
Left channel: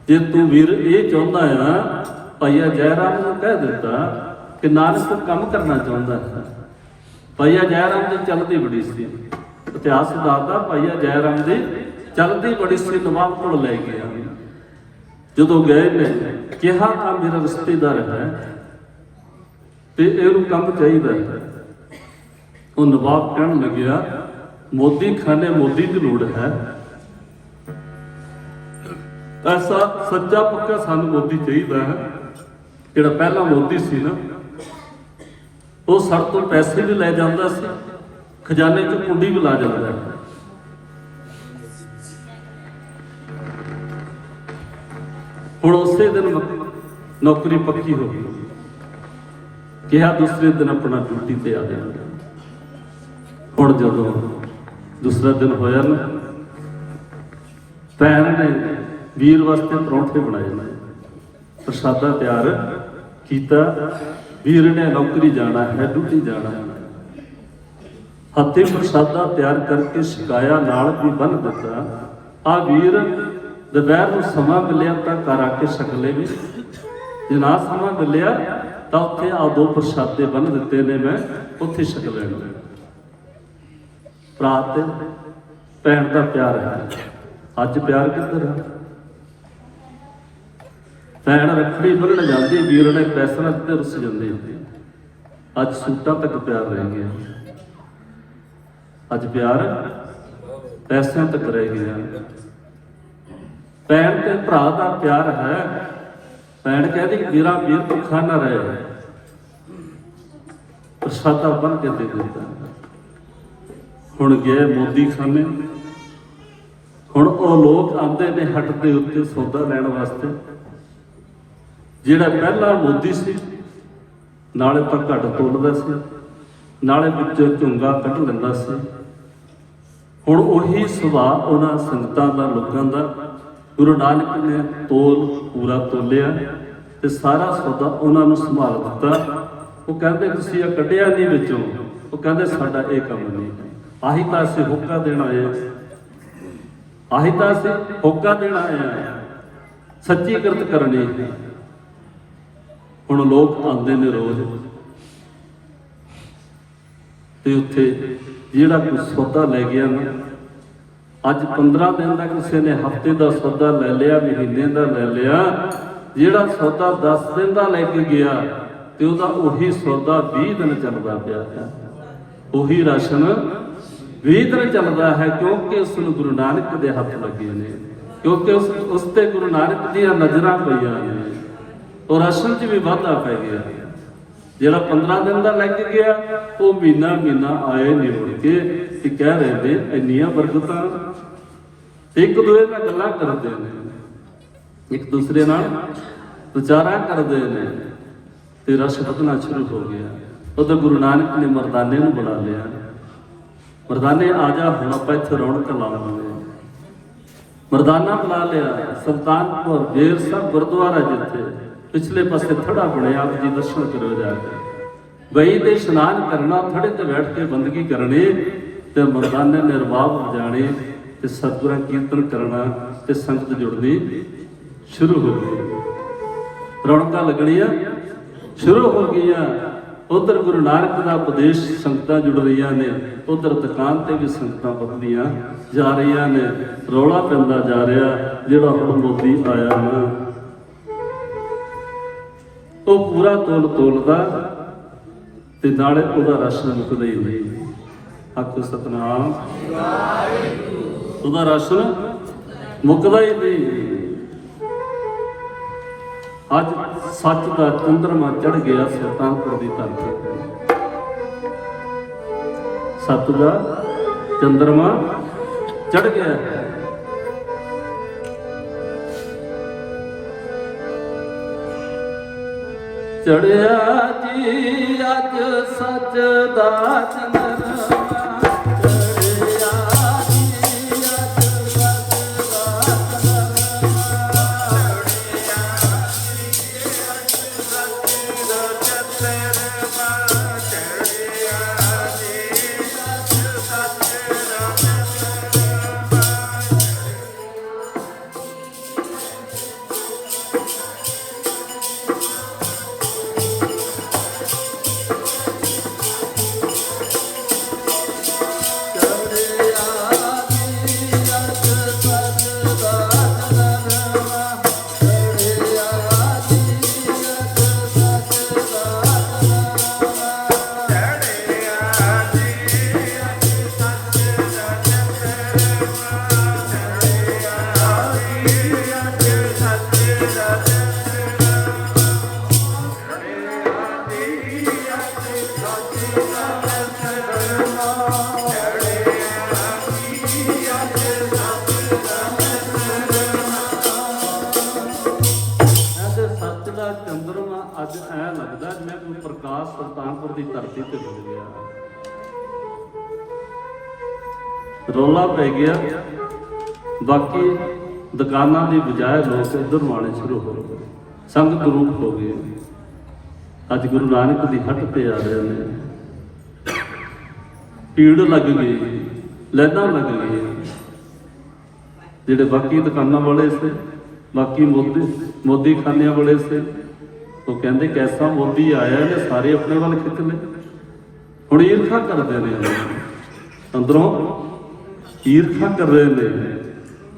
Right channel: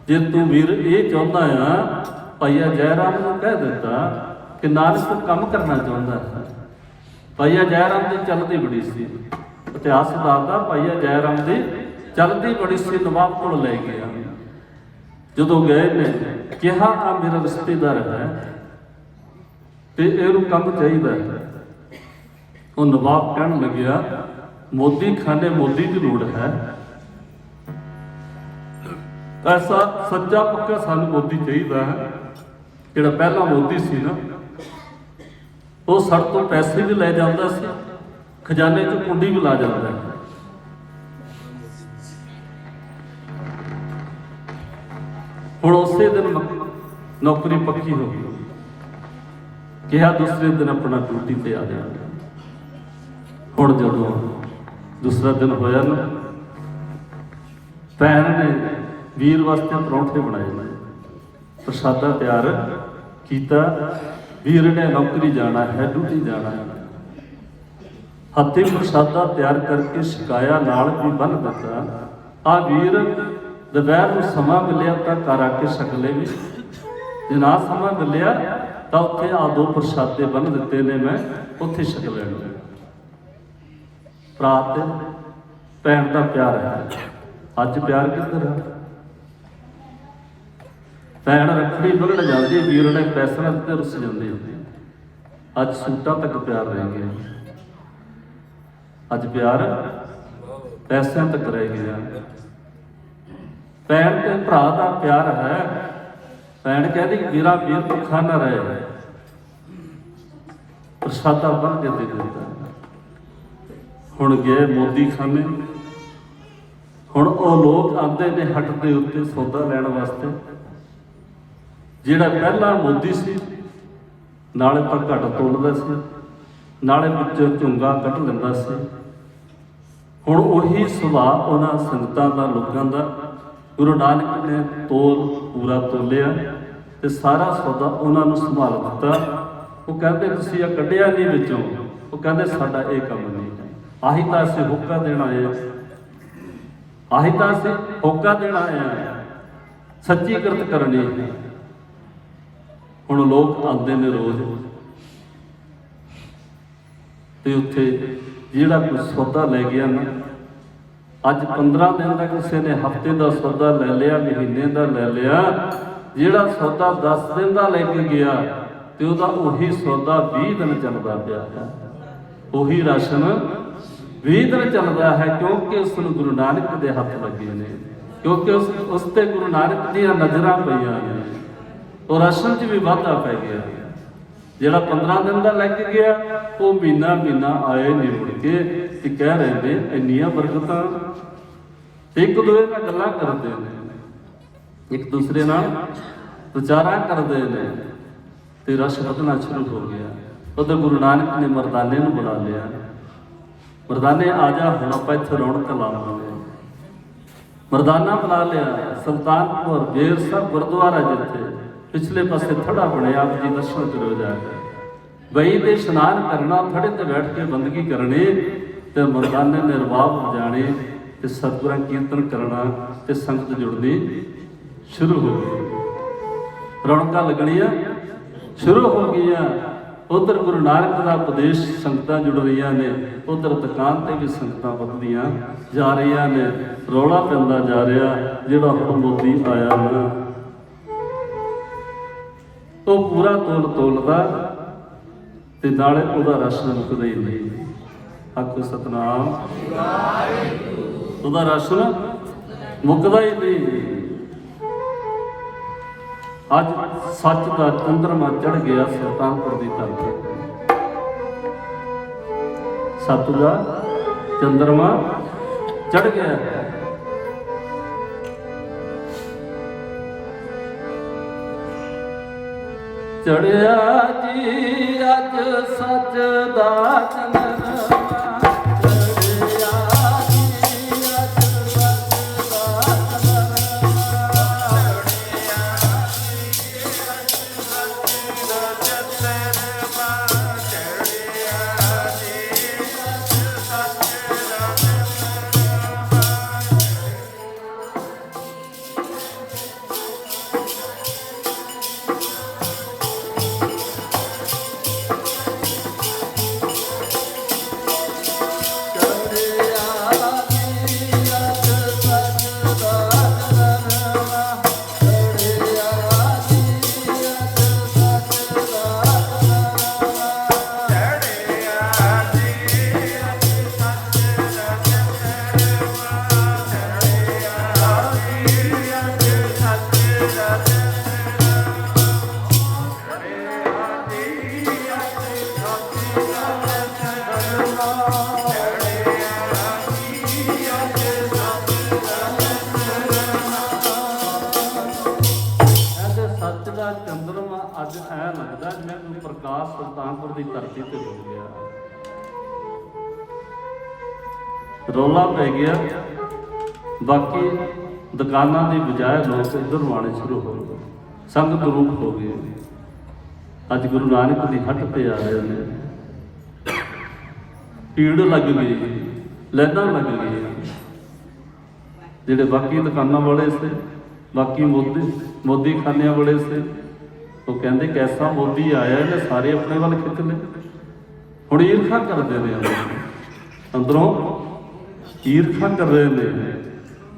ਜੇ ਤੂੰ ਵੀਰ ਇਹ ਚਾਹੁੰਦਾ ਆ, ਭਾਈਆ ਜੈ ਰਾਮ ਨੂੰ ਕਹਿ ਦਿੱਤਾ ਕਿ ਨਾਨਕ ਕੰਮ ਕਰਨਾ ਚਾਹੁੰਦਾ ਹੈ। ਭਾਈਆ ਜੈ ਰਾਮ ਦੀ ਚਲਦੀ ਬੜੀ ਸੀ, ਇਤਿਹਾਸ ਦੱਸਦਾ ਭਾਈਆ ਜੈ ਰਾਮ ਦੀ ਚਲਦੀ ਬੜੀ ਸੀ। ਨਵਾਬ ਕੋਲ ਲੈ ਗਿਆ, ਜਦੋਂ ਗਏ ਨੇ ਕਿਹਾ ਆ ਮੇਰਾ ਰਿਸ਼ਤੇਦਾਰ ਹੈ ਤੇ ਇਹਨੂੰ ਕੰਮ ਚਾਹੀਦਾ ਹੈ। ਉਹ ਨਵਾਬ ਕਹਿਣ ਲੱਗਿਆ ਮੋਦੀ ਖਾਨੇ ਮੋਦੀ ਦੀ ਲੋੜ ਹੈ, ਐਸਾ ਸੱਚਾ ਪੱਕਾ ਸਾਨੂੰ ਮੋਦੀ ਚਾਹੀਦਾ ਹੈ। ਜਿਹੜਾ ਪਹਿਲਾ ਮੋਦੀ ਸੀ ਨਾ, ਉਹ ਸੜ ਤੋਂ ਪੈਸੇ ਵੀ ਲੈ ਜਾਂਦਾ ਸੀ, ਖਜ਼ਾਨੇ 'ਚ ਕੁੰਡੀ ਵੀ ਲਾ ਜਾਂਦਾ ਹੈ। ਹੁਣ ਉਸੇ ਦਿਨ ਨੌਕਰੀ ਪੱਕੀ ਹੋ ਗਈ, ਕਿਹਾ ਦੂਸਰੇ ਦਿਨ ਆਪਣਾ ਡਿਊਟੀ ਤੇ ਆ ਜਾਣਾ। ਹੁਣ ਜਦੋਂ ਦੂਸਰਾ ਦਿਨ ਹੋਇਆ ਨਾ, ਭੈਣ ਨੇ ਵੀਰ ਵਾਸਤੇ ਪਰੌਂਠੇ ਬਣਾਏ ਨੇ, ਪ੍ਰਸ਼ਾਦਾ ਤਿਆਰ ਕੀਤਾ। ਵੀਰ ਨੇ ਨੌਕਰੀ ਜਾਣਾ ਹੈ, ਡਿਊਟੀ ਜਾਣਾ ਹੈ। ਹੱਥੀਂ ਪ੍ਰਸ਼ਾਦਾ ਤਿਆਰ ਕਰਕੇ ਛਕਾਇਆ, ਨਾਲ ਵੀ ਬੰਨ ਦਿੱਤਾ। ਆ ਵੀਰ ਦੁਪਹਿਰ ਨੂੰ ਸਮਾਂ ਮਿਲਿਆ ਤਾਂ ਘਰ ਆ ਕੇ ਛਕ ਲੇਵੇ, ਜੇ ਨਾ ਸਮਾਂ ਮਿਲਿਆ ਤਾਂ ਉੱਥੇ ਆ ਦੋ ਪ੍ਰਸ਼ਾਦੇ ਬੰਨ ਦਿੱਤੇ ਨੇ, ਮੈਂ ਉੱਥੇ ਛਕ ਲੈਣਾ। ਭਰਾ ਤੇ ਭੈਣ ਦਾ ਪਿਆਰ ਹੈ। ਅੱਜ ਪਿਆਰ ਕਿੱਧਰ ਹੈ? ਭੈਣ ਰੱਖੜੀ ਬੰਨ੍ਹਣ ਜਾਂਦੀ, ਵੀਰ ਨੇ ਪੈਸਿਆਂ ਤੇ ਰੁੱਸ ਜਾਂਦੇ। ਅੱਜ ਸੂਟਾਂ ਤੱਕ ਪਿਆਰ ਰਹਿ ਗਿਆ, ਅੱਜ ਪਿਆਰ ਪੈਸਿਆਂ ਤੱਕ ਰਹਿ ਗਿਆ। ਭੈਣ ਤੇ ਭਰਾ ਦਾ ਪਿਆਰ ਹੈ। ਭੈਣ ਕਹਿੰਦੀ ਵੀਰਾ ਵੀਰ ਭੁੱਖਾ ਨਾ ਰਹੇ, ਪ੍ਰਸ਼ਾਦਾ ਬੰਨ ਕੇ ਦੇ ਦਿੱਤਾ। ਹੁਣ ਗਏ ਮੋਦੀ ਖਾਨੇ, ਹੁਣ ਉਹ ਲੋਕ ਆਉਂਦੇ ਨੇ ਹੱਟ ਦੇ ਉੱਤੇ ਸੌਦਾ ਲੈਣ ਵਾਸਤੇ। ਜਿਹੜਾ ਪਹਿਲਾ ਮੋਦੀ ਸੀ, ਨਾਲੇ ਤਾਂ ਘੱਟ ਤੋਲਦਾ ਸੀ, ਨਾਲੇ ਵਿੱਚੋਂ ਝੁੰਗਾ ਕੱਢ ਲੈਂਦਾ ਸੀ। ਹੁਣ ਉਹੀ ਸੁਭਾਅ ਉਹਨਾਂ ਸੰਗਤਾਂ ਦਾ, ਲੋਕਾਂ ਦਾ। ਗੁਰੂ ਨਾਨਕ ਨੇ ਤੋਲ ਪੂਰਾ ਤੋਲਿਆ ਤੇ ਸਾਰਾ ਸੌਦਾ ਉਹਨਾਂ ਨੂੰ ਸੰਭਾਲ ਦਿੱਤਾ। ਉਹ ਕਹਿੰਦੇ ਤੁਸੀਂ ਇਹ ਕੱਢਿਆ ਨਹੀਂ ਵਿੱਚੋਂ, ਉਹ ਕਹਿੰਦੇ ਸਾਡਾ ਇਹ ਕੰਮ ਨਹੀਂ। ਆਹੀ ਤਾਂ ਅਸੀਂ ਹੋਕਾ ਦੇਣ ਆਏ ਹਾਂ, ਆਹੀ ਤਾਂ ਅਸੀਂ ਹੋਕਾ ਦੇਣ ਆਏ ਹਾਂ, ਸੱਚੀ ਕਿਰਤ ਕਰਨੀ। ਹੁਣ ਲੋਕ ਆਉਂਦੇ ਨੇ ਰੋਜ਼ ਤੇ ਉੱਥੇ ਜਿਹੜਾ ਕੋਈ ਸੌਦਾ ਲੈ ਗਿਆ ਨਾ, ਅੱਜ 15 ਦਿਨ ਦਾ ਕਿਸੇ ਨੇ ਹਫ਼ਤੇ ਦਾ ਸੌਦਾ ਲੈ ਲਿਆ, ਮਹੀਨੇ ਦਾ ਲੈ ਲਿਆ। ਜਿਹੜਾ ਸੌਦਾ 10 ਦਿਨ ਦਾ ਲੈ ਕੇ ਗਿਆ ਤੇ ਉਹਦਾ ਉਹੀ ਸੌਦਾ 20 ਦਿਨ ਚੱਲਦਾ ਪਿਆ ਹੈ। ਉਹੀ ਰਾਸ਼ਨ 20 ਦਿਨ ਚੱਲਦਾ ਹੈ, ਕਿਉਂਕਿ ਉਸ ਨੂੰ ਗੁਰੂ ਨਾਨਕ ਦੇ ਹੱਥ ਲੱਗੇ ਨੇ, ਕਿਉਂਕਿ ਉਸ ਤੇ ਗੁਰੂ ਨਾਨਕ ਦੀਆਂ ਨਜ਼ਰਾਂ ਪਈਆਂ ਨੇ। ਉਹ ਰਾਸ਼ਨ 'ਚ ਵੀ ਵਾਧਾ ਪੈ ਗਿਆ। ਜਿਹੜਾ 15 ਦਿਨ ਦਾ ਲੈ ਕੇ ਗਿਆ, ਉਹ ਮਹੀਨਾ ਆਏ ਨਹੀਂ ਮੁੜ ਕੇ, ਕਿ ਕਹਿ ਰਹੇ ਨੇ ਇੰਨੀਆਂ ਬਰਕਤਾਂ। ਇੱਕ ਦੂਜੇ ਨਾਲ ਗੱਲਾਂ ਕਰਦੇ ਨੇ, ਇੱਕ ਦੂਸਰੇ ਨਾਲ ਵਿਚਾਰਾਂ ਕਰਦੇ ਨੇ ਤੇ ਰਸ ਵਧਣਾ ਸ਼ੁਰੂ ਹੋ ਗਿਆ। ਉਦੋਂ ਗੁਰੂ ਨਾਨਕ ਨੇ ਮਰਦਾਨੇ ਨੂੰ ਬੁਲਾ ਲਿਆ, ਮਰਦਾਨੇ ਆ ਜਾ, ਹੁਣ ਆਪਾਂ ਇੱਥੇ ਰੌਣਕ ਲਾਵਾਂਗੇ। ਮਰਦਾਨਾ ਬੁਲਾ ਲਿਆ। ਸੁਲਤਾਨਪੁਰ ਬੇਰ ਸਾਹਿਬ ਗੁਰਦੁਆਰਾ ਜਿੱਥੇ ਪਿਛਲੇ ਪਾਸੇ ਥੜਾ ਬਣਿਆ, ਆਪ ਜੀ ਦਰਸ਼ਨ ਕਰੋ ਜਾ ਕੇ। ਬਈ ਤੇ ਇਸ਼ਨਾਨ ਕਰਨਾ, ਥੜੇ ਤੇ ਬੈਠ ਕੇ ਬੰਦਗੀ ਕਰਨੀ ਤੇ ਮਰਦਾਨੇ ਨੇ ਰਬਾਬ ਵਜਾਣੇ ਤੇ ਸਤਿਗੁਰਾਂ ਕੀਰਤਨ ਕਰਨਾ ਤੇ ਸੰਗਤ ਜੁੜਨੀ ਸ਼ੁਰੂ ਹੋ ਗਈ। ਰੌਣਕਾਂ ਲੱਗਣੀਆਂ ਸ਼ੁਰੂ ਹੋ ਗਈਆਂ। ਉਧਰ ਗੁਰੂ ਨਾਨਕ ਦਾ ਉਪਦੇਸ਼ ਸੰਗਤਾਂ ਜੁੜ ਰਹੀਆਂ ਨੇ, ਉਧਰ ਦੁਕਾਨ ਤੇ ਵੀ ਸੰਗਤਾਂ ਵੱਧਦੀਆਂ ਜਾ ਰਹੀਆਂ ਨੇ। ਰੌਲਾ ਪੈਂਦਾ ਜਾ ਰਿਹਾ, ਜਿਹੜਾ ਹੁਣ ਮੋਦੀ ਆਇਆ ਨਾ ਉਹ ਪੂਰਾ ਤੋਲਦਾ ਤੇ ਨਾਲੇ ਉਹਦਾ ਰਾਸ਼ਨ ਮੁੱਕਦਾ ਹੀ ਨਹੀਂ। ਆਖੋ ਸਤਨਾਮ, ਉਹਦਾ ਰਾਸ਼ਨ ਮੁੱਕਦਾ ਹੀ ਨਹੀਂ। ਅੱਜ ਸੱਚ ਦਾ ਚੰਦਰਮਾ ਚੜ ਗਿਆ ਸੁਲਤਾਨਪੁਰ ਦੀ ਧਰਤੀ ਤੇ। ਸੱਚ ਦਾ ਚੰਦਰਮਾ ਚੜ ਗਿਆ ਹੈ। ਚੜਿਆ ਜੀ ਅੱਜ ਸੱਚ ਦਾ ਚੰਦਰਮਾ। ਚੰਦਰਮਾ ਅੱਜ ਐ ਲੱਗਦਾ ਜਿਵੇਂ ਕੋਈ ਪ੍ਰਕਾਸ਼ ਸੁਲਤਾਨਪੁਰ ਦੀ ਧਰਤੀ ਤੇ ਡੁੱਬ ਗਿਆ। ਰੌਲਾ ਪੈ ਗਿਆ। ਬਾਕੀ ਦੁਕਾਨਾਂ ਦੀ ਬਜਾਏ ਲੋਕ ਇੱਧਰ ਨੂੰ ਆਉਣੇ ਸ਼ੁਰੂ ਹੋ ਗਏ, ਸੰਗਤ ਰੂਪ ਹੋ ਗਏ। ਅੱਜ ਗੁਰੂ ਨਾਨਕ ਦੀ ਹੱਟ ਤੇ ਆ ਰਹੇ ਨੇ। ਭੀੜ ਲੱਗ ਗਈ, ਲੈਣਾ ਲੱਗ ਗਈ। ਜਿਹੜੇ ਬਾਕੀ ਦੁਕਾਨਾਂ ਵਾਲੇ ਸੀ, ਬਾਕੀ ਮੋਦੀ ਖਾਨਿਆਂ ਵਾਲੇ ਸੀ, ਉਹ ਕਹਿੰਦੇ ਕੈਸਾ ਮੋਦੀ ਆਇਆ, ਇਹਨੇ ਸਾਰੇ ਆਪਣੇ ਵੱਲ ਖਿੱਚ ਲਏ। ਹੁਣ ਈਰਖਾ ਕਰਦੇ ਨੇ, ਅੰਦਰੋਂ ਈਰਖਾ ਕਰ ਰਹੇ ਨੇ।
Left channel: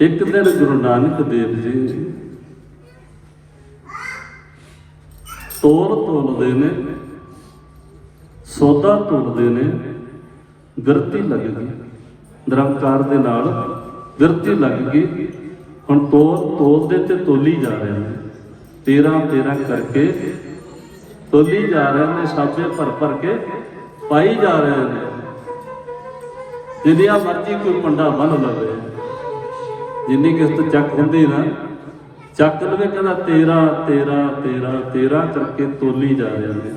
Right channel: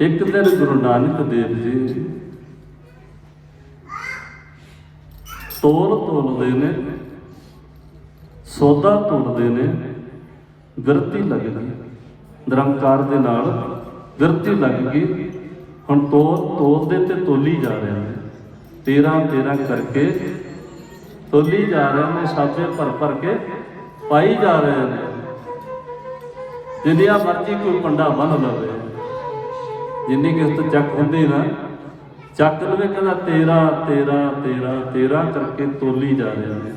ਇੱਕ ਦਿਨ ਗੁਰੂ ਨਾਨਕ ਦੇਵ ਜੀ ਤੋਲਦੇ ਨੇ, ਸੌਦਾ ਤੋਲਦੇ ਨੇ। ਗਿਰਤੀ ਲੱਗ ਗਈ, ਨਿਰੰਕਾਰ ਦੇ ਨਾਲ ਗਿਰਤੀ ਲੱਗ ਗਈ। ਹੁਣ ਤੋਲਦੇ ਤੇ ਤੋਲੀ ਜਾ ਰਹੇ ਨੇ, 13 ਕਰਕੇ ਤੋਲੀ ਜਾ ਰਹੇ ਨੇ। ਸਾਜੇ ਭਰ ਕੇ ਪਾਈ ਜਾ ਰਹੇ ਨੇ। ਜਿੰਨੀਆਂ ਮਰਜ਼ੀ ਕੋਈ ਪੰਡਾ ਬੰਨ ਲਵੇ, ਜਿੰਨੀ ਕਿਸ ਤੋਂ ਚੱਕ ਹੁੰਦੀ ਨਾ, ਚੱਕ ਲਵੇ। ਕਹਿੰਦਾ 13 ਕਰਕੇ ਤੋਲੀ ਜਾ ਰਹੇ ਨੇ।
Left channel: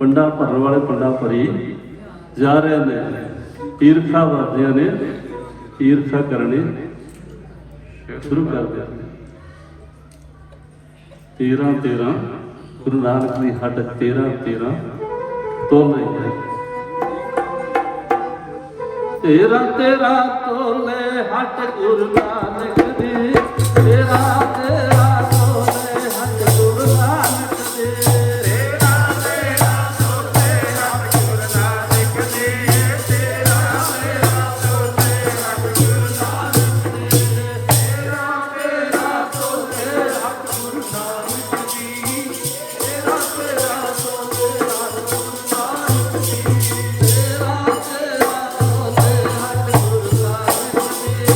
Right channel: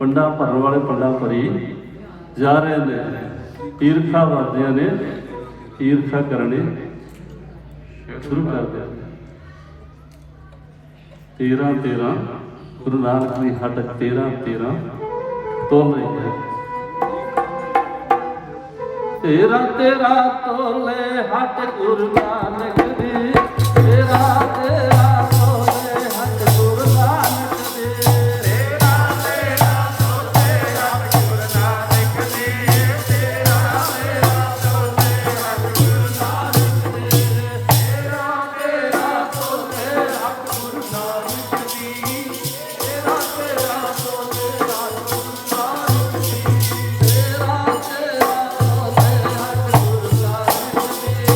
ਪੰਡਾ ਭਰਨ ਵਾਲੇ ਪੰਡਾ ਭਰੀ ਜਾ ਰਹੇ ਨੇ। ਈਰਖਾ ਵਰਦਿਆਂ ਨੇ ਈਰਖਾ ਕਰਨੀ ਸ਼ੁਰੂ ਕਰ ਦਿਆ। 13 ਗੁਰੂ ਨਾਨਕ ਦੀ ਹੱਡ 13 ਤੋਲ ਰਹੀ ਹੈ। 13 ਤੋਲੇ ਹੱਡ ਗੁਰੂ ਨਾਨਕ ਦੀ। 13 ਤੋਲੇ ਹੱਡ ਗੁਰੂ ਨਾਨਕ ਦੀ। 13 ਤੋਲੇ ਹੱਡ ਗੁਰੂ ਨਾਨਕ ਦੀ। 13 ਤੋਲੇ ਹੱਡ ਗੁਰੂ ਨਾਨਕ ਦੀ। 13 ਤੋਲੇ ਹੱਡ ਗੁਰੂ ਨਾਨਕ ਦੀ। 13 ਤੋਲੇ ਹੱਡ ਗੁਰੂ ਨਾਨਕ ਦੀ। 13 ਤੋਲੇ ਹੱਡ ਗੁਰੂ ਨਾਨਕ ਦੀ।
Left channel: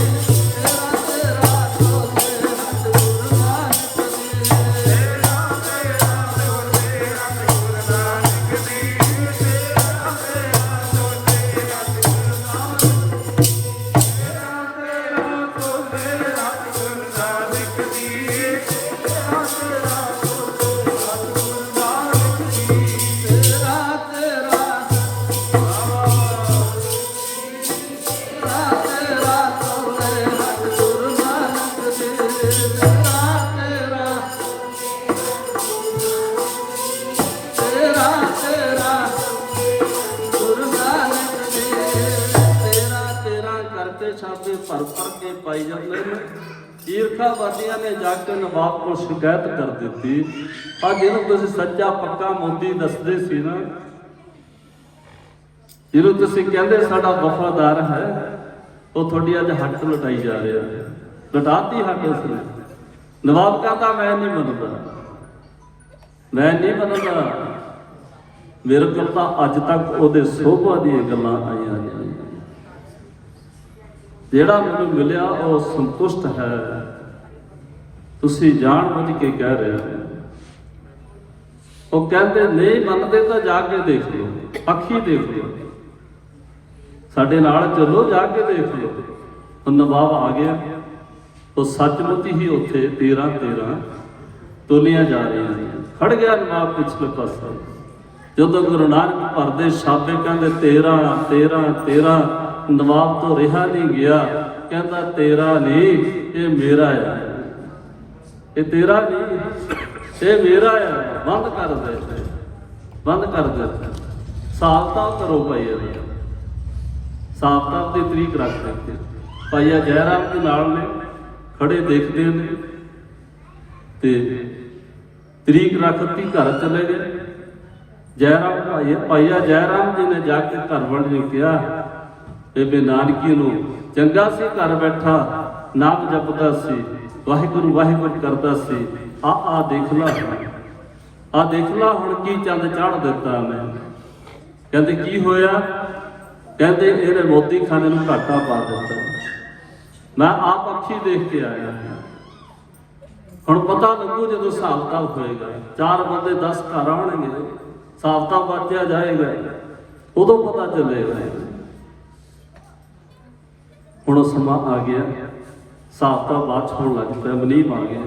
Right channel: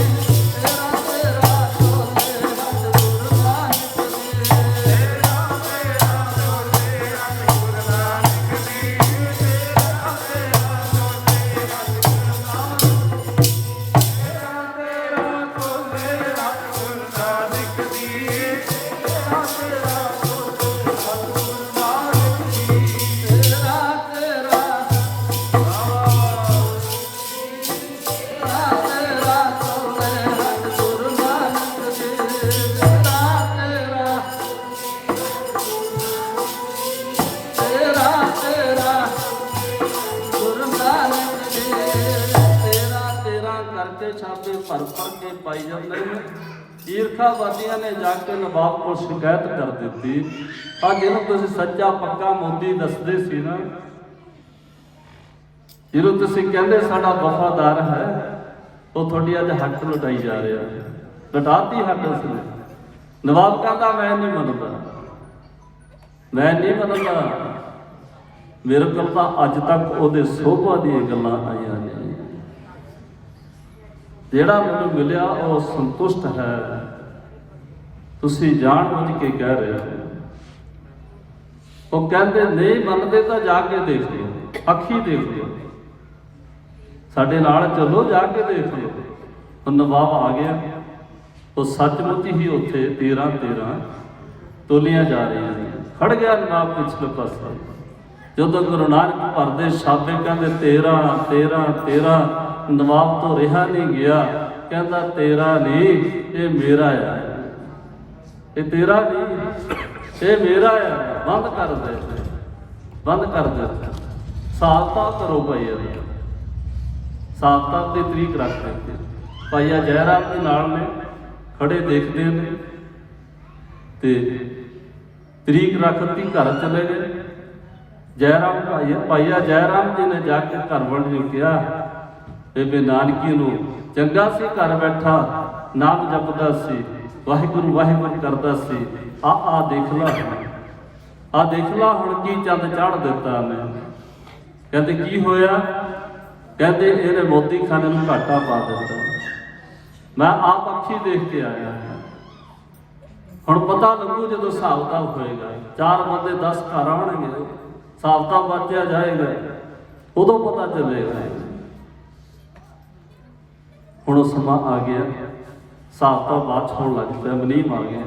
ਸੱਦੇ ਛਾਪੇ ਭਰ ਕੇ ਪਾਈ ਜਾਂਦੇ ਨੇ। ਈਰਖਾਵਾਦੀਆਂ ਨੇ ਜਾ ਕੇ ਨਵਾਬ ਕੋਲ ਸ਼ਿਕਾਇਤ ਕਰ ਦਿੱਤੀ, ਆ ਜਿਹਨੂੰ ਤੁਸੀਂ ਸੱਚਾ ਪੱਕਾ ਮੋਦੀ ਦੱਸਦੇ ਸੀ ਨਾ, ਜਿਹਨੂੰ ਤੁਸੀਂ ਕਹਿੰਦੇ ਸਾਡਾ ਵਫਾਦਾਰ ਹੈ, ਉਹ ਤੁਹਾਡੀ ਅੱਜ ਹੱਕ ਲੁਟਾਈ ਜਾ ਰਿਹਾ ਹੈ। ਲੁਟਾਤੀ ਹੱਕ ਉਸਨੇ। ਨਵਾਬ ਕਹਿੰਦਾ ਮੈਂ ਨਹੀਂ ਮੰਨਦਾ, ਮੈਂ ਨਹੀਂ ਮੰਨਦਾ, ਮੇਰੇ ਕੋਲ ਤਾਂ ਅੱਜ ਤੱਕ ਉਹਦੇ ਸੋਭਾ ਦੀਆਂ ਗੱਲਾਂ ਆਈਆਂ ਨੇ, ਜਿਹੜਾ ਮੈਨੂੰ ਮਿਲਿਆ ਉਹ ਸੰਤੁਸ਼ਟ ਹੈ, ਤੁਸੀਂ ਜਾਣ ਬੁੱਝ ਕੇ ਕਹਿ ਰਹੇ ਹੋ। ਉਹ ਕਹਿੰਦੇ ਨਹੀਂ ਮੰਨਦੇ ਤਾਂ ਜਾ ਕੇ ਦੇਖ ਲਓ, ਅੱਖੀ ਦੇਖ ਲਓ, ਸਾਡੇ ਨਾਲ ਚੱਲੋ, ਜਾ ਕੇ ਦੇਖ ਲਓ। ਉਹ ਨਵਾਬ ਆ ਗਿਆ, ਉਹ ਸੱਚਮੁੱਚ ਹੀ ਉੱਥੇ 13 ਤੋਲੀਆਂ ਜਾ ਰਹੀਆਂ ਨੇ। ਖੜ ਗਿਆ ਨਵਾਬ ਪਿਛਲੇ ਪਾਸੇ। ਜਦੋਂ ਗੁਰੂ ਨਾਨਕ ਭਰਦੇ ਸ਼ਾਬੇ ਕਹਿੰਦੇ 13 ਨਵਾਬ ਤੋਂ ਰਿਹਾ ਨਹੀਂ ਗਿਆ, ਕਹਿੰਦਾ ਤੇਰਾ ਨਹੀਂ ਇਹ ਮੇਰਾ ਆ, ਇਹ ਤੇਰਾ ਨਹੀਂ ਇਹ ਮੇਰਾ ਆ, ਬੰਦ ਕਰ ਦੇ, ਬੰਦ ਕਰ ਦੇ, ਸਾਫ ਕਰੋ ਭਾਈ, ਇਹਦਾ ਸਾਫ ਦੀ ਤਰੀਕ ਰੱਖ ਦਿੱਤੀ। ਭਾਈਆ ਜੈਰਾਮ ਦੇ ਨਾਲ ਨੇ, ਖੜੇ ਦੇਖਦੇ ਨੇ ਤੇ ਤਰੀਕ ਰੱਖਤੀ, ਘਰ ਚਲੇ ਗਏ। ਜੈਰਾਮ ਭਾਈਆ ਜੈਰਾਮ ਜੀ ਨੇ ਜਾ ਕੇ ਘਰ ਵੜ ਨੂੰ ਕਿਹਾ, ਬੇਬੇ ਨਾਨਕੀ ਨੂੰ ਚੰਗਾ ਸੀ ਘਰ ਬੈਠਾ ਨਾਮ ਜਪਦਾ ਸੀ, ਵਾਹਿਗੁਰੂ ਵਾਹਿਗੁਰੂ ਕਰਦਾ ਸੀ, ਆ ਦੇਖ ਲਾ, ਆ ਦੇਖ ਲਾ ਹੁਣ ਕੀ ਚੰਦ ਚਾੜ ਦਿੱਤਾ ਮੈਂ। ਕਹਿੰਦੇ ਕੀ ਹੋਇਆ? ਕਹਿੰਦੇ ਇਹਨੇ ਮੋਦੀ ਖਾਨੇ ਨੂੰ ਘਾਟਾ ਪਾ ਦਿੱਤਾ, ਮੈਂ ਆਪ ਅੱਖੀ ਦੇਖ ਕੇ ਆਇਆ। ਹੁਣ ਪਤਾ ਲੱਗੂ ਜਦੋਂ ਹਿਸਾਬ ਕਿਤਾਬ ਹੋਏਗਾ, 4 ਬੰਦੇ 10 ਘਰ ਆਉਣਗੇ, ਹਿਸਾਬ ਕਿਤਾਬ ਵਾਚਿਆ ਜਾਏਗਾ, ਉਦੋਂ ਪਤਾ ਚੱਲੇਗਾ। ਹੁਣ ਸਮਾਂ ਆ ਗਿਆ, ਹਿਸਾਬ ਕਿਤਾਬ ਬਾਅਦ ਹੋਣ ਲੱਗ ਪਿਆ, ਮਨੀਮ ਆ ਗਿਆ,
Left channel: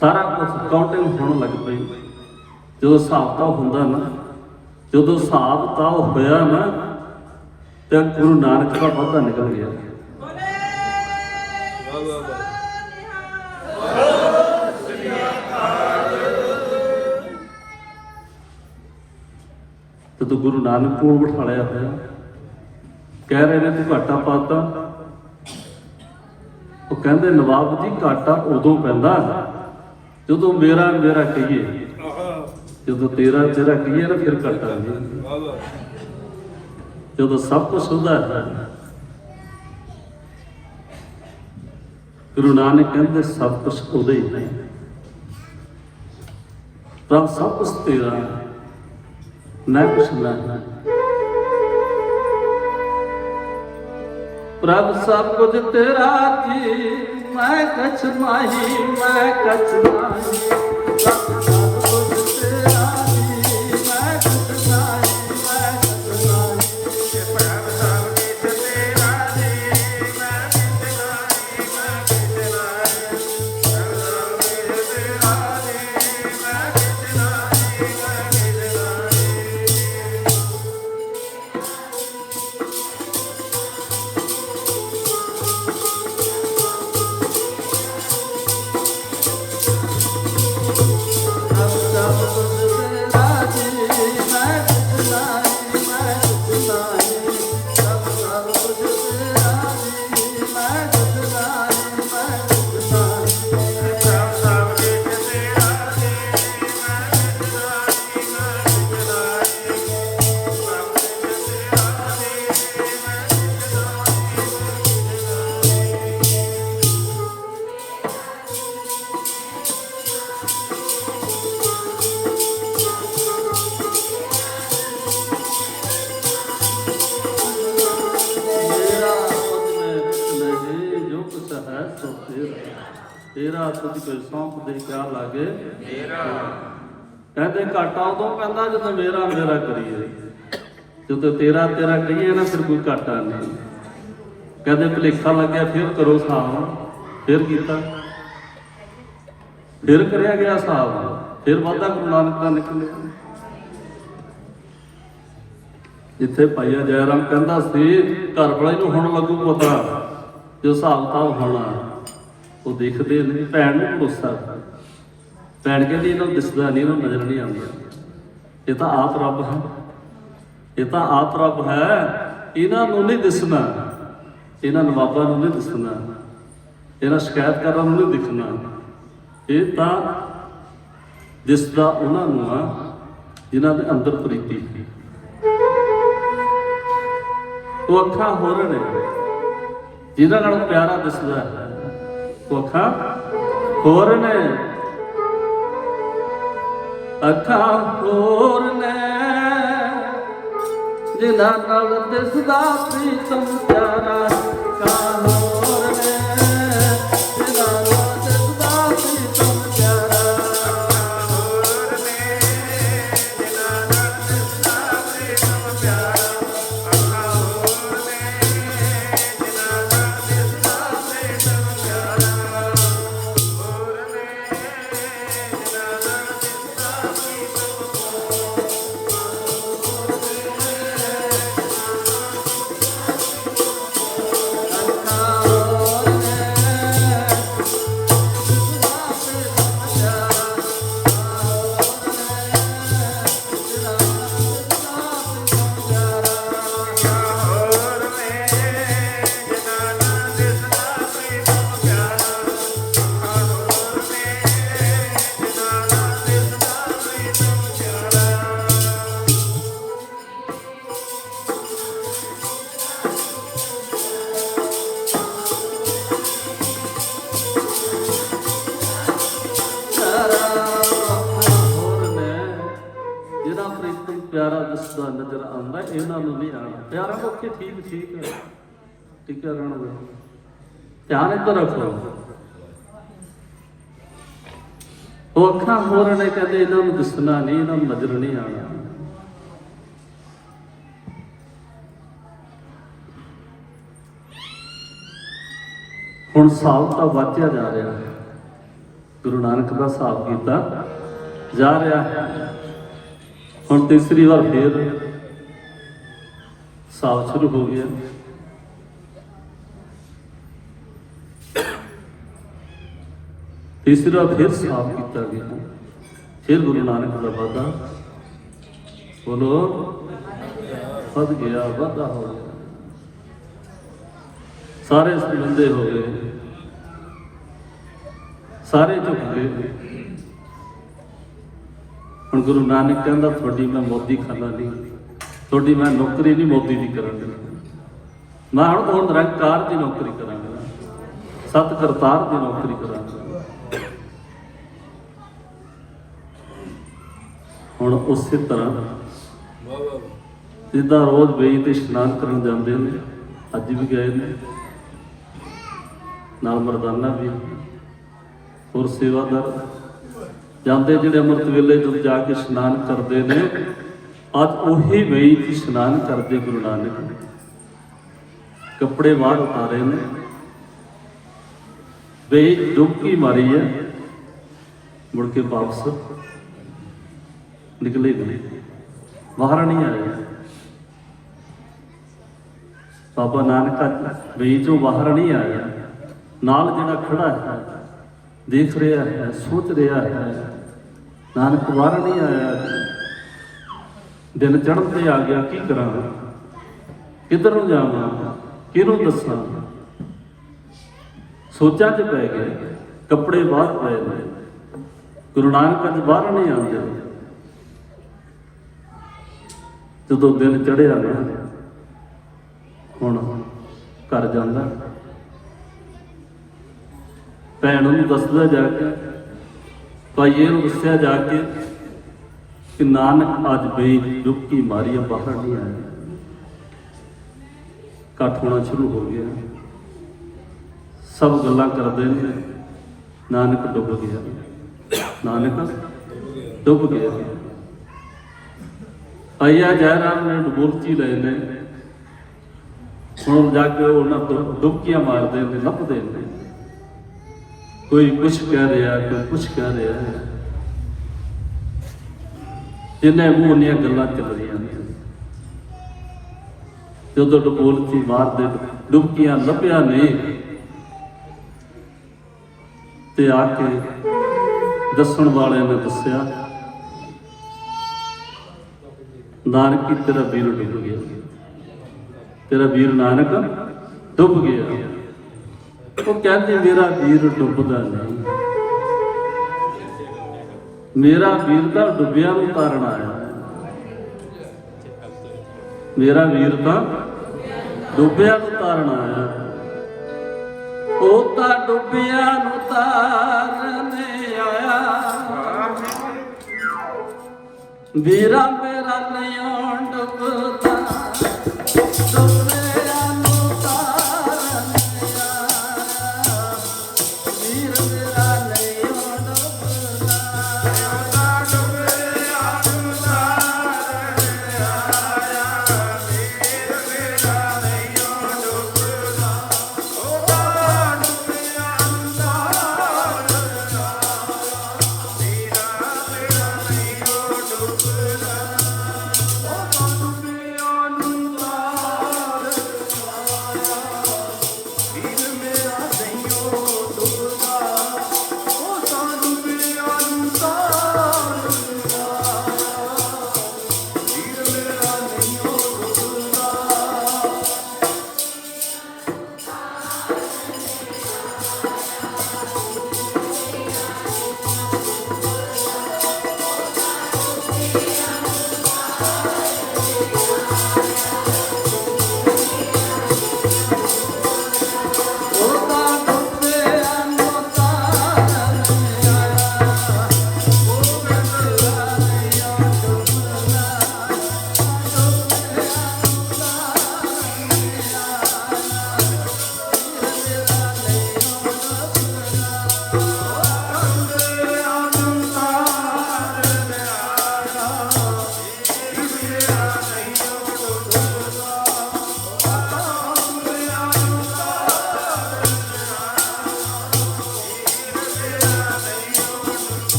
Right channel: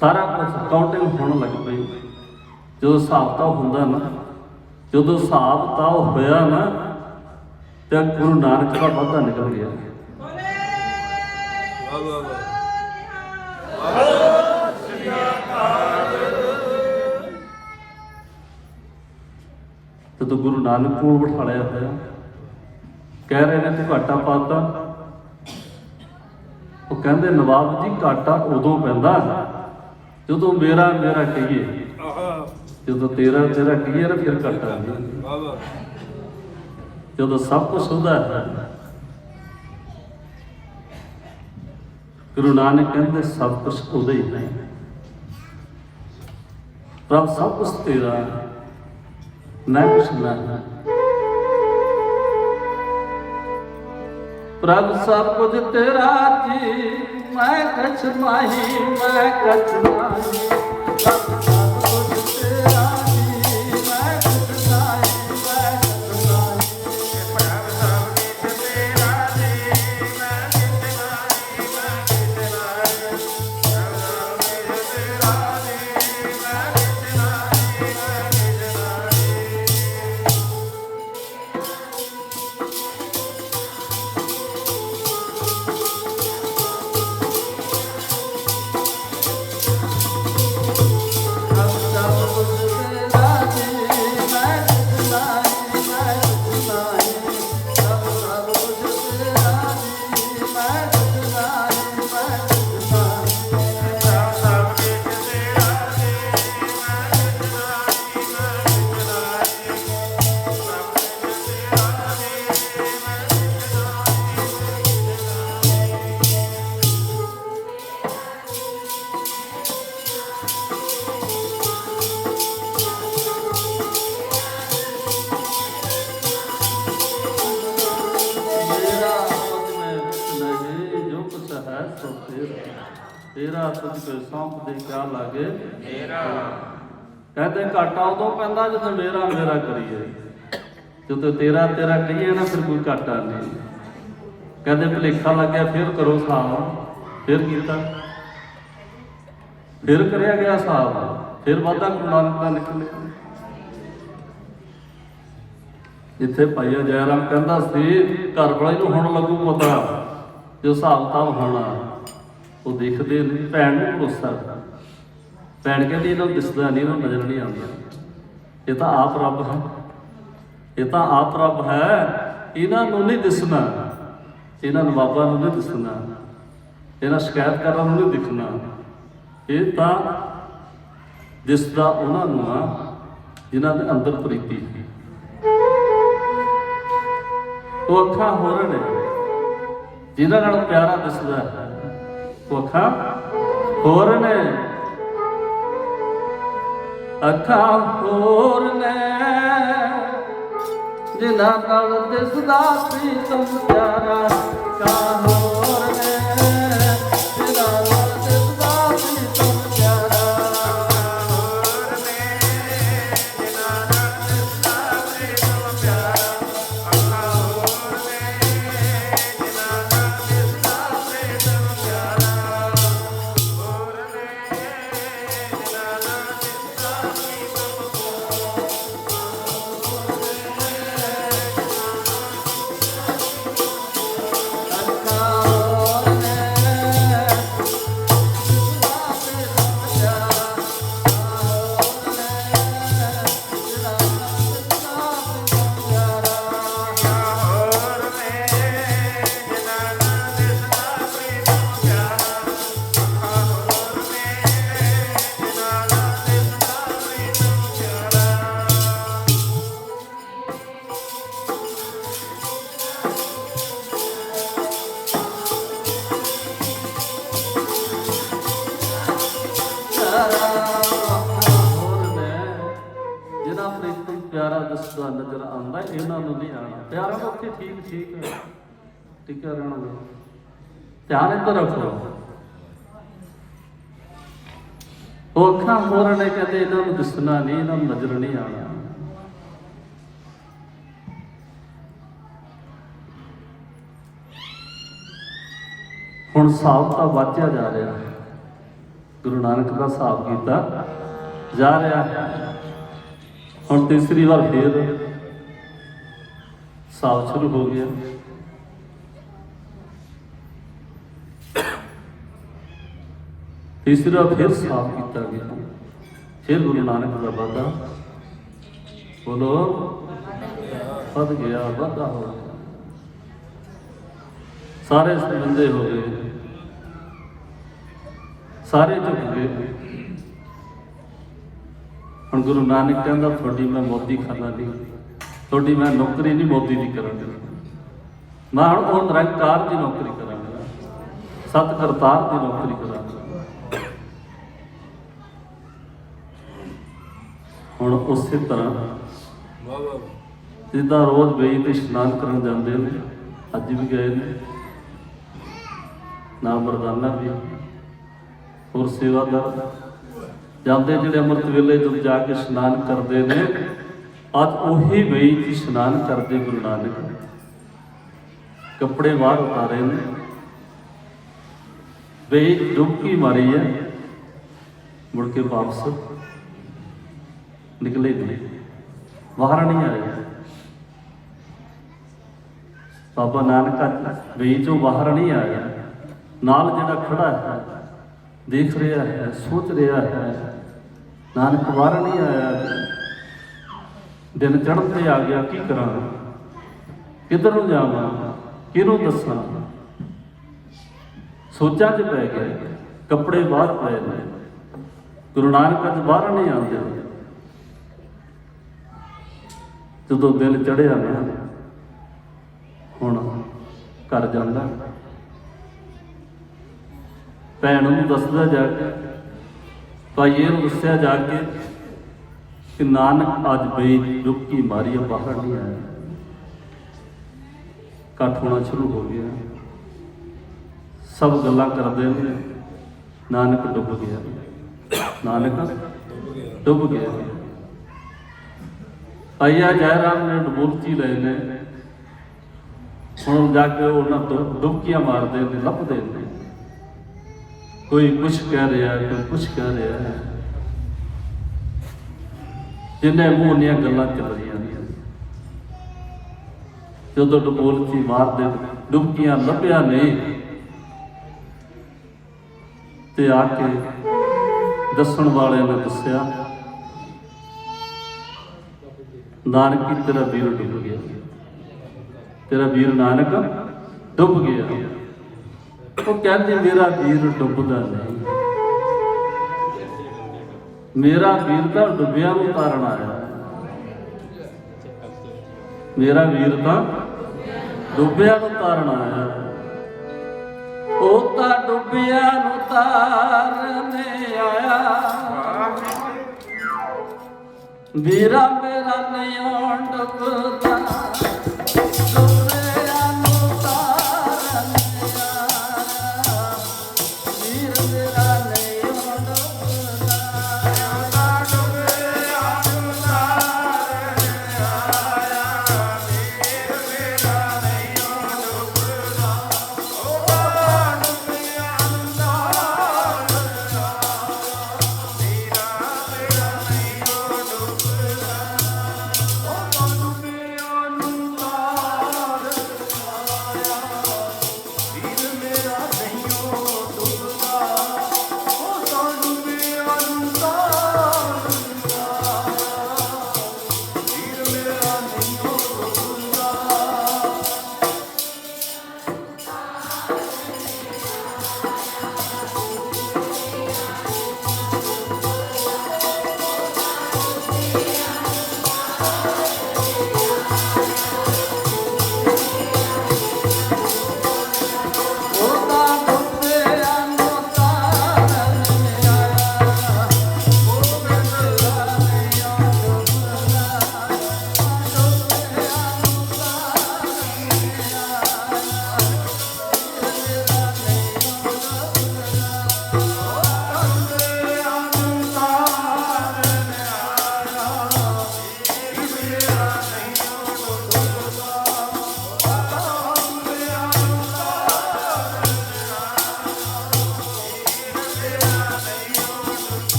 ਸਾਰਾ ਕੁਝ ਕਾਊਂਟਿੰਗ ਹੋਣ ਲੱਗ ਪਈ। ਜਦੋਂ ਹਿਸਾਬ ਕਿਤਾਬ ਹੁੰਦਾ ਨਾ, ਜਦੋਂ ਹਿਸਾਬ ਕਿਤਾਬ ਹੋਇਆ ਨਾ, ਤੇ ਗੁਰੂ ਨਾਨਕ ਦਾ ਵਾਧਾ ਨਿਕਲ ਗਿਆ। ਵਾਹ ਵਾਹ ਵਾਹ। ਜਦੋਂ ਗੁਰੂ ਨਾਨਕ ਕੋਲ ਬਿਠਾਲਿਆ ਹੋਇਆ, ਕਹਿ ਰਹੇ ਨੇ ਤੂੰ ਘਾਟਾ ਪਾਤਾ। ਉਹ ਕਹਿੰਦੇ ਨਵਾਬ ਜੀ ਘਾਟਾ ਉਦੋਂ ਪੈਂਦਾ ਜਦੋਂ ਮੇਰਾ ਮੇਰਾ ਕਹੀਏ, ਜਦੋਂ ਤੇਰਾ ਤੇਰਾ ਕਹੀਏ ਨਾ ਫਿਰ ਘਾਟਾ ਨਹੀਂ। ਵਾਹ ਵਾਹ। ਜਦੋਂ ਸਭ ਕੁਝ ਹੁੰਦਾ ਹੈ, ਗੁਰੂ ਨਾਨਕ ਕਹਿੰਦੇ ਸਭ ਕੁਝ ਉਹਦਾ ਹੀ ਹੈ, ਪ੍ਰਭ ਸਭ ਕੁਝ ਤੇਰਾ, ਨਾ ਕੁਛ ਨਾ। ਪ੍ਰਭ ਸਭ ਕੁਝ ਤੇਰਾ ਜੀ, ਮੈਂ ਕਛ ਮਾਹੀ, ਮੈਂ ਕਛ ਮਾਹੀ। ਤੇਰਾ ਤੁਝ ਕੇ ਸੌਂਪ ਦੇ ਕਿਆ ਲਾਗੇ ਮੇਰਾ। ਕਹਿੰਦੇ ਘਾਟਾ ਉਦੋਂ ਪੈਂਦਾ ਜਦੋਂ ਮੇਰਾ ਮੇਰਾ ਕਰੀਏ, ਜਦੋਂ ਤੇਰਾ ਤੇਰਾ ਕਹੀਏ ਨਾ ਫਿਰ ਕੋਈ ਘਾਟਾ ਨਹੀਂ। ਕਹਿੰਦੇ ਭੁਲੇਖਾ ਲੱਗਿਆ ਫਿਰ ਕਰੋ ਹਿਸਾਬ, ਫਿਰ ਕੀਤਾ, ਫਿਰ ਕਰਿਆ ਗਿਆ ਹਿਸਾਬ, ਫਿਰ ਵਾਧਾ ਗੁਰੂ ਨਾਨਕ ਦਾ ਨਿਕਲਿਆ। ਜਿੱਥੇ ਭਾਈਆ ਜੈਰਾਮ ਕਹਿੰਦਾ ਸੀ ਘਰ ਵਾਲੇ ਨੂੰ ਹੁਣ ਲੱਗੂ ਪਤਾ ਜੋ ਹਿਸਾਬ ਕਿਤਾਬ ਹੋਣਾ, ਉਹ ਦੇਖਦੇ ਨੇ। ਭੈਣ ਨੂੰ ਭਰੋਸਾ, ਭੈਣ ਕਹਿੰਦੀ ਇਹਨਾਂ ਨੂੰ ਦਿਸਦਾ ਨਹੀਂ, ਇਹਨੂੰ ਨਜ਼ਰ ਨਹੀਂ ਆਉਂਦਾ, ਇਹ ਤਾਂ ਆਪ ਰੱਬ ਹੈ, ਇਹ ਤਾਂ ਆਪ ਰੱਬ ਹੈ, ਇਹਨਾਂ ਨੂੰ ਨਹੀਂ ਦਿਸਣਾ, ਇਹਨਾਂ ਨਵਾਬਾਂ ਨੂੰ ਨਹੀਂ ਦਿਸਣਾ, ਇਹਨਾਂ ਸ਼ਿਕਾਇਤਕਾਰਾਂ ਨੂੰ ਨਹੀਂ ਦਿਖਣਾ। ਇਹ ਤਾਂ ਦਿਸਦਾ ਉਹਨਾਂ ਨੂੰ ਆ ਜਿਨ੍ਹਾਂ ਦੇ ਅੰਦਰ ਪ੍ਰੀਤੀ ਸੀ। ਉਹ ਅੱਖਾਂ ਹੋਰ ਨੇ ਜਿਹਨਾਂ ਨਾਲ ਪਿਆਰਾ ਦਿਸਦਾ ਹੈ, ਉਹ ਅੱਖਾਂ ਹੋਰ ਨੇ, ਅੱਖਾਂ ਹੋਰ ਨੇ ਜਿਨ੍ਹਾਂ ਨਾਲ ਦਿਸਦਾ ਪ੍ਰੀਤਮ ਪਿਆਰਾ। ਅੱਖਾਂ ਹੋਰ ਨੇ ਜਿਨ੍ਹਾਂ ਨਾਲ ਦਿਸਦਾ ਪ੍ਰੀਤਮ ਪਿਆਰਾ। ਜਿਹੜਾ ਪ੍ਰੀਤਮ ਪਿਆਰਾ ਦਿਸਦਾ ਨਜ਼ਰ ਆਉਂਦਾ, ਇਹਨਾਂ ਨੂੰ ਨਹੀਂ ਆਉਣਾ। ਪਿਆਰਾ ਲੋਕੇ ਠੀਕ ਹੈ, ਟਿਕਿਆ ਰਹਿਣਾ, ਧਿਆਨ ਇੱਧਰ ਰੱਖੋ। ਉਹ ਅੱਖਾਂ ਹੋਰ ਨੇ, ਕਹਿੰਦੇ ਇਹਨਾਂ ਨੂੰ ਦਿਸਣਾ ਨਹੀਂ, ਇਹਨਾਂ ਨੂੰ ਨਜ਼ਰ ਨਹੀਂ ਆਉਣਾ। ਹੁਣ ਹਿਸਾਬ ਤਾਂ ਵਾਚਿਆ ਜਾ ਰਿਹਾ ਹੈ, ਗੁਰੂ ਨਾਨਕ ਦਾ ਹਿਸਾਬ ਕੀਤਾ ਜਾ ਰਿਹਾ ਹੈ। ਹੁਣ ਤੀਸਰੀ ਵਾਰ ਫੇਰ ਹਿਸਾਬ ਸ਼ੁਰੂ ਹੋ ਗਿਆ। ਤੀਸਰੀ ਵਾਰ ਫਿਰ ਹਿਸਾਬ ਕੀਤਾ ਗਿਆ। ਫਿਰ ਗੁਰੂ ਨਾਨਕ ਦਾ ਵਾਅਦਾ, ਬੋਲੋ, ਵੱਧ ਗਿਆ, ਵਾਧਾ ਹੋ ਗਿਆ। ਸਾਰੇ ਸੰਬੰਧੇ ਹੋ ਗਏ, ਸਾਰੇ ਝੁਕ ਗਏ। ਹੁਣ ਗੁਰੂ ਨਾਨਕ ਕਹਿੰਦਾ, ਤੁਹਾਡੀ ਮੈਂ ਮੋਦੀ ਖਾਨਾ ਨਹੀਂ, ਤੁਹਾਡੀ ਮੈਂ ਨੌਕਰੀ ਨਹੀਂ ਮੋਦੀ ਦੀ ਕਰਾਂਗਾ, ਮੈਂ ਹੁਣ ਨਿਰੰਕਾਰ ਦੀ ਨੌਕਰੀ ਕਰਾਂਗਾ, ਸਤ ਕਰਤਾਰ ਦੀ ਨੌਕਰੀ ਕਰਾਂਗਾ। ਹੁਣ ਉਸੇ ਤਰ੍ਹਾਂ ਜਿੱਦਾਂ ਰੋਜ਼ ਵੇਈ ਤੇ ਇਸ਼ਨਾਨ ਕਰਨ ਜਾਂਦੇ ਨੇ, ਅੱਜ ਵੀ ਗਏ ਨੇ, ਨਾਲ ਮਰਦਾਨਾ ਵੀ ਹੋਰ ਸੇਵਾਦਾਰ ਜਾਂਦੇ, ਜਿਹੜੇ ਅੰਮ੍ਰਿਤ ਵੇਲੇ ਤੋਂ ਜਾ ਕੇ ਇਸ਼ਨਾਨ ਕਰਦੇ ਨੇ, ਅੱਜ ਉਹੀ ਵੇਈ 'ਚ ਇਸ਼ਨਾਨ ਕਰਦੇ ਗੁਰੂ ਨਾਨਕ। ਕੱਪੜੇ ਬਾਹਰ ਉਤਾਰੇ ਨੇ, ਵੇਈ ਡੁਬਕੀ ਮਾਰੀ ਹੈ, ਮੁੜ ਕੇ ਵਾਪਸ ਨਿਕਲੇ ਨਹੀਂ, ਬਾਹਰ ਨਹੀਂ ਆਏ। ਬਾਬਾ ਨਾਨਕ ਵੇਈ 'ਚੋਂ ਬਾਹਰ ਨਹੀਂ ਆਇਆ। ਨਾਲ ਜਿਹੜਾ ਖੜਾ ਹੈ, ਦੇਖ ਰਿਹਾ ਹੈ, ਸੋਚ ਰਿਹਾ ਹੈ, ਨਾਨਕ ਬਾਹਰ ਨਹੀਂ ਆਇਆ। ਦਿਨ ਚੜ੍ਹਨ ਤੇ ਆ ਗਿਆ, ਕੀ ਕਰਾਂ, ਕਿੱਧਰ ਨੂੰ ਜਾਵਾਂ, ਕਿਹਨੂੰ ਦੱਸਾਂ। ਸੋਚਾਂ 'ਚ ਪੈ ਗਏ, ਕੱਪੜੇ ਬਾਹਰ ਪਏ ਨੇ, ਗੁਰੂ ਨਾਨਕ ਅੱਜ ਬਾਹਰ ਨਹੀਂ ਆਉਂਦੇ। ਜਦੋਂ ਦਿਨ ਚੜ੍ਹਿਆ ਨਾ, ਹੁਣ ਘਰ ਜਾਂਦਾ, ਭੈਣ ਨੂੰ ਦੱਸਦਾ ਜਾ ਕੇ, ਭਾਈਏ ਨੂੰ ਦੱਸਿਆ ਜਾ ਕੇ ਕਿ ਨਾਨਕ ਅੱਜ ਬਈ ਡੁਬਕੀ ਮਾਰੀ, ਬਾਹਰ ਨਹੀਂ ਆਇਆ। ਇਕੱਠ ਹੋਣਾ ਸ਼ੁਰੂ ਹੋ ਗਿਆ, ਸਭ ਗੱਲਾਂ ਕਰਦੇ ਨੇ, ਨਾਨਕ ਡੁੱਬ ਗਿਆ, ਨਾਨਕ ਡੁੱਬ ਗਿਆ। ਆਇਆ ਜੈਰਾਮ ਨੇ ਡੁਬੋਲਚੀ ਲਏ ਨੇ, ਹੁਣ ਜਾ ਕੇ ਉਹਨਾਂ ਡੁਬਕੀਆਂ ਮਾਰਦੇ ਨੇ, ਲੱਭਦੇ ਨੇ, ਕੋਈ ਕੁਛ ਕਹਿ ਰਿਹਾ, ਕੋਈ ਕੁਛ ਕਹਿ ਰਿਹਾ ਹੈ। ਜਿੰਨੇ ਮੂੰਹ ਦੀਆਂ ਗੱਲਾਂ ਚੱਲ ਰਹੀਆਂ ਨੇ, ਜਦੋਂ ਡੁਬੋਲਚੀ ਮਾਰਦੇ, ਡੁਬਕੀਆਂ ਲੱਭਿਆ ਨਹੀਂ, ਤੇ ਆ ਕੇ ਦੱਸਣ ਵਾਲਿਆਂ ਨੇ ਦੱਸਿਆ, ਨਾਨਕ ਤੇਰਾ ਵੀਰ ਡੁੱਬ ਗਿਆ, ਤੇਰਾ ਵੀਰ ਨਾਨਕ ਡੁੱਬ ਗਿਆ। ਉਹ ਕਹਿੰਦੀ ਮੇਰਾ ਵੀਰ ਡੁੱਬਦਾ ਨਹੀਂ, ਮੇਰਾ ਵੀਰ ਤਾਂ ਡੁੱਬਿਆ ਨੂੰ ਤਾਰਨ ਆਇਆ, ਮੇਰਾ ਵੀਰ ਤਾਂ ਡੁੱਬਿਆ ਨੂੰ ਤਾਰਨ ਆਇਆ। ਉਹ ਤਾਂ ਡੁੱਬਿਆ ਨੂੰ ਤਾਰਨ ਆਇਆ, ਵੀਰਾ ਮੇਰਾ ਨਹੀਂ ਡੁੱਬਦਾ, ਡੁੱਬਿਆ ਨੂੰ ਤਾਰਨ ਆਇਆ, ਵੀਰ ਮੇਰਾ ਨਹੀਂ ਡੁੱਬਦਾ।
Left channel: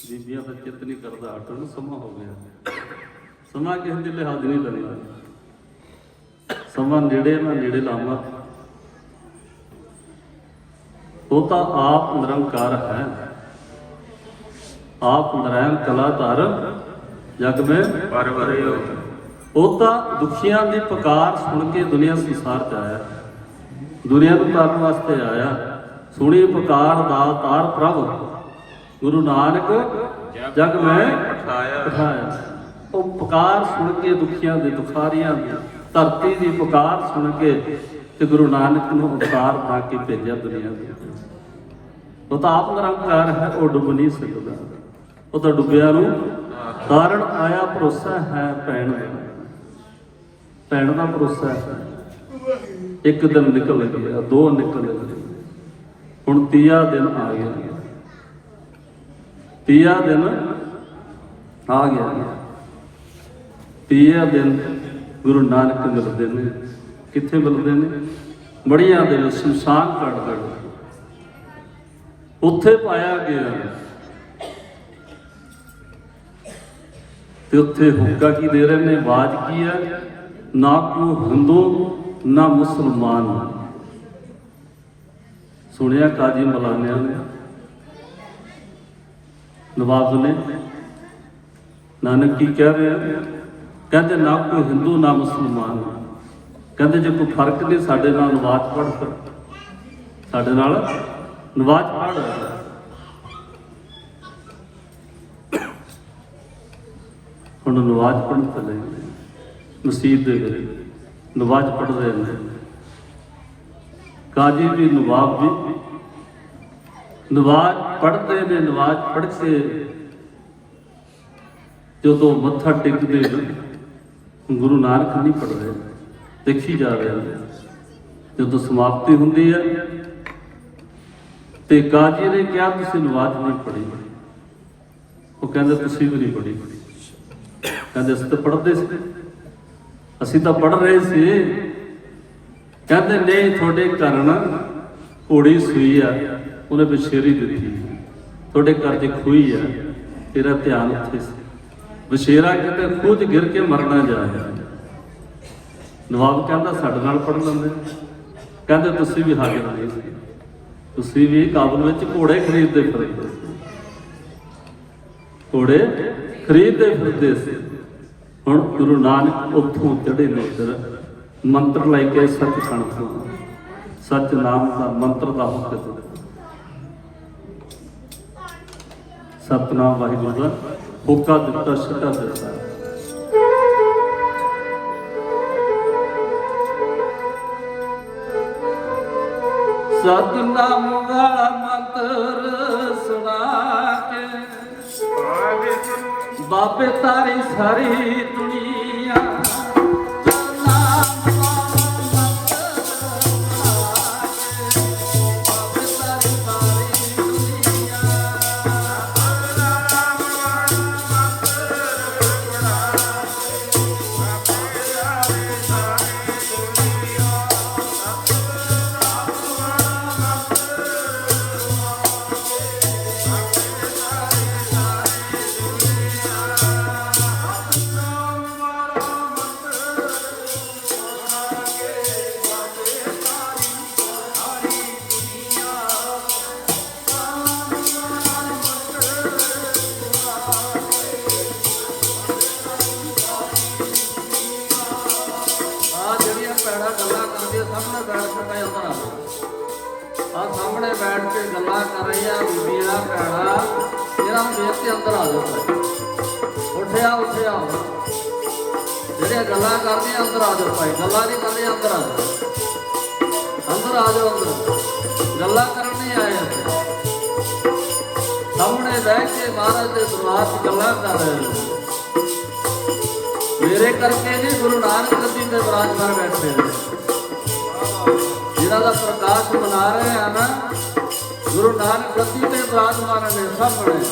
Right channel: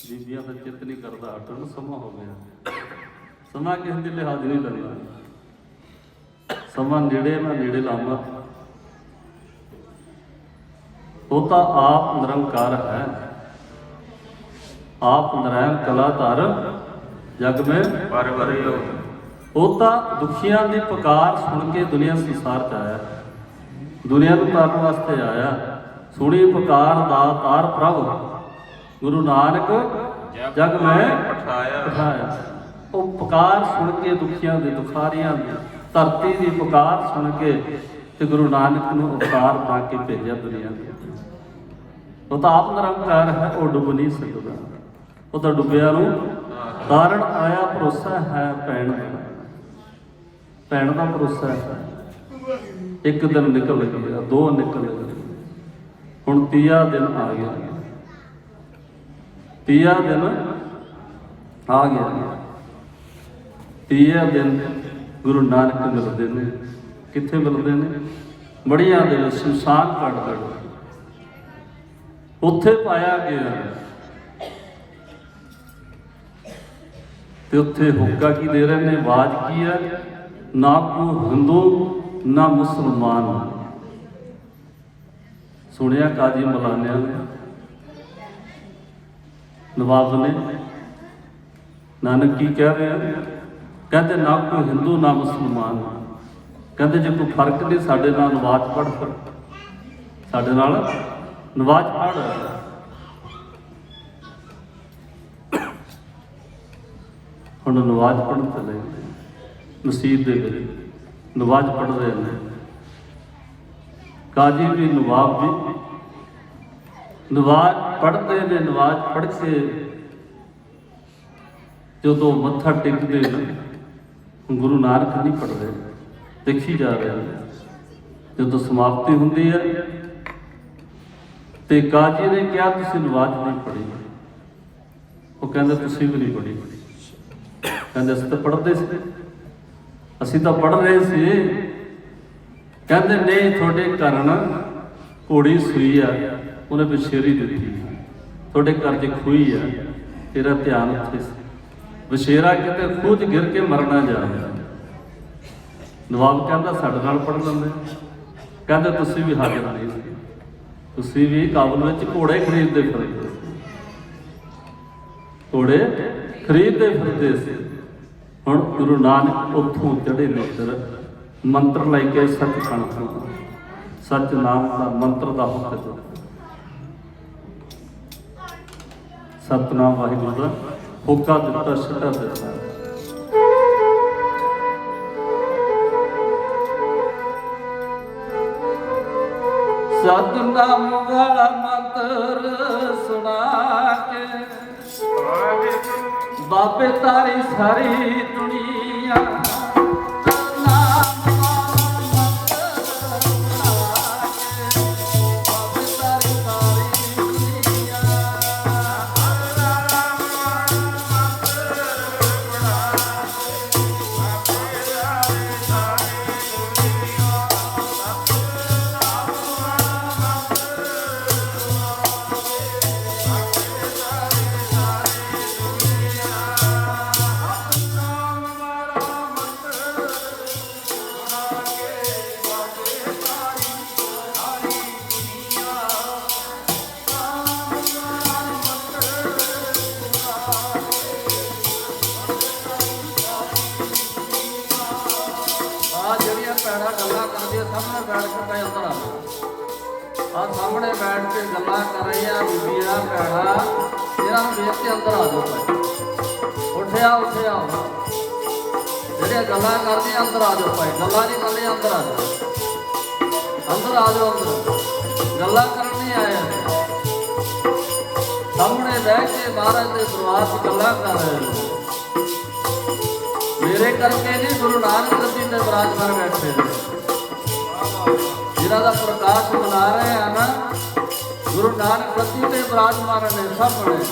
ਬੀਬੀਆਂ ਦਾ ਚਿੱਤ ਨਹੀਂ ਕਰਦਾ ਹਟਣ, ਸਮਾਂ ਹੋ ਗਿਆ। ਸਮਾਂ ਕਿਸੇ ਦੇ ਲਿਹਾਜ਼ ਨਹੀਂ ਕਰਨਾ, ਸਮਾਂ ਨੇੜੇ ਮੈਂ ਨੇੜੇ ਲਾਵਾਂ। ਉਹ ਤਾਂ ਆਪ ਨਿਰੰਕਾਰ ਹੈ, ਆਪ ਨਾਰਾਇਣ ਕਲਾਧਰ ਜਗ में परवरियो। ਉਹ ਤਾਂ ਦੁਖੀਆਂ ਦੀ ਪੁਕਾਰ ਸੁਣ ਕੇ ਦੁਨੀਆ ਸੰਸਾਰ 'ਚ ਆਇਆ, ਦੁਨੀਆ ਨੂੰ ਤਾਰਨ ਵਾਸਤੇ ਆਇਆ। ਸੁਣੀ ਪੁਕਾਰ ਦਾਤਾਰ ਪ੍ਰਭ ਗੁਰੂ ਨਾਨਕ ਜਗ ਮੈਂ ਪਠਾਇਆ। ਉਹ ਪੁਕਾਰ ਸੁਣ ਕੇ ਦੁਖੀਆਂ ਦੇ ਦੁਖਾਰੀਆਂ ਦੀ ਧਰਤੀ ਦੀ ਪੁਕਾਰ ਸੁਣ ਕੇ ਤੇ ਗੁਰੂ ਨਾਨਕ ਨੂੰ ਅਵਤਾਰ ਬਣਾ ਕੇ ਭੇਜਿਆ ਦੁਨੀਆ ਦੇ। ਉਹ ਤਾਂ ਆਪ ਨਿਰੰਕਾਰ ਹੈ, ਉਹ ਡੁੱਬ ਨਹੀਂ ਸਕਦਾ। ਉਹ ਤਾਂ ਡੁੱਬਿਆ ਨੂੰ ਤਾਰਨ ਆਇਆ। ਭਰੋਸਾ ਹੈ ਭੈਣ ਦਾ, ਭੈਣ ਦਾ ਭਰੋਸਾ ਹੈ। ਇੱਕ ਦਿਨ ਨਿਕਲ ਗਿਆ, ਦੋ ਨਿਕਲ ਗਏ, ਹੁਣ ਤੀਆ ਦਿਨ ਆ ਗਿਆ। ਤੀਆ ਦਿਨ ਆ ਗਿਆ। ਤੀਆ ਦਿਨ ਗੁਰੂ ਨਾਨਕ ਮਿਲਦੇ ਨੇ। ਕਿੱਥੇ ਮਿਲਦੇ ਨੇ? ਮੜੀਆਂ ਦੇ ਵਿੱਚ, ਸ਼ਮਸ਼ਾਨ ਘਾਟ ਦੇ ਵਿੱਚ। ਉੱਥੇ ਪਾਇਆ ਗਿਆ ਤੇ ਉੱਥੇ ਹੁੱਕਾ ਕੀ ਦੇ ਰਹੇ ਨੇ? ਆਵਾਜ਼ ਕੀ ਹੈ? ਨਾ ਕੋਈ ਹਿੰਦੂ ਨਾ ਮੁਸਲਮਾਨ। ਸੁਣਿਆ ਕਾਜੀ ਮਲਾਨਿਆਂ ਨੇ, ਨਵਾਬ ਨੇ। ਨਾਨਕ ਕੀ ਕਹਿ ਰਹੇ? ਕਹਿੰਦੇ ਨਾ ਕੋਈ ਹਿੰਦੂ ਨਾ ਮੁਸਲਮਾਨ। ਕਹਿੰਦੇ ਜੇ ਕੋਈ ਫਰਕ ਨਹੀਂ ਸਾਡੇ ਨਾਲ ਨਵਾਜ਼ ਪੜ੍ਹ, ਫਿਰ ਸਾਡੇ ਨਾਲ ਨਵਾਜ਼ ਪੜ੍ਹ। ਹੁਣ ਨਵਾਜ਼ ਪੜ੍ਹਨ ਚਲੇ ਮਸਜਿਦ ਦੇ ਵਿੱਚ, ਨਵਾਜ਼ ਪੜ੍ਹ ਰਹੇ ਨੇ। ਕਾਜੀ ਵੀ ਨਵਾਬ ਵੀ ਨਵਾਜ਼ ਪੜ੍ਹਦੇ ਨੇ। ਨਵਾਜ਼ ਪੜ੍ਹ ਕੇ ਜਦੋਂ ਮੱਥਾ ਟੇਕਦੇ ਨੇ, ਗੁਰੂ ਨਾਨਕ ਨਹੀਂ ਪੜ੍ਹ ਰਹੇ, ਦੇਖੀ ਜਾ ਰਹੇ ਨੇ। ਜਦੋਂ ਸਮਾਪਤੀ ਹੁੰਦੀ ਹੈ ਤੇ ਕਾਜੀ ਨੇ ਕਿਹਾ ਤੁਸੀਂ ਨਵਾਜ਼ ਨਹੀਂ ਪੜ੍ਹੀ। ਉਹ ਕਹਿੰਦੇ ਤੁਸੀਂ ਵੀ ਨਹੀਂ ਪੜ੍ਹੀ। ਕਹਿੰਦੇ ਅਸੀਂ ਤਾਂ ਪੜ੍ਹਦੇ ਸੀ, ਅਸੀਂ ਤਾਂ ਪੜ੍ਹ ਰਹੇ ਸੀ। ਕਹਿੰਦੇ ਨਹੀਂ, ਤੁਹਾਡੇ ਘਰ ਨਾ ਘੋੜੀ ਸੂਈ ਆ, ਉਹਨੇ ਬਸ਼ੇਰੀ ਦਿੱਤੀ। ਤੁਹਾਡੇ ਘਰ 'ਚ ਖੂਹੀ ਆ, ਤੇਰਾ ਧਿਆਨ ਉੱਥੇ ਸੀ। ਬਸ਼ੇਰਾ ਕਿਤੇ ਖੂਹ 'ਚ ਗਿਰ ਕੇ ਮਰਨਾ ਜਾ ਰਿਹਾ। ਨਵਾਬ ਕਹਿੰਦਾ ਸਾਡੇ ਨਾਲ ਪੜ੍ਹ ਲੈਂਦੇ। ਕਹਿੰਦੇ ਤੁਸੀਂ ਵੀ ਹਾਜ਼ਰ ਨਹੀਂ ਸੀ, ਤੁਸੀਂ ਵੀ ਕਾਬਲ ਵਿੱਚ ਘੋੜੇ ਖਰੀਦਦੇ ਫਿਰਦੇ ਸੀ, ਘੋੜੇ ਖਰੀਦਦੇ ਫਿਰਦੇ ਸੀ। ਹੁਣ ਗੁਰੂ ਨਾਨਕ ਉੱਥੋਂ ਚੜ੍ਹੇ ਨੇ, ਫਿਰ ਮੰਤਰ ਲੈ ਕੇ ਸੱਚਖੰਡ ਤੋਂ ਸੱਚ ਨਾਮ ਦਾ ਮੰਤਰ ਦਾ ਹੁਕਮ। ਸਤਿਨਾਮ ਵਾਹਿਗੁਰੂ ਦਾ ਹੋਕਾ ਦਿੱਤਾ, ਸਿੱਧਾ ਦਿੱਤਾ। ਸਤਿਨਾਮ ਵਾਲਾ ਮੰਤਰ ਸੁਣਾ ਕੇ ਬਾਬੇ ਤਾਰੀ ਸਾਰੀ ਦੁਨੀਆ। ਸਾਹਮਣੇ ਬੈਠ ਕੇ ਪੈਂਦਾ ਆ, ਸਾਹਮਣੇ ਬੈਠ ਕੇ ਗੱਲਾਂ ਕਰ ਰਹੀਆਂ ਬੀਬੀਆਂ ਭੈਣਾਂ, ਇਹਨਾਂ ਨੂੰ ਦੇਖ ਕੇ ਅੰਦਰ ਆ ਜਾਓ। ਉੱਠਿਆ ਜਿਹੜੇ ਗੱਲਾਂ ਕਰਦੇ ਅੰਦਰ ਆ ਜਾਓ ਭਾਈ, ਗੱਲਾਂ ਨਹੀਂ ਕਰਦੇ ਅੰਦਰ ਆ ਜਾਓ, ਅੰਦਰ ਆ ਜਾਓ। ਅੰਦਰ ਗੱਲਾਂ ਕਰਨ ਨਹੀਂ ਆਏ, ਸਾਹਮਣੇ ਬੈਠ ਕੇ ਮਹਾਰਾਜ ਦੇ ਦਰਬਾਰ 'ਚ ਗੱਲਾਂ ਕਰ ਰਹੇ ਹੋ। ਮੇਰੇ ਕਰਕੇ ਨਹੀਂ, ਗੁਰੂ ਨਾਨਕ ਗੱਦੀ ਤੇ ਵਿਰਾਜਮਾਨ ਬੈਠੇ ਨੇ, ਜਿਨ੍ਹਾਂ ਦਾ ਪ੍ਰਕਾਸ਼ ਮਨਾ ਰਹੇ ਆ ਨਾ, ਗੁਰੂ ਨਾਨਕ ਗੱਦੀ ਤੇ ਵਿਰਾਜਮਾਨ ਨੇ ਸਾਹਮਣੇ।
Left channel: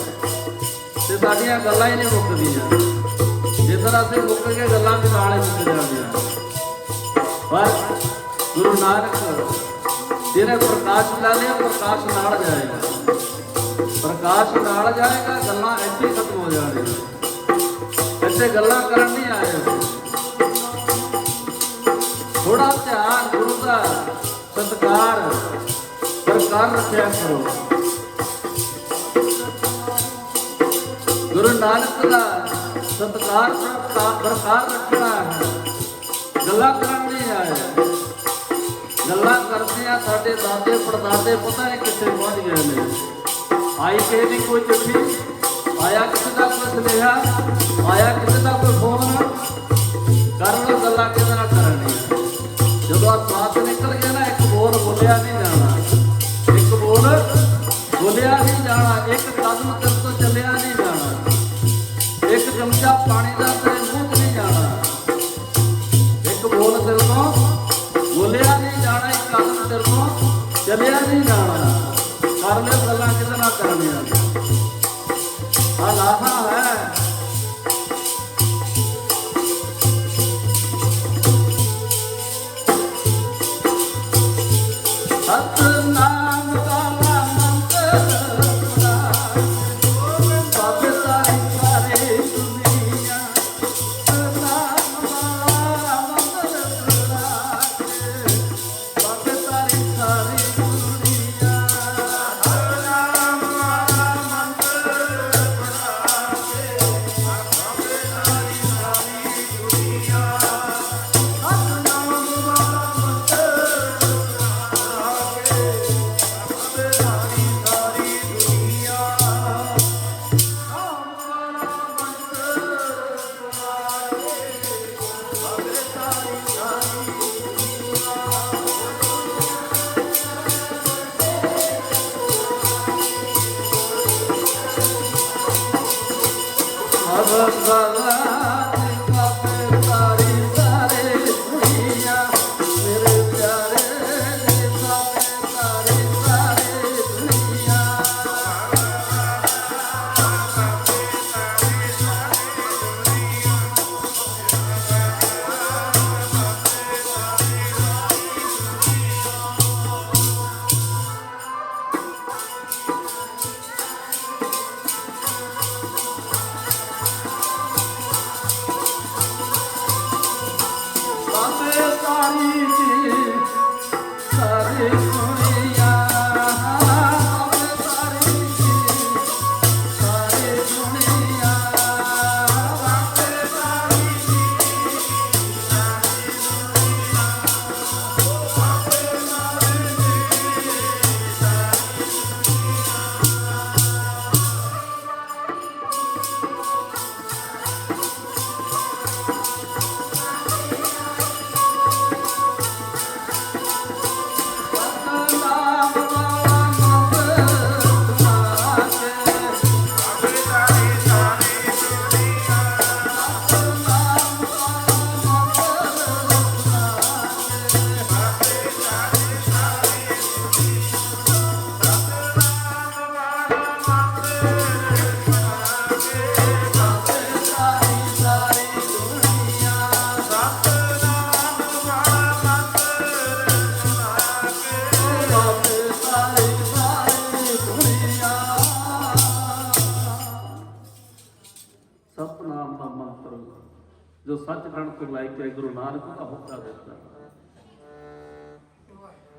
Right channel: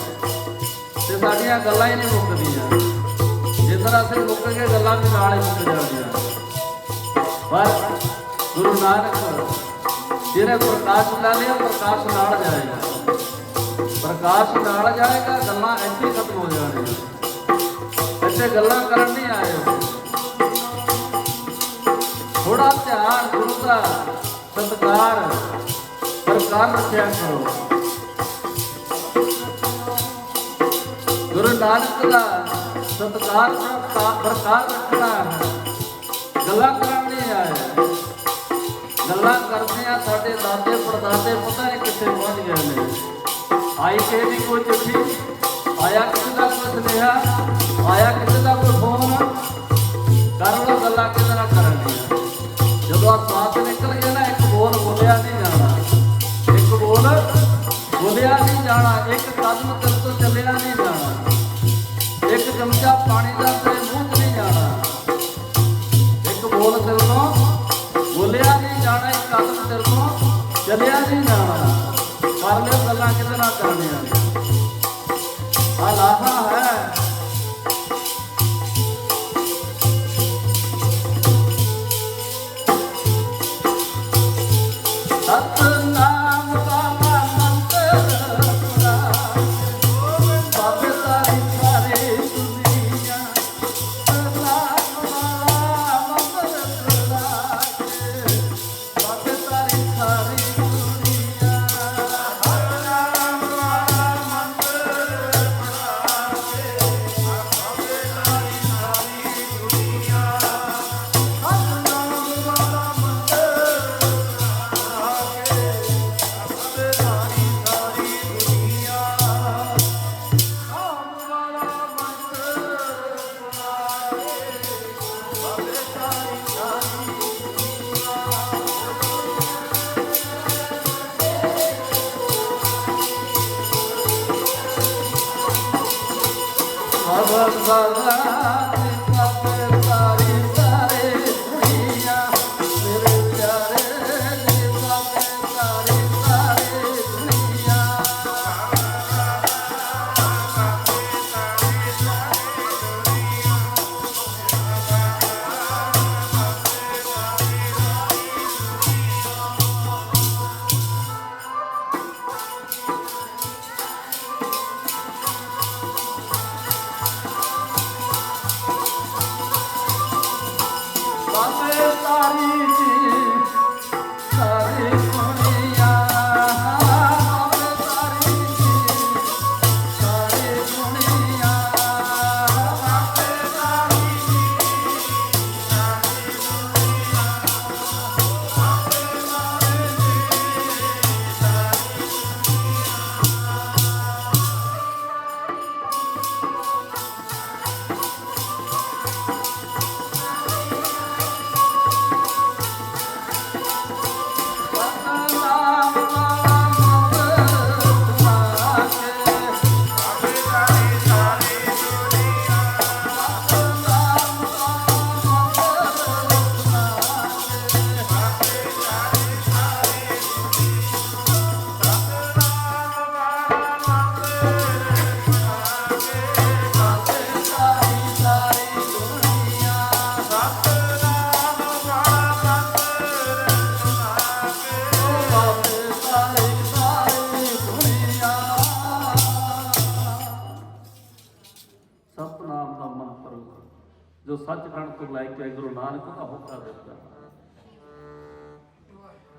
ਤੇ ਸਾਡੀਆਂ ਗੱਲਾਂ ਹੀ ਨਹੀਂ ਮੁੱਕਦੀਆਂ, ਜਿੱਦਾਂ ਅਸੀਂ ਮੁੱਕ ਕੇ ਗੱਲਾਂ ਵੀ ਨਾਲ ਹੀ ਮੁੱਕ ਜਾਂਦੀਆਂ। ਪਰ ਗੁਰੂ ਨਾਨਕ ਜਿਹਨੇ ਪ੍ਰਕਾਸ਼ ਲਾ ਲਿਆ, ਪ੍ਰਕਾਸ਼ ਨਾਲ ਜਾਏਗਾ, ਪ੍ਰਕਾਸ਼ ਨਾਲ ਜਾਏਗਾ, ਗੱਲਾਂ ਇੱਥੇ ਖਤਮ ਹੋ ਜਾਣਗੀਆਂ। ਇੱਥੇ ਗੱਲਾਂ ਕਰਨ ਨਹੀਂ ਆਏ, ਥੋੜਾ ਧਿਆਨ ਗੁਰੂ ਦਾ ਸਤਿਕਾਰ ਸਰਕਾਰ ਰੱਖਿਆ ਕਰੋ। ਗੁਰੂ ਨਾਨਕ ਦਾ ਸਤਿਕਾਰ ਬਰਕਰਾਰ ਰੱਖਣਾ ਹੈ, ਗੱਲਾਂ ਕਰਨ ਨਹੀਂ ਆਏ। ਗੱਲਾਂ ਕਰਦੇ ਆ ਸਾਡੇ ਦਾਦੇ ਪੜਦਾਦੇ ਪਤਾ ਨਹੀਂ ਕਿੱਥੇ ਪਹੁੰਚ ਗਏ ਨੇ। ਆਈ ਕਿਸੇ ਦੀ ਕੋਈ ਚਿੱਠੀ, ਆਇਆ ਕਿਸੇ ਦਾ ਕੋਈ ਸੁਨੇਹਾ, ਆਇਆ ਕਿਸੇ ਦਾ ਕੋਈ ਫੋਨ, ਕਰਨ ਨੂੰ ਗੱਲਾਂ ਕਿਹਦੇ ਨਾਲ ਕਰਨੀਆਂ। ਜਦੋਂ ਆ ਸਵਾਸ ਨਿਕਲ ਗਿਆ ਨਾ, ਇੱਕ ਬੋਲ ਬੋਲਿਆ ਨਹੀਂ ਜਾਣਾ, ਇੱਕ ਬੋਲ ਬੋਲਿਆ ਨਹੀਂ ਜਾਣਾ, ਇੱਕ ਕਦਮ ਤੋਂ ਚੱਲਿਆ ਨਹੀਂ ਜਾਣਾ, ਇੱਕ ਚਮਚਾ ਪਾਣੀ ਦਾ ਆਪਣੇ ਮੂੰਹ 'ਚ ਨਹੀਂ ਜਾਣਾ, ਇੱਕ ਬੋਲ ਦਿਲ ਤੋਂ ਬੋਲਿਆ ਨਹੀਂ ਜਾਣਾ, ਇੱਕ ਕਦਮ ਦਿਲ ਤੋਂ ਚੱਲਿਆ ਨਹੀਂ ਜਾਣਾ। ਕਰ ਲਿਓ ਗੱਲਾਂ ਕਿਹਦੇ ਨਾਲ ਕਰਨੀਆਂ। ਆ ਲਾਹਾ ਹੈ ਸਤਿਨਾਮ ਦਾ ਮੰਤਰ ਜੋ ਸੱਚਖੰਡ ਤੋਂ ਲੈ ਕੇ ਗੁਰੂ ਨਾਨਕ ਦਾ ਹੁਕਮ ਦਿੱਤਾ,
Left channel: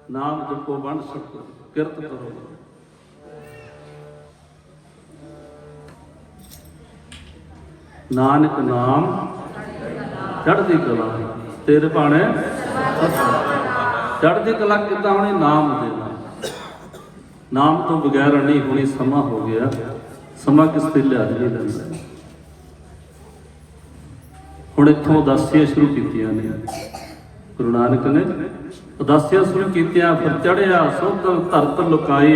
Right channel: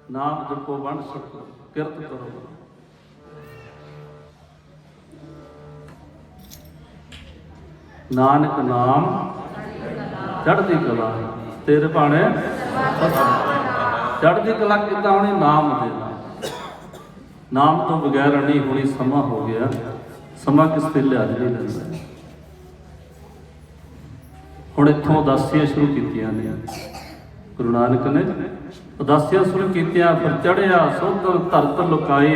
ਨਾਮ ਜਪੋ ਵੰਡ ਸਕੋ ਕਿਰਤ ਕਰੋ। ਨਾਨਕ ਨਾਮ ਚੜ੍ਹਦੀ ਕਲਾ ਤੇਰੇ ਭਾਣੇ, ਚੜ੍ਹਦੀ ਕਲਾ ਕਿੱਦਾਂ ਹੋਣੀ? ਨਾਮ ਦੇ ਨਾਲ। ਨਾਮ ਤੋਂ ਬਗੈਰ ਨਹੀਂ ਹੋਣੀ। ਸਮਾਂ ਹੋ ਗਿਆ, ਸਮਾਂ ਕਿਸ ਤੇ ਲਿਆ ਨਹੀਂ ਲੈਂਦਾ। ਹੁਣ ਇੱਥੋਂ ਉਦਾਸੀਆਂ ਸ਼ੁਰੂ ਕੀਤੀਆਂ ਨੇ ਗੁਰੂ ਨਾਨਕ ਨੇ, ਉਦਾਸੀਆਂ ਸ਼ੁਰੂ ਕੀਤੀਆਂ। ਫਿਰ ਚੜ੍ਹਿਆ ਸੋਧਰ ਧਰਤ ਲੁਕਾਈ,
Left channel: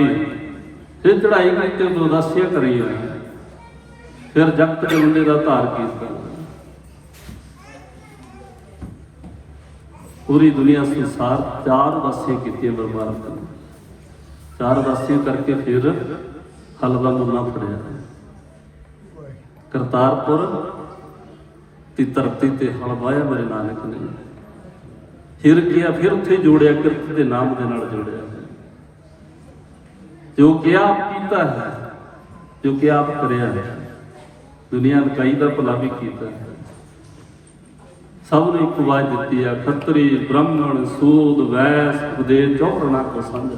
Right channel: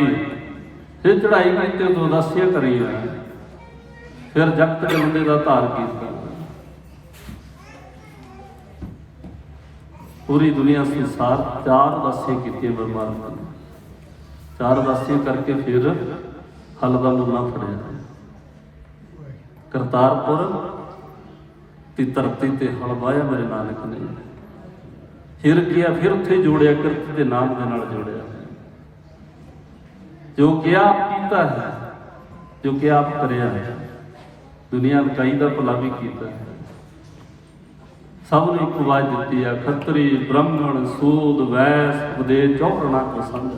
ਫਿਰ ਚੜ੍ਹਾਈ ਕਰਕੇ ਉਦਾਸੀਆਂ ਕਰੀਆਂ। ਫਿਰ ਜਗਤ ਦੇ ਬੰਦੇ ਦਾ ਧਾਰ ਕੀਤਾ। ਪੂਰੀ ਦੁਨੀਆ ਸੰਸਾਰ 4 ਉਦਾਸੀਆਂ ਕੀਤੀਆਂ ਬਰਬਾਦ ਨੇ। 4 ਉਦਾਸੀਆਂ ਕਰਕੇ ਫਿਰ ਹਲ ਦਾ ਮੁੱਲਾ ਫੜਿਆ। ਕਰਤਾਰਪੁਰ ਦੀ ਧਰਤੀ ਤੇ ਹਲ ਵਾਹਿਆ ਮੇਰੇ ਨਾਨਕ ਨੇ। ਫਿਰ ਕਿਹਾ, ਫਿਰ ਉੱਥੇ ਜੋੜਿਆ, ਕਿਰਤ ਦੇ ਨਾਮ ਦੇ ਨਾਲ ਜੋੜਿਆ। ਜੋ ਕਿ ਆਪ ਕੀਤਾ ਹੈ, ਜੋ ਕਿ ਆਪ ਕਰਿਆ ਹੈ, ਦੁਨੀਆ ਲਕਾਈ ਦਾ ਭਲਾ ਵੀ ਕੀਤਾ ਹੈ। ਸਭ ਨੂੰ ਇੱਕ ਆਵਾਜ਼ ਦਿੱਤੀ ਆ, ਖੱਤਰੀ ਬ੍ਰਾਹਮਣ ਸੂਦ ਵੈਸ ਉਪਦੇਸ਼ ਚੌਰਣਾ ਕੋ ਸਮਝ।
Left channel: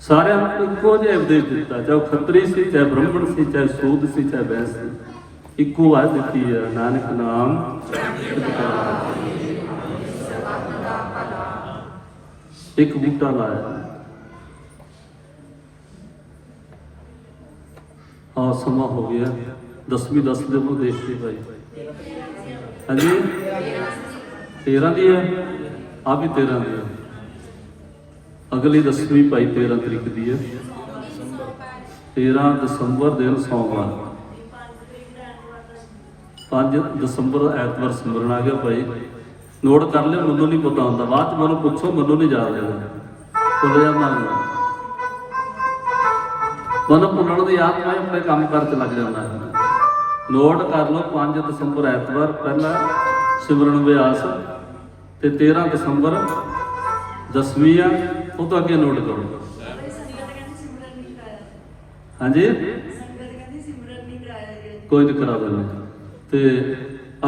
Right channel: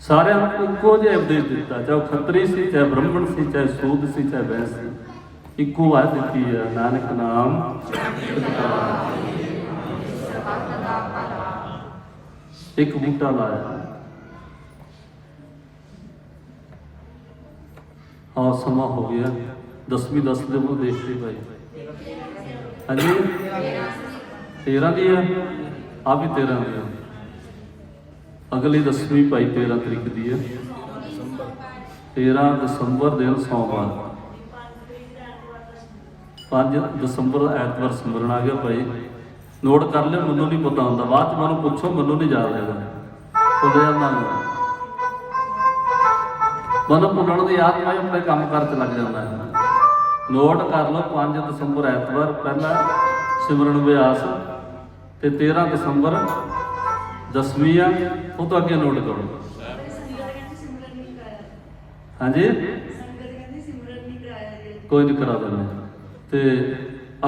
ਸਾਰਿਆਂ ਨੂੰ ਇੱਕੋ ਜਿਹਾ ਉਪਦੇਸ਼ ਦਿੱਤਾ, ਚਾਹੇ ਖੱਤਰੀ ਸੀ, ਚਾਹੇ ਬ੍ਰਾਹਮਣ ਸੀ, ਚਾਹੇ ਸੂਦ ਸੀ, ਚਾਹੇ ਵੈਸ ਸੀ। ਇੱਕੋ ਆਵਾਜ਼ ਦਿੱਤੀ ਆ, ਨਾਨਕ ਨਾਮ। ਇੱਕ ਬੂਟਾ ਲਾਇਆ, ਆ ਸਮਾਂ ਹੋ ਗਿਆ 10ਵੀਂ 10 ਦੇ ਨੂੰ ਦੇਖਦੇ ਭਾਈ। ਹਾਂਜੀ 13 ਦੀ ਆ, ਆ ਵੀ 13 ਦੀ ਆ। ਅਗਲੀ 10ਵੀਂ ਭਾਈ 13 ਤਰੀਕ ਦੀ ਆ। 13 ਦਸੰਬਰ ਦਿਨ ਸੋਮਵਾਰ, 5 ਦਸੰਬਰ ਐਤਵਾਰ ਸਿਮਰਨ ਆ ਗਿਆ ਭਾਈ। ਨੋਟ ਕਰ ਲਿਓ, ਮੈਨੂੰ ਨਹੀਂ ਪਤਾ ਹੁੰਦਾ। ਬਾਅਦ ਚ ਮੈਨੂੰ ਪੁੱਛੋ, ਮੈਨੂੰ ਨਹੀਂ ਯਾਦ ਹੈਗਾ। ਭੁੱਲ ਜਾਂਦਾ ਮੈਨੂੰ ਭੁੱਲਣ ਦੀ ਯਾਦ ਮੈਂ ਆਪਣੇ ਕੰਮ ਕਾਰ ਤੇ ਲੱਗ ਜਾਂਦਾ। ਨੋਟ ਕਰ ਲਓ, 5 ਦਸੰਬਰ ਐਤਵਾਰ ਪਹਿਲਾ ਸਿਮਰਨ ਅਭਿਆਸ ਤੇ 13 ਦਸੰਬਰ 10ਵੀਂ ਆ। ਉਹ ਤੋਂ ਅੱਗੇ ਨੋਟ ਕਰੋ। ਹਾਂਜੀ ਕੋਈ ਨਹੀਂ ਕਰਾ ਦੇਣਾ। ਤੇ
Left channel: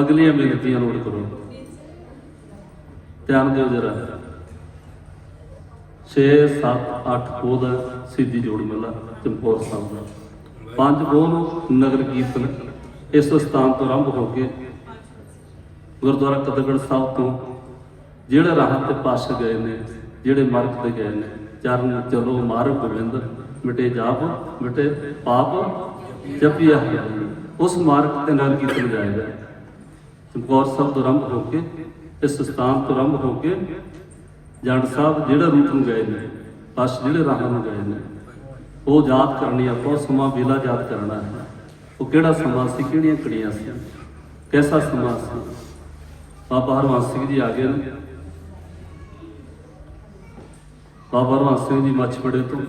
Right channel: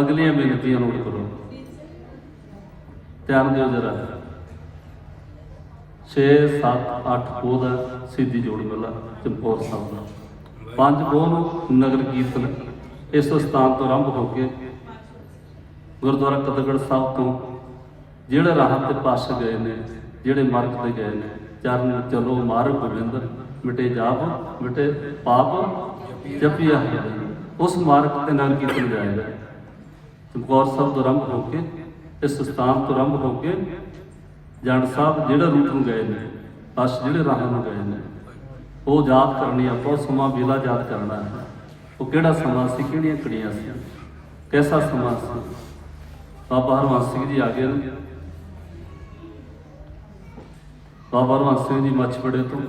ਅਗਲੀਆਂ ਬੇਨਤੀਆਂ ਨੋਟ ਕਰੋ, ਧਿਆਨ ਦਿਓ ਜਰਾ। 6 7 8 ਪੋਹ ਦਾ ਸਿੱਧੀ ਜੋੜ ਮੇਲਾ ਚਮਕੌਰ ਸਾਹਿਬ ਦਾ। 5 ਪੋਹ ਨੂੰ ਨਗਰ ਕੀਰਤਨ ਇਸ ਸਥਾਨ ਤੋਂ ਆਰੰਭ ਹੋ ਕੇ ਗੁਰਦੁਆਰਾ ਕਦਗੜ ਸਾਹਿਬ ਤੋਂ ਜਿਹੜੇ ਰਾਹਾਂ ਤੇ ਪਾਸ ਗਏ ਨੇ, ਜਿਹੜੇ ਮਾਰਗ ਤੇ ਗਏ ਨੇ, ਚਰਨ ਚਲੋ ਮਾਰਗ ਗੋਬਿੰਦ ਮਿਟੇ ਜਾਪ ਮਿਟੇ ਪਾਪ ਜਪਿਆ ਹੈ, ਉਸ ਮਾਰਗ ਤੇ ਨਗਰ ਕੀਰਤਨ ਜਾਏਗਾ। ਚਮਕੌਰ ਸਾਹਿਬ ਤੋਂ ਆਰੰਭ ਹੋ ਕੇ ਇਸ ਸਥਾਨ ਤੋਂ ਆਰੰਭ ਹੋ ਕੇ ਜੰਡ ਸਾਹਿਬ ਜਿਹੜੇ ਰੂਟ ਨੂੰ ਗਏ ਨੇ, ਬਸ ਜਿਹੜੇ ਰਾਹਾਂ ਨੂੰ ਗਏ ਨੇ, ਉਹ ਯਾਦ ਕਰਨੀ। ਆਪਾਂ ਸਮਾਂ ਵੇਲਾ ਯਾਦ ਕਰਨਾ ਹੈ। ਉਹ ਕਿਹੜਾ ਸਮਾਂ ਸੀ, ਕਿਹੜੀਆਂ ਕੜੀਆਂ ਸੀ, ਕੈਸਾ ਸਮਾਂ ਸੀ। ਬਾਬਾ ਹਰਵੰਸ ਸਿੰਘ ਜੀ ਆ ਗਏ ਨੇ। ਬਾਬਾ ਹਰਵੰਸ ਸਿੰਘ ਜੀ ਮੱਛਵੜੇ ਤੋਂ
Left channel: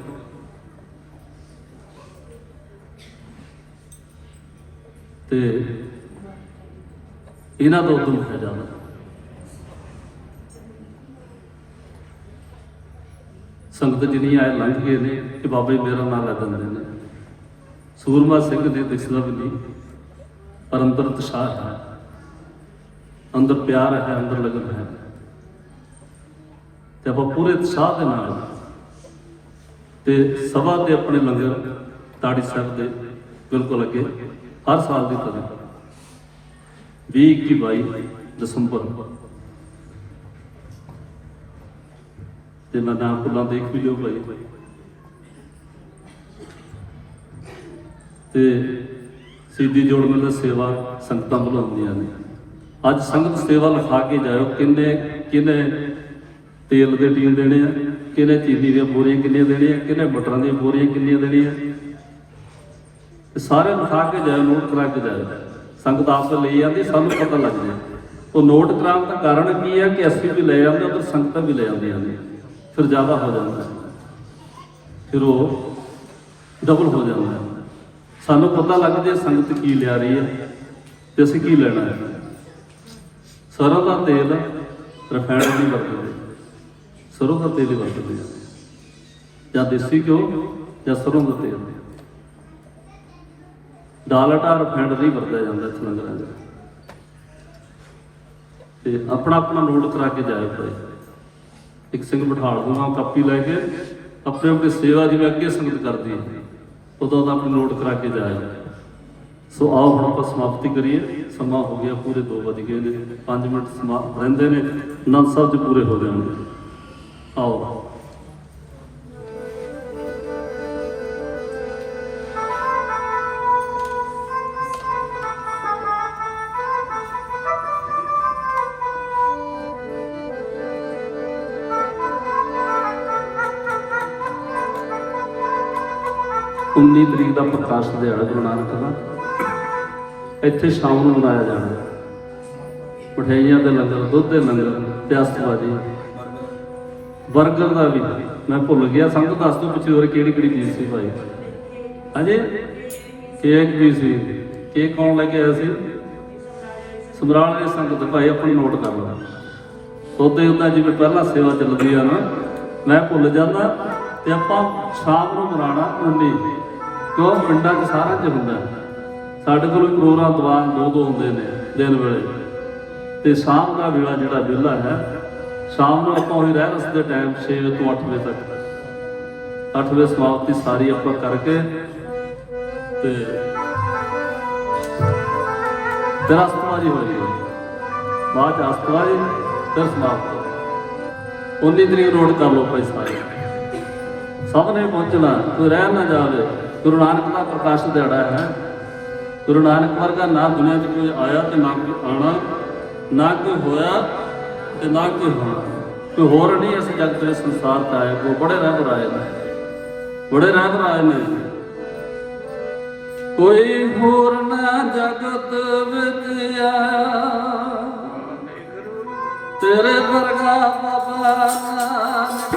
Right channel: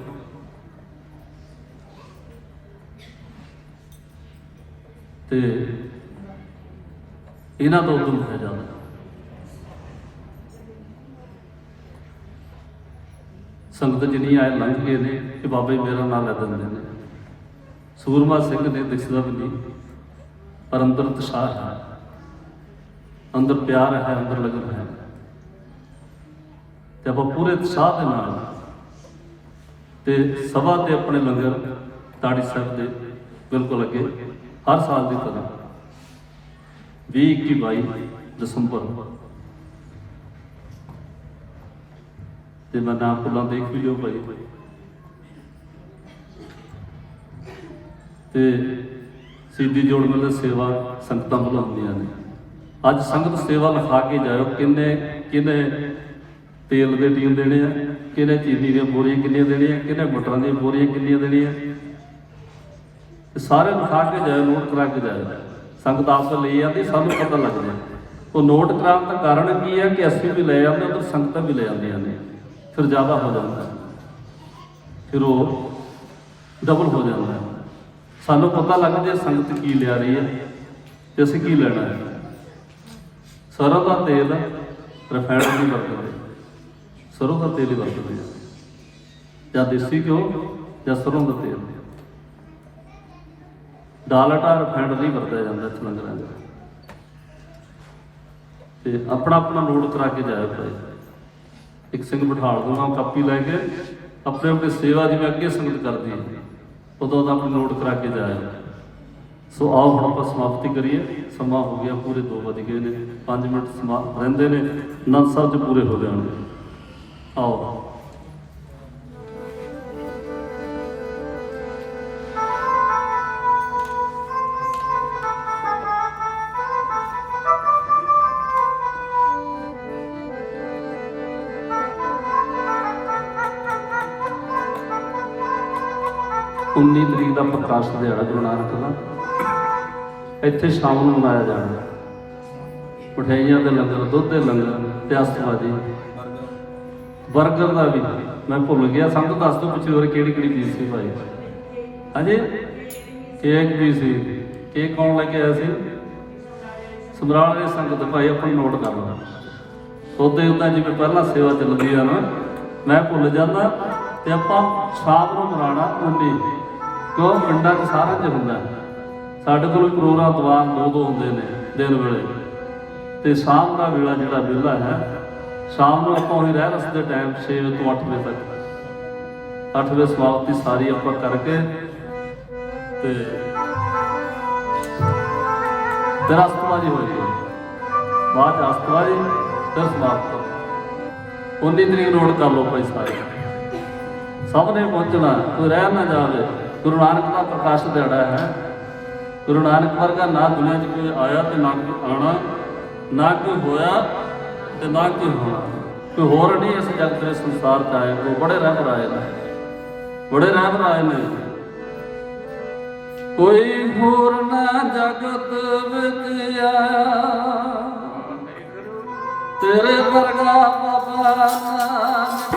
ਤੇ ਇਹਨਾਂ ਦਾ ਉਦਮ ਹੈ ਜ਼ਿਆਦਾ। ਸੰਗਤ ਜਿੰਨੀ ਆਏ ਲੰਘ ਗਏ ਨੇ ਕਿ ਬਾਬਾ ਜੀ ਮੇਰਾ ਨਾਂ ਲੈ ਦਿੰਦੇ ਨੇ। ਸੂਰਮਾ ਸਿੰਘ ਨੇ ਦਿਸਦਾ ਵੀ ਨਹੀਂ, ਪਰ ਅੰਦਰ ਉਤਸ਼ਾਹ ਹੈ, ਅੰਦਰ ਪਿਆਰ ਹੈ, ਅੰਦਰ ਲਗਨ ਹੈ। ਤੇ ਆਪਾਂ ਪੂਰੇ ਉਤਸ਼ਾਹ ਦੇ ਨਾਲ ਤੇ ਸਭਾ ਤੇ ਆਪਣੇ ਲੰਗਰ ਤਾੜੀ ਸਾਹਿਬ ਦੇ ਬਿਲਕੁਲ ਅੱਗੇ ਹਰ ਸਾਲ ਦੀ ਤਰ੍ਹਾਂ 20, 21, 22 ਦਸੰਬਰ ਤੇ ਮੈਂ ਨਾਮ ਭੁੱਲਾਂ ਦੇਖ ਵੀ ਲਿਓ ਭਾਈ। ਤੇ ਸਿੱਧੀ ਜੋੜ ਮੇਲੇ ਸੇਵਾ ਸੰਗਤਾਂ ਵੱਲੋਂ ਹੁੰਦੀਆਂ ਨੇ। ਅੱਜ ਸੰਗਤ ਸੇਵਾ ਲਿਖਾ ਕੇ ਜਾਇਓ, ਕਿੰਨੇ ਤੇਲ ਦੇ ਟੀਨ ਦੇਣੇ ਆ, ਕਿਹਨੇ ਚੀਨੀ ਦੀਆਂ ਬੋਰੀਆਂ ਕਿੰਨੀਆਂ ਦੇਣੀਆਂ, ਕਿਹਨੇ ਮਟਰਾਂ ਦੀਆਂ ਬੋਰੀਆਂ ਕਿੰਨੀਆਂ ਦੇਣੀਆਂ, ਸਾਰੇ ਲਿਖਾ ਕੇ ਜਾਇਓ, ਨੋਟ ਕਰਾ ਕੇ ਜਾਇਓ। ਸੰਗਤ ਆਪ ਲਈ ਜਾਂਦੀ, ਸਾਨੂੰ ਪਤਾ ਲੱਗ ਜਾਏ। ਉਹ ਨੋਟ ਕਰਾਉਣ ਦਾ ਕਾਰਨ ਕੀ ਹੈ ਕਿ ਅਸੀਂ ਵੀ ਲੈ ਜਾਂਦੇ, ਪਰ ਸੰਗਤਾਂ ਵੀ ਲੈ ਜਾਂਦੀਆਂ ਨੇ, ਫਿਰ ਜ਼ਿਆਦਾ ਹੋ ਜਾਂਦਾ, ਫਿਰ ਉਹ ਡਬਲ ਹੋ ਜਾਂਦਾ। ਸਾਨੂੰ ਪਤਾ ਲੱਗਦਾ ਸੰਗਤ ਕੀ ਲਿਆ ਰਹੀ ਹੈ ਤੇ ਅਸੀਂ ਕੀ ਲੈਣਾ ਹੈ। ਸਰੋਂ ਦਾ ਤੇਲ ਰਿਫਾਈਨਡ ਨਹੀਂ ਵਰਤਦੇ, ਸਰੋਂ ਦਾ ਤੇਲ ਹੀ ਵਰਤਦੇ ਜਾਂ ਦੇਸੀ ਘਿਓ ਜਾਂ ਸਰੋਂ ਦਾ ਤੇਲ। ਡਾਲਡਾ ਰਿਫਾਈਨਡ ਨਹੀਂ ਵਰਤਿਆ ਜਾਂਦਾ ਇੱਥੇ ਲੰਗਰਾਂ ਦਾ। ਤੇ ਆਪਣਾ ਆਪਣਾ ਨੋਟ ਕਰਾ ਕੇ ਜਾਇਓ ਭਾਈ। ਇੱਕ ਸਿੰਘ ਬਿਠਾ ਦੂੰਗਾ ਕਾਪੀ ਲੈ ਕੇ, ਆਪਣੇ ਆਪਣੀ ਸੇਵਾ ਜਿਵੇਂ ਅੱਗੇ ਸੰਗਤ ਕਰਦੀ ਹੈ ਉਦੋਂ ਦਾ ਆਪਣੀ ਨੋਟ ਕਰਾ ਕੇ ਜਾਇਆ। ਸੋ ਆਓ ਹੁਣ ਆਪਾਂ ਸਮਾਪਤੀ ਕਰੀਏ। ਸਮਾਂ ਹੋ ਗਿਆ, ਪੂਰੇ 2 ਵੱਜ ਗਏ ਨੇ, 5 ਮਿੰਟ ਸਮਾਂ ਰਹਿੰਦੇ ਨੇ, ਆਨੰਦ ਸਾਹਿਬ 'ਚ ਪੂਰੇ ਹੋ ਜਾਣਗੇ। ਆਓ। उन्नी तरीक का प्रकाश दिहाड़ा गुरु नानक का इत्थे शाम ਨੂੰ ਮਨਾਇਆ ਜਾਣਾ। ਮਠਿਆਈਆਂ ਦੇ ਲੰਗਰ, ਦੁੱਧ ਦੇ ਲੰਗਰ ਤੇ ਅਸਤਵਾਦੀ ਬਰਗਰ ਦਾ ਵੀ ਮੈਂ ਭੁੱਲ ਗਿਆ। ਸੰਗਤ ਦੱਸ ਦਿਓ ਪਿੱਛੇ ਹੋਰ ਕਿਹੜੀ ਚੀਜ਼ ਸੀ ਭਾਈ। ਅਜੇ ਕੇਕ ਵੀ ਸੀ। ਕੇਕ ਕੌਣ ਲੈ ਕੇ ਆਇਆ ਸੀ? ਸਮਰਾਲ ਦੀ ਸੰਗਤ ਭਾਈ, ਆਪਣਾ ਨੋਟ ਕਰ ਲਓ। ਉਹਦੇ ਉੱਦਾਂ ਜਿਵੇਂ ਪਹਿਲਾਂ ਸੇਵਾ ਚੱਲਦੀ ਆ ਨਾ, ਮੈਂ ਭੁੱਲ ਜਾਂਦਾ। ਤੇ ਆਪਾਂ ਸ਼ਾਮ ਨੂੰ ਮਨਾਉਣਾ 19, ਕਿਉਂ ਪਿੰਡਾਂ 'ਚ ਸਾਰਿਆਂ 'ਚ ਹੁੰਦਾ। ਸਾਡੇ ਕੋਲ ਪ੍ਰੋਗਰਾਮ ਦੀਵਾਨ 2 ਹੁੰਦੇ ਨੇ ਦਿਨ ਵੇਲੇ, ਤੇ ਸ਼ਾਮ ਦਾ ਵੇਲਾ ਜਿਹੜਾ ਵਿਹਲਾ ਹੈ, ਸ਼ਾਮ ਨੂੰ ਆਪਾਂ ਉਹੀ ਰਹਿ ਰਸ ਦੇ ਟਾਈਮ 6 ਵਜੇ ਤੋਂ 8 ਵਜੇ ਤੱਕ 8 ਵਜੇ ਸਮਾਪਤੀ ਸਾਰੀ ਆਪਾਂ ਕਰਕੇ ਤੇ ਫਿਰ ਅਸਤਵਾਜੀ ਹੋਈ, ਬਾਅਦ ਅਸਤਵਾਜੀ ਫਿਰ ਸਮਾਪਤ। 19 ਤਰੀਕ ਨੋਟ ਕਰ ਲਓ ਭਾਈ ਸਾਰੇ, ਸਭ ਨੇ ਪਹੁੰਚਣਾ, ਕੋਈ ਰਹਿ ਨਾ ਜਾਵੇ। ਗੁਰੂ ਨਾਨਕ ਦਾ ਪ੍ਰਕਾਸ਼ ਦਿਹਾੜਾ ਹੈ। ਗੁਰੂ ਨਾਨਕ ਵਰਗਾ ਨਾ ਦੁਨੀਆ 'ਚ ਕੋਈ ਆਇਆ ਤੇ ਨਾ ਕੋਈ ਆਉਣਾ, ਨਾ ਕੋਈ ਹੋਇਆ ਤੇ ਨਾ ਕੋਈ ਹੋਣਾ। ਕੋਈ ਹੋਰ ਨਹੀਂ ਇਸ ਜਗਤ ਦੇ ਸੰਸਾਰ 'ਚ ਆਏ। ਉਹ ਬੜੇ ਰਹਿਬਰ ਆਏ ਨੇ, ਬੜੇ ਰਹਿਬਰ ਆਏ ਨੇ। ਕੋਈ ਹੋਰ ਨਾ ਜਗਤ ਵਿੱਚ ਆਇਆ ਤੇਰੇ ਵਰਗਾ ਬਾਬਾ ਨਾਨਕ।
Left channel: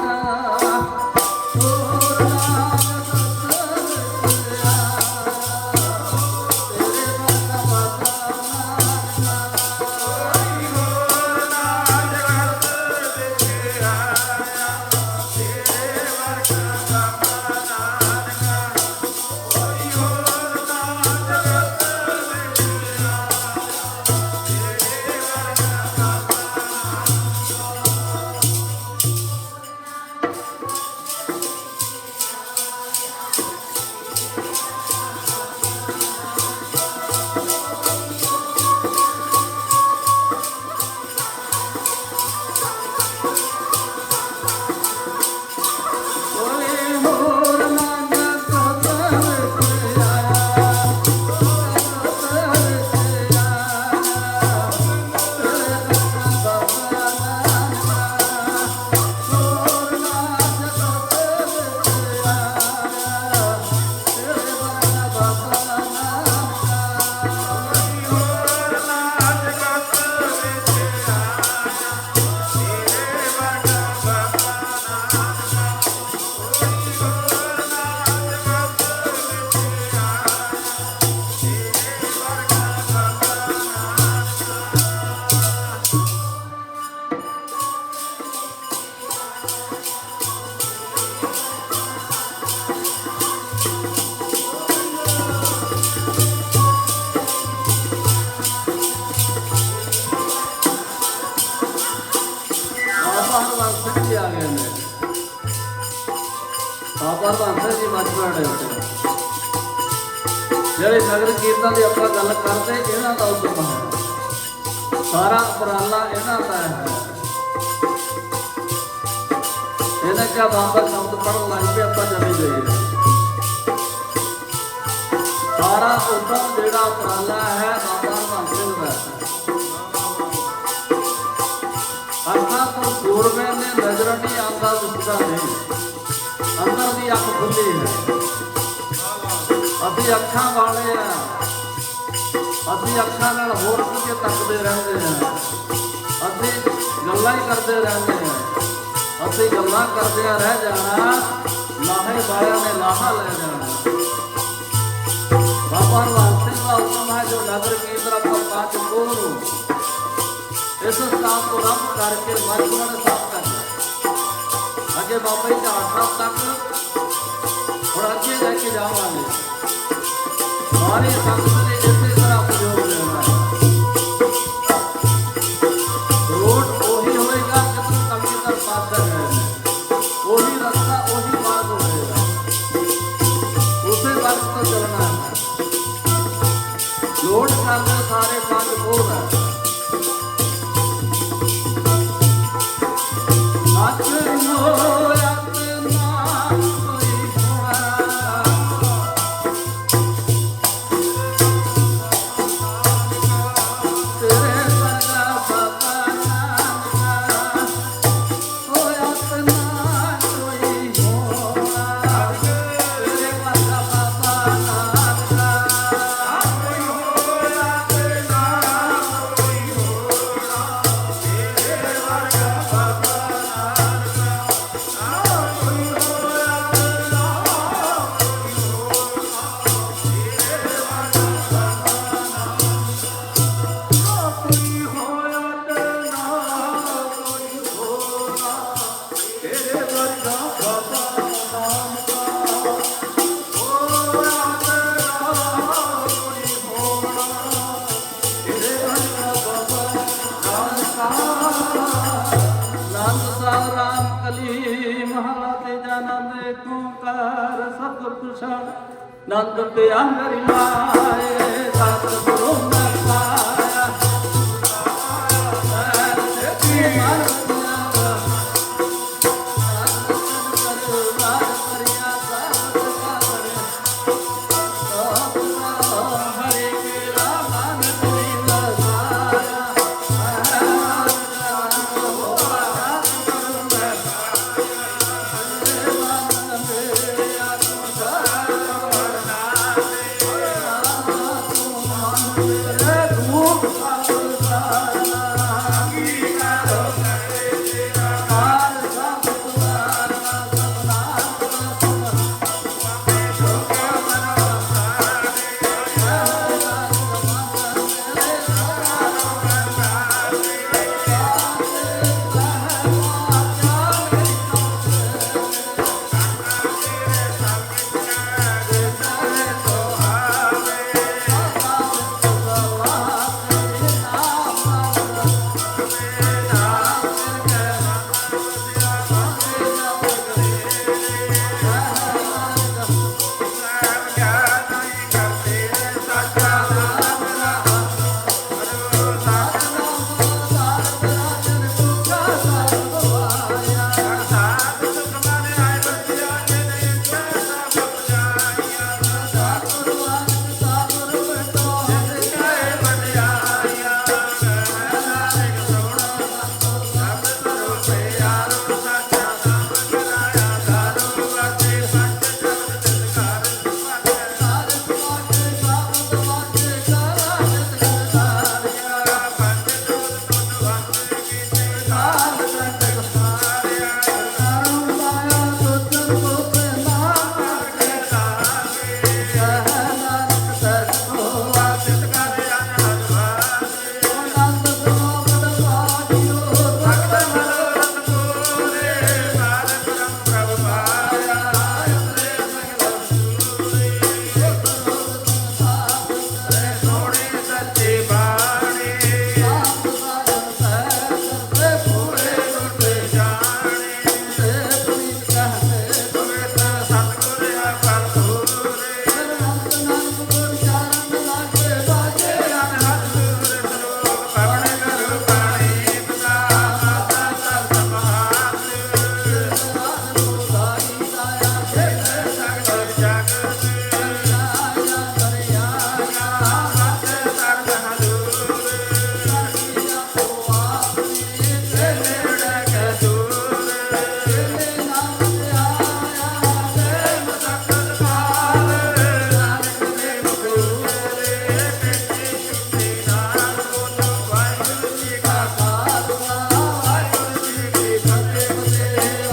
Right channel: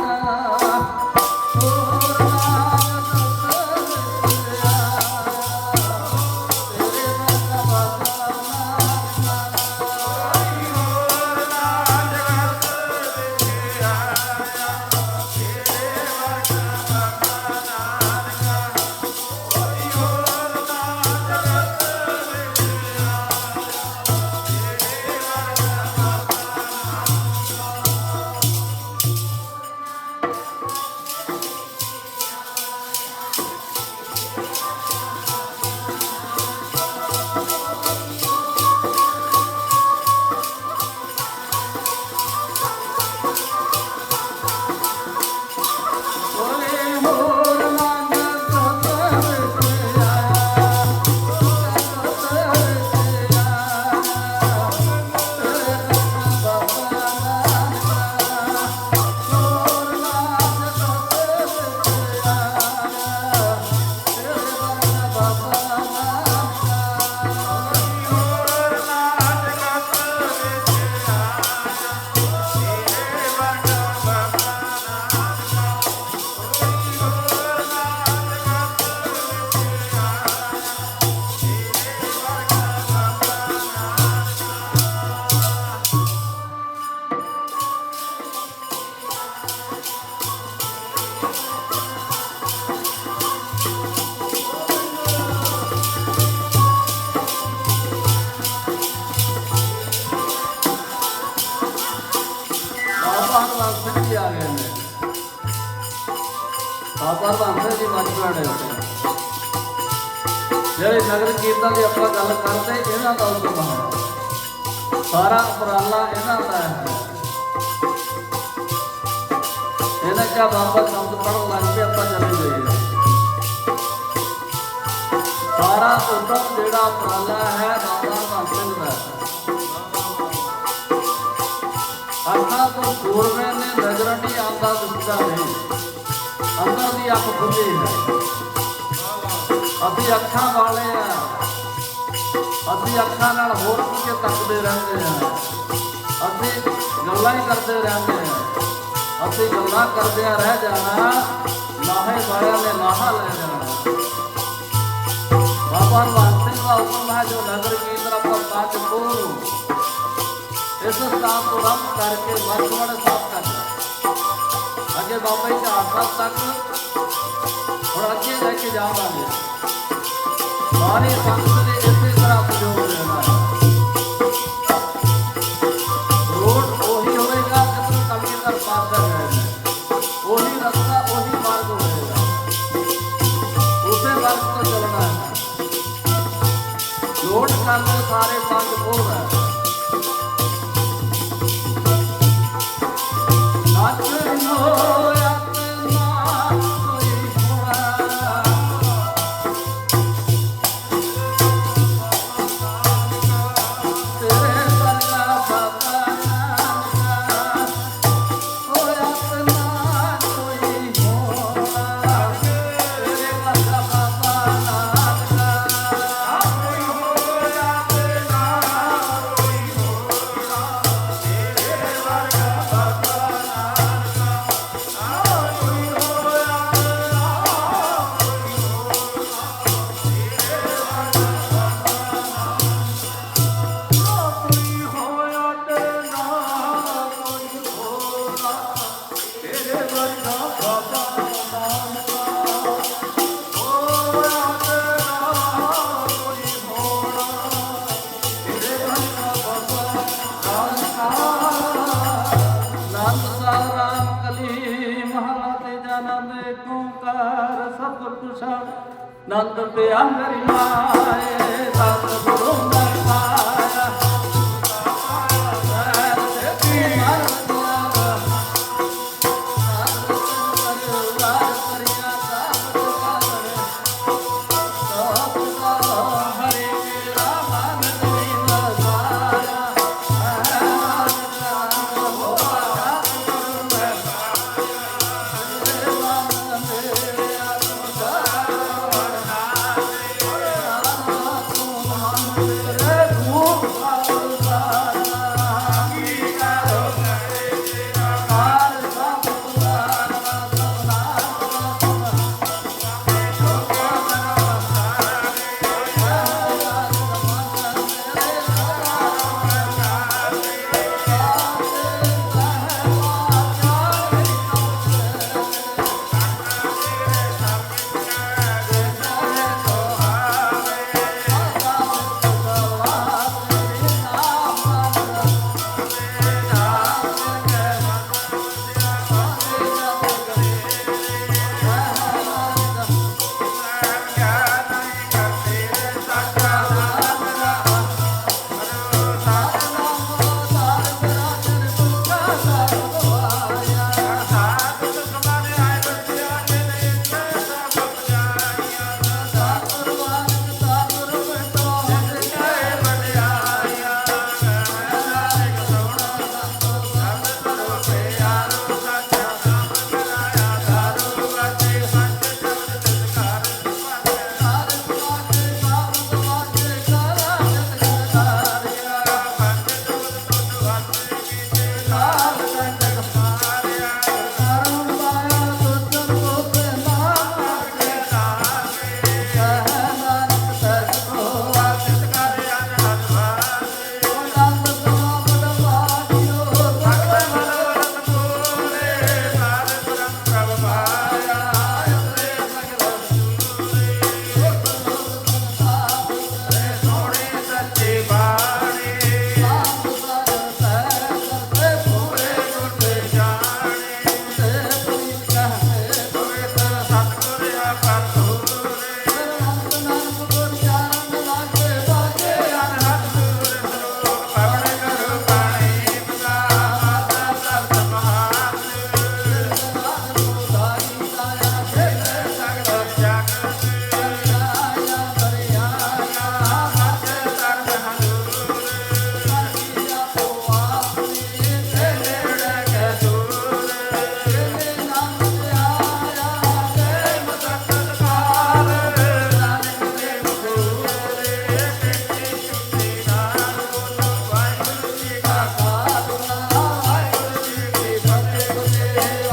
ਬਾਬਾ ਭਾਂਸੇ ਜੀ ਮੱਝਵਾੜੇ ਜਿਹੜੇ ਨਗਰ ਕੀਰਤਨ ਦੀ ਆਪਾਂ ਗੱਲ ਕਰਦੇ ਇਹਨਾਂ ਦਾ ਉਦਮ ਹੈ, ਸਾਰਾ ਉਪਰਾਲਾ ਇਹਨਾਂ ਦਾ ਹੈ। ਇਹਨੇ ਕਿਹਾ ਬਾਬਾ ਸ਼ਬਦ ਪੜ੍ਹਨ ਲੱਗ ਪਏ ਆਪਾਂ ਚਲੇ ਗਏ। ਸਾਰਾ ਉਦਮ ਜਿਹੜਾ ਉਪਰਾਲਾ ਹੈ ਬਾਬਾ ਭਾਂਸੇ ਦਾ। ਅੱਖਾਂ ਤੋਂ ਸੂਰਮੇ ਨੇ ਨਜ਼ਰ ਨਹੀਂ ਆਉਂਦਾ ਦਿਸਦਾ ਨਹੀਂ, ਅੰਦਰ ਦੀ ਅੱਖ ਖੁੱਲੀ ਹੈ। ਅਸੀਂ ਅੱਖਾਂ ਵਾਲੇ ਆ, ਅਸੀਂ ਅੱਖਾਂ ਨਾਲ ਹੋਰ ਕੁਝ ਤੱਕਦੇ ਰਹਿੰਦੇ ਹਾਂ, ਅਸੀਂ ਗੱਲਾਂ ਹੀ ਕਰਦੇ ਰਹਿੰਦੇ ਹਾਂ। ਅਸੀਂ ਗੱਲਾਂ ਕਰਦਿਆਂ ਰਹਿ ਜਾਣਾ, ਲਾਹੇ ਵਾਲਿਆਂ ਨੇ ਲਾਹਾ ਲੈ ਜਾਣਾ। ਬਾਬਾ ਹਰਵੰਸ ਸਿੰਘ ਦਾ ਹੁਕਮ ਹੈ ਜੋ ਨਗਰ ਕੀਰਤਨ ਆਪਾਂ ਪੰਜ ਕੋਹ ਨੂੰ ਇਸ ਸਥਾਨ ਤੋਂ ਰੰਗ ਕਰਕੇ ਮੱਝਵਾੜੇ ਸਾਫ਼ ਕਰਨਾ। ਅੱਗੇ ਬਾਬਾ ਜੀ ਦਾ ਸਾਹਿਬ ਤੱਕ ਹੁਣ ਅੱਗੇ ਲੈ ਕੇ ਜਾਵਾਂਗੇ। ਸਾਰੀ ਸੰਗਤ ਨੇ ਇਸੇ ਤਰ੍ਹਾਂ ਉਪਯੋਗ ਲੈਣਾ ਹੈ। ਰੋਡ ਉਹੀ ਹੋਏਗਾ ਜਿਸ ਕਲਗੀਧਰ ਸਾਹਿਬ ਦਾ ਹੈ, ਉਹੀ ਰਸਤਾ ਉਹੀ ਮਾਰਗ ਹੋਏਗਾ, ਉਸੇ ਮਾਰਗ ਤੋਂ ਚੱਲਣਾ ਹੈ। ਲੋੜ ਕਰਦੇ ਸਾਰੇ ਕੰਮ ਕੋਲ ਹੈ। ਨੰਦ ਪਿਆ ਮੇਰੀ ਮਾਏ ਸਤਿ ਗੁਰੂ